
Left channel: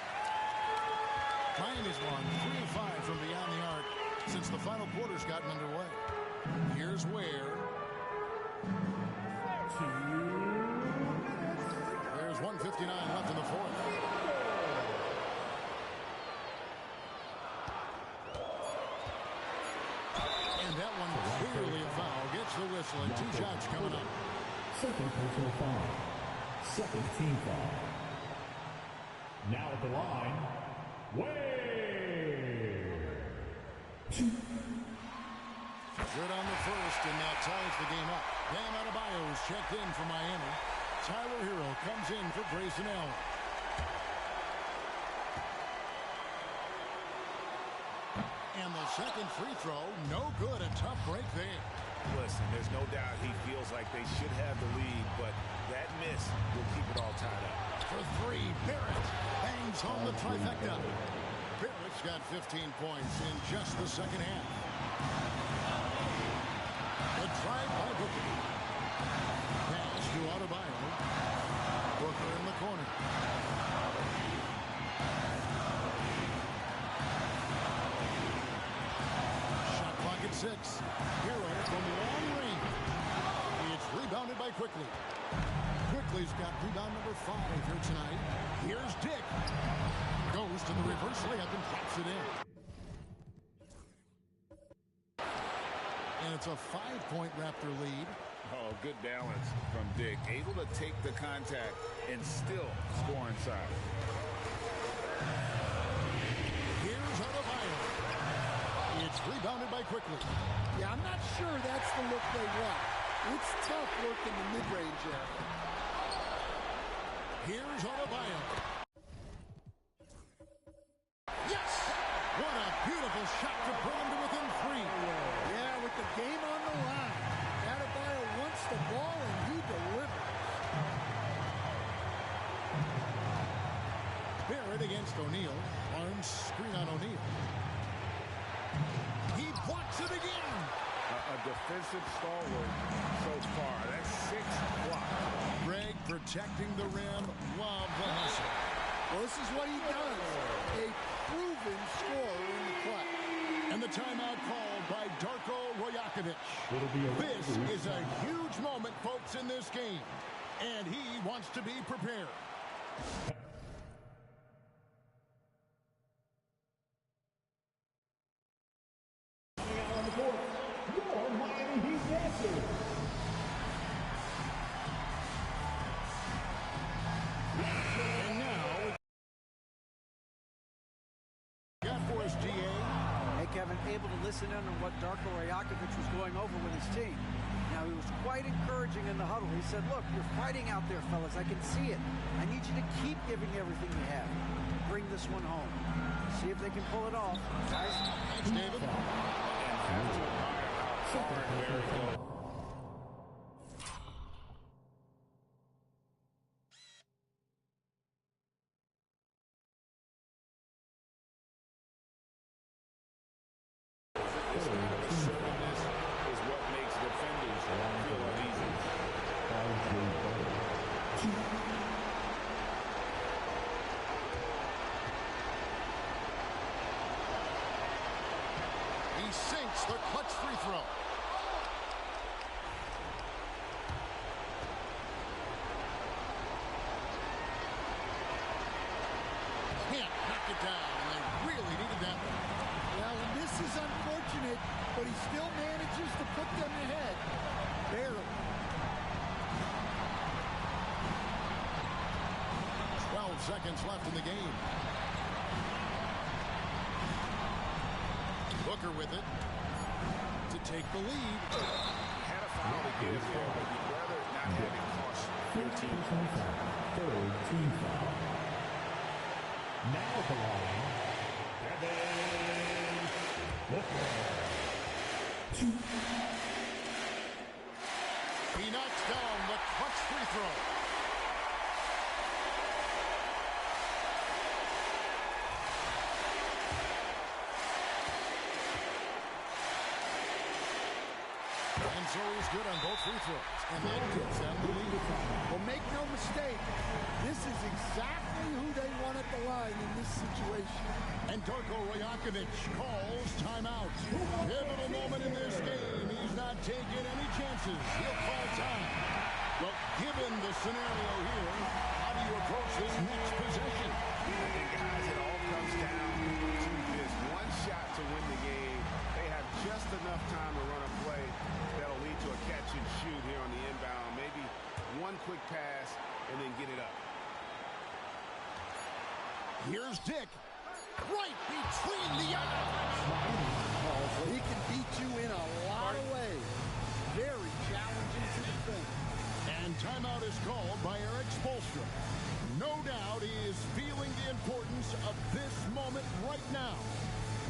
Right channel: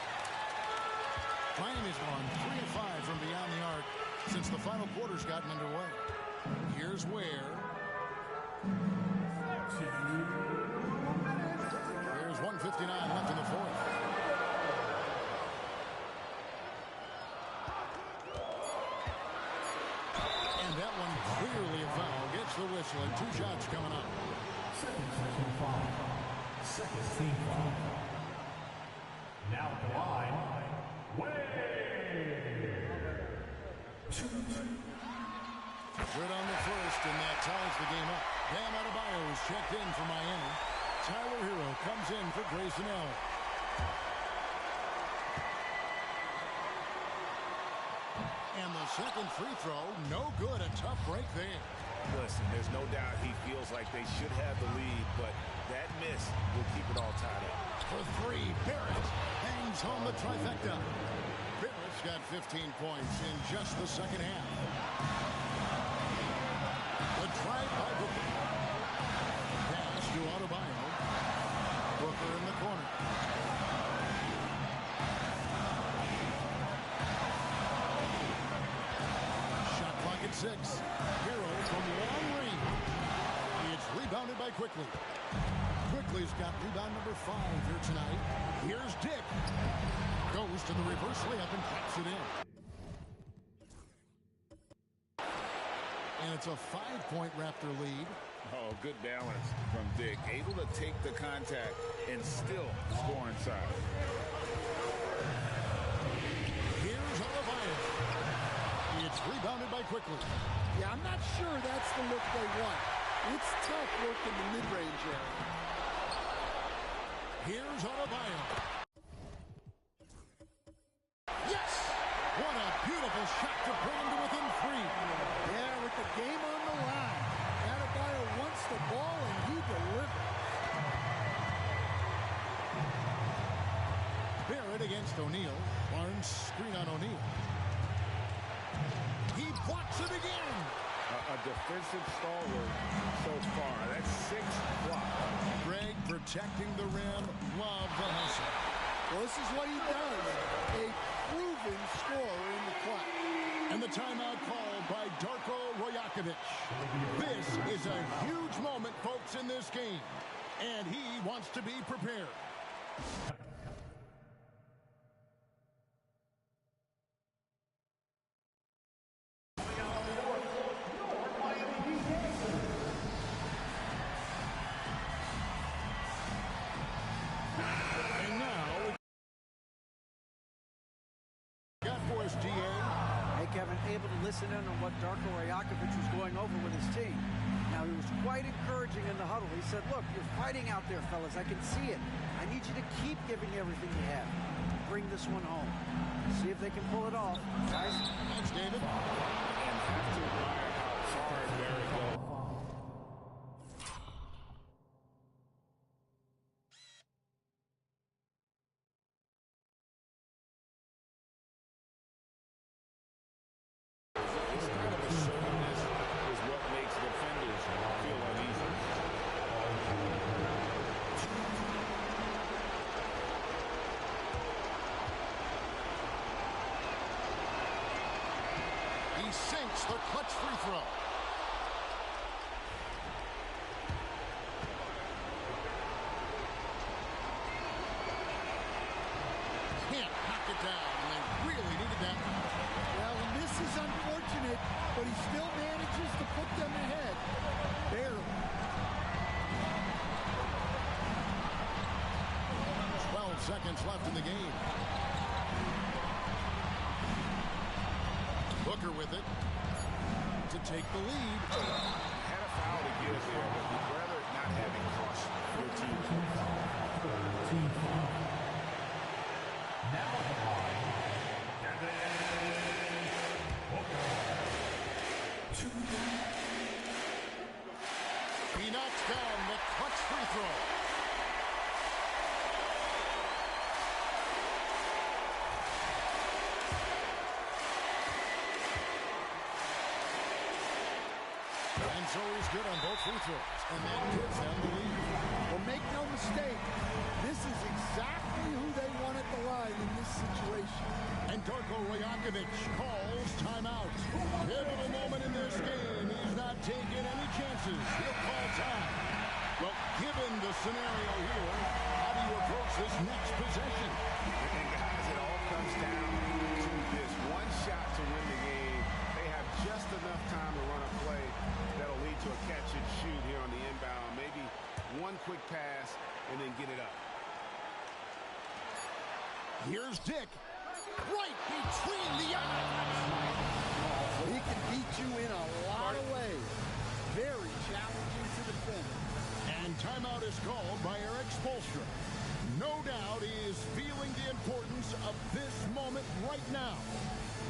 Miami's won 3 of 5 from beyond the arc since the final quarter's gotten underway. Here's Ware. There's 1:59 left in the 4th. And that one clearly a foul. Gets the whistle and 2 shots coming up. Second personal foul. Second team foul. Now at the line, Wade. Good on the first, and that ties the game up. Bam Adebayo is checked in for Miami. Tyler Hero comes in for Grayson Allen. the second free throw, no good. A tough break there. Listen, there's no doubt he feels like they should have the lead, but that miss will keep it all tied up. For three, Barrett hangs home the trifecta. Barrett's got 15 points in just the second half. The drive by Booker. Pass to Adebayo. Booker in the corner. Shot clock at 6. Hero from long range. It's rebounded by Quickly. Quickly's got rebound number 5 here tonight. Here's Dick. Goes to the reverse layup and drops it in. And it's a 5-point Raptor lead. Oh, good balance from Dick. Able to take the contact and still score inside. Here's Adebayo. It's rebounded by Quickly. Yeah, I'm not sure that's the look they want. It's tough work in the mid-range area. Here's Adebayo. Yes! What a beautiful shot to bring him to within 3. Yeah, with the game on the line. Adebayo wants the ball, and he delivers. Barrett against O'Neal. Barnes screen on O'Neal. He blocks it again. A defensive stalwart so far. That's 6 blocks. Greg protecting the rim. Love the hustle. Well, this is what he does. A proven scorer in the clutch. And the timeout called by Darko Rajakovic. This is a huge moment, folks, in this game. And he wants to be prepared. And now, got for us, DA. Hey, Kevin, able to listen in on what Darko Rajakovic was going over with his team. Now, he was quite encouraging in the huddle. He said, look, you're fighting out there, fellas. I can see it. I need you to keep giving everything you have. Bring this one home. See if they can pull it off. Guys. Thanks, David. And have to admire how hard Barrett goes. This kind of assertiveness is what makes defenders feel uneasy. He sinks the clutch free throw. Can't knock it down, and they really needed that one. Well, and this is unfortunate, but he still manages to put them ahead. Barely. 12 seconds left in the game. Booker with it to take the lead. Had a foul to give there, but you'd rather not have it cost your team points. Team foul. Now at the line, Devin Booker. He knocks down the clutch free throw. And so he's good on both free throws, and that gives them the lead. Well, make no mistake, this is exactly who they want at the line in this situation. And Darko Rajakovic calls timeout. Pivotal moment in this game. He's not taking any chances. He'll call time. Well, given the scenario here, how do you approach this next possession? And guys, it all comes down to this. One shot to win the game. They have just enough time to run a play that'll lead to a catch and shoot here on the inbound. Maybe one quick pass and then get it up. Here's Dick. Right between the eyes. Oh, he can beat you in a lot of ways. Very challenging to defend. And timeout is called by Eric Spoelstra. No doubt he is feeling the importance of this moment right now.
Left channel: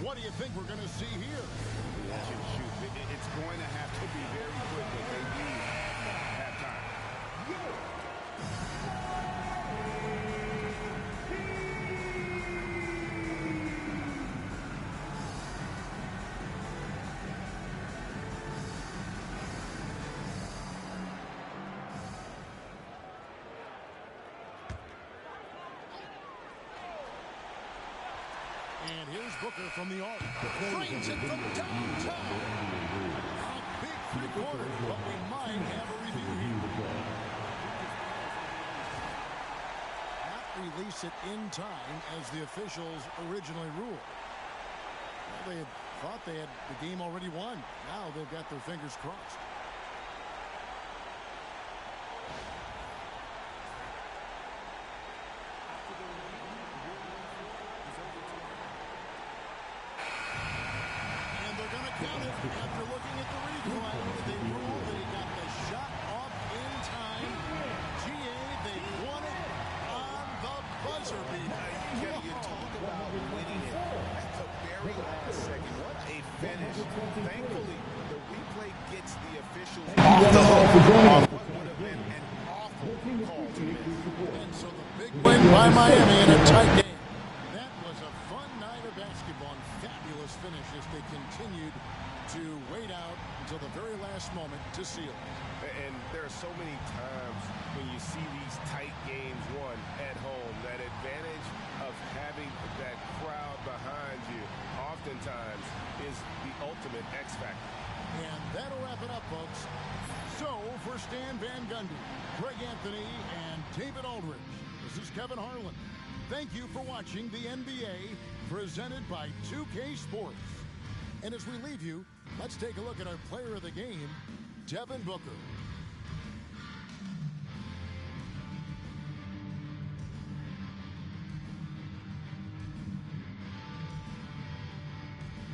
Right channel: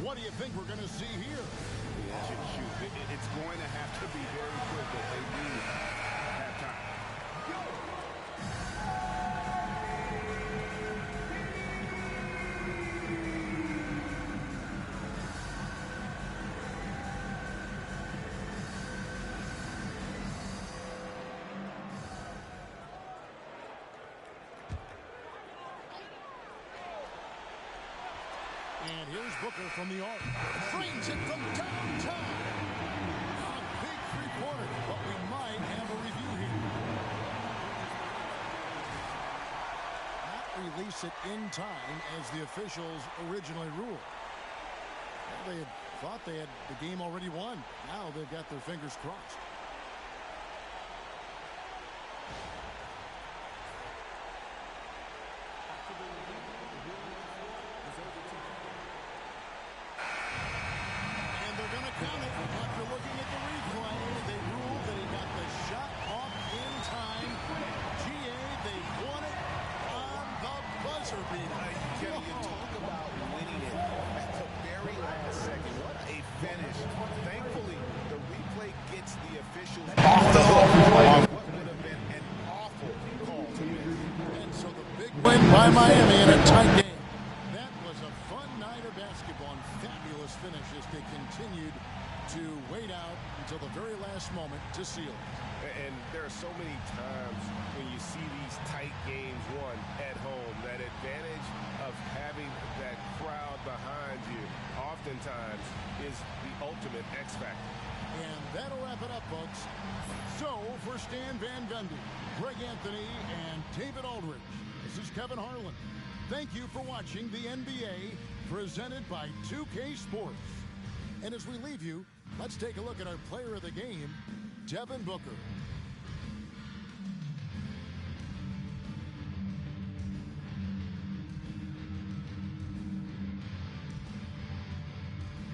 What do you think we're going to see here? Catch and shoot. It's going to have to be very quick, but they do have time. And here's Booker from the arc. Trains it from downtown. A big three-pointer, but we might have a review here. Not release it in time as the officials originally ruled. Well, they had thought they had the game already won. Now they've got their fingers crossed. After the review, the ruling on 4 is overturned. And they're going to count it. After looking at the replay, they ruled that he got the shot off in time. GA, they won it on the buzzer beater. Kevin, you talk about winning it at the very last second. What a finish. Thankfully, the replay gets the officials off the hook on what would have been an awful call to miss. And so the big win by Miami in a tight game. That was a fun night of basketball and fabulous finish as they continued to wait out until the very last moment to seal it. And there are so many times when you see these tight games won at home, that advantage of having that crowd behind you oftentimes is the ultimate X factor. And that'll wrap it up, folks. So, for Stan Van Gundy, Greg Anthony, and David Aldridge, this is Kevin Harlan. Thank you for watching the NBA presented by 2K Sports. And as we leave you, let's take a look at our player of the game, Devin Booker.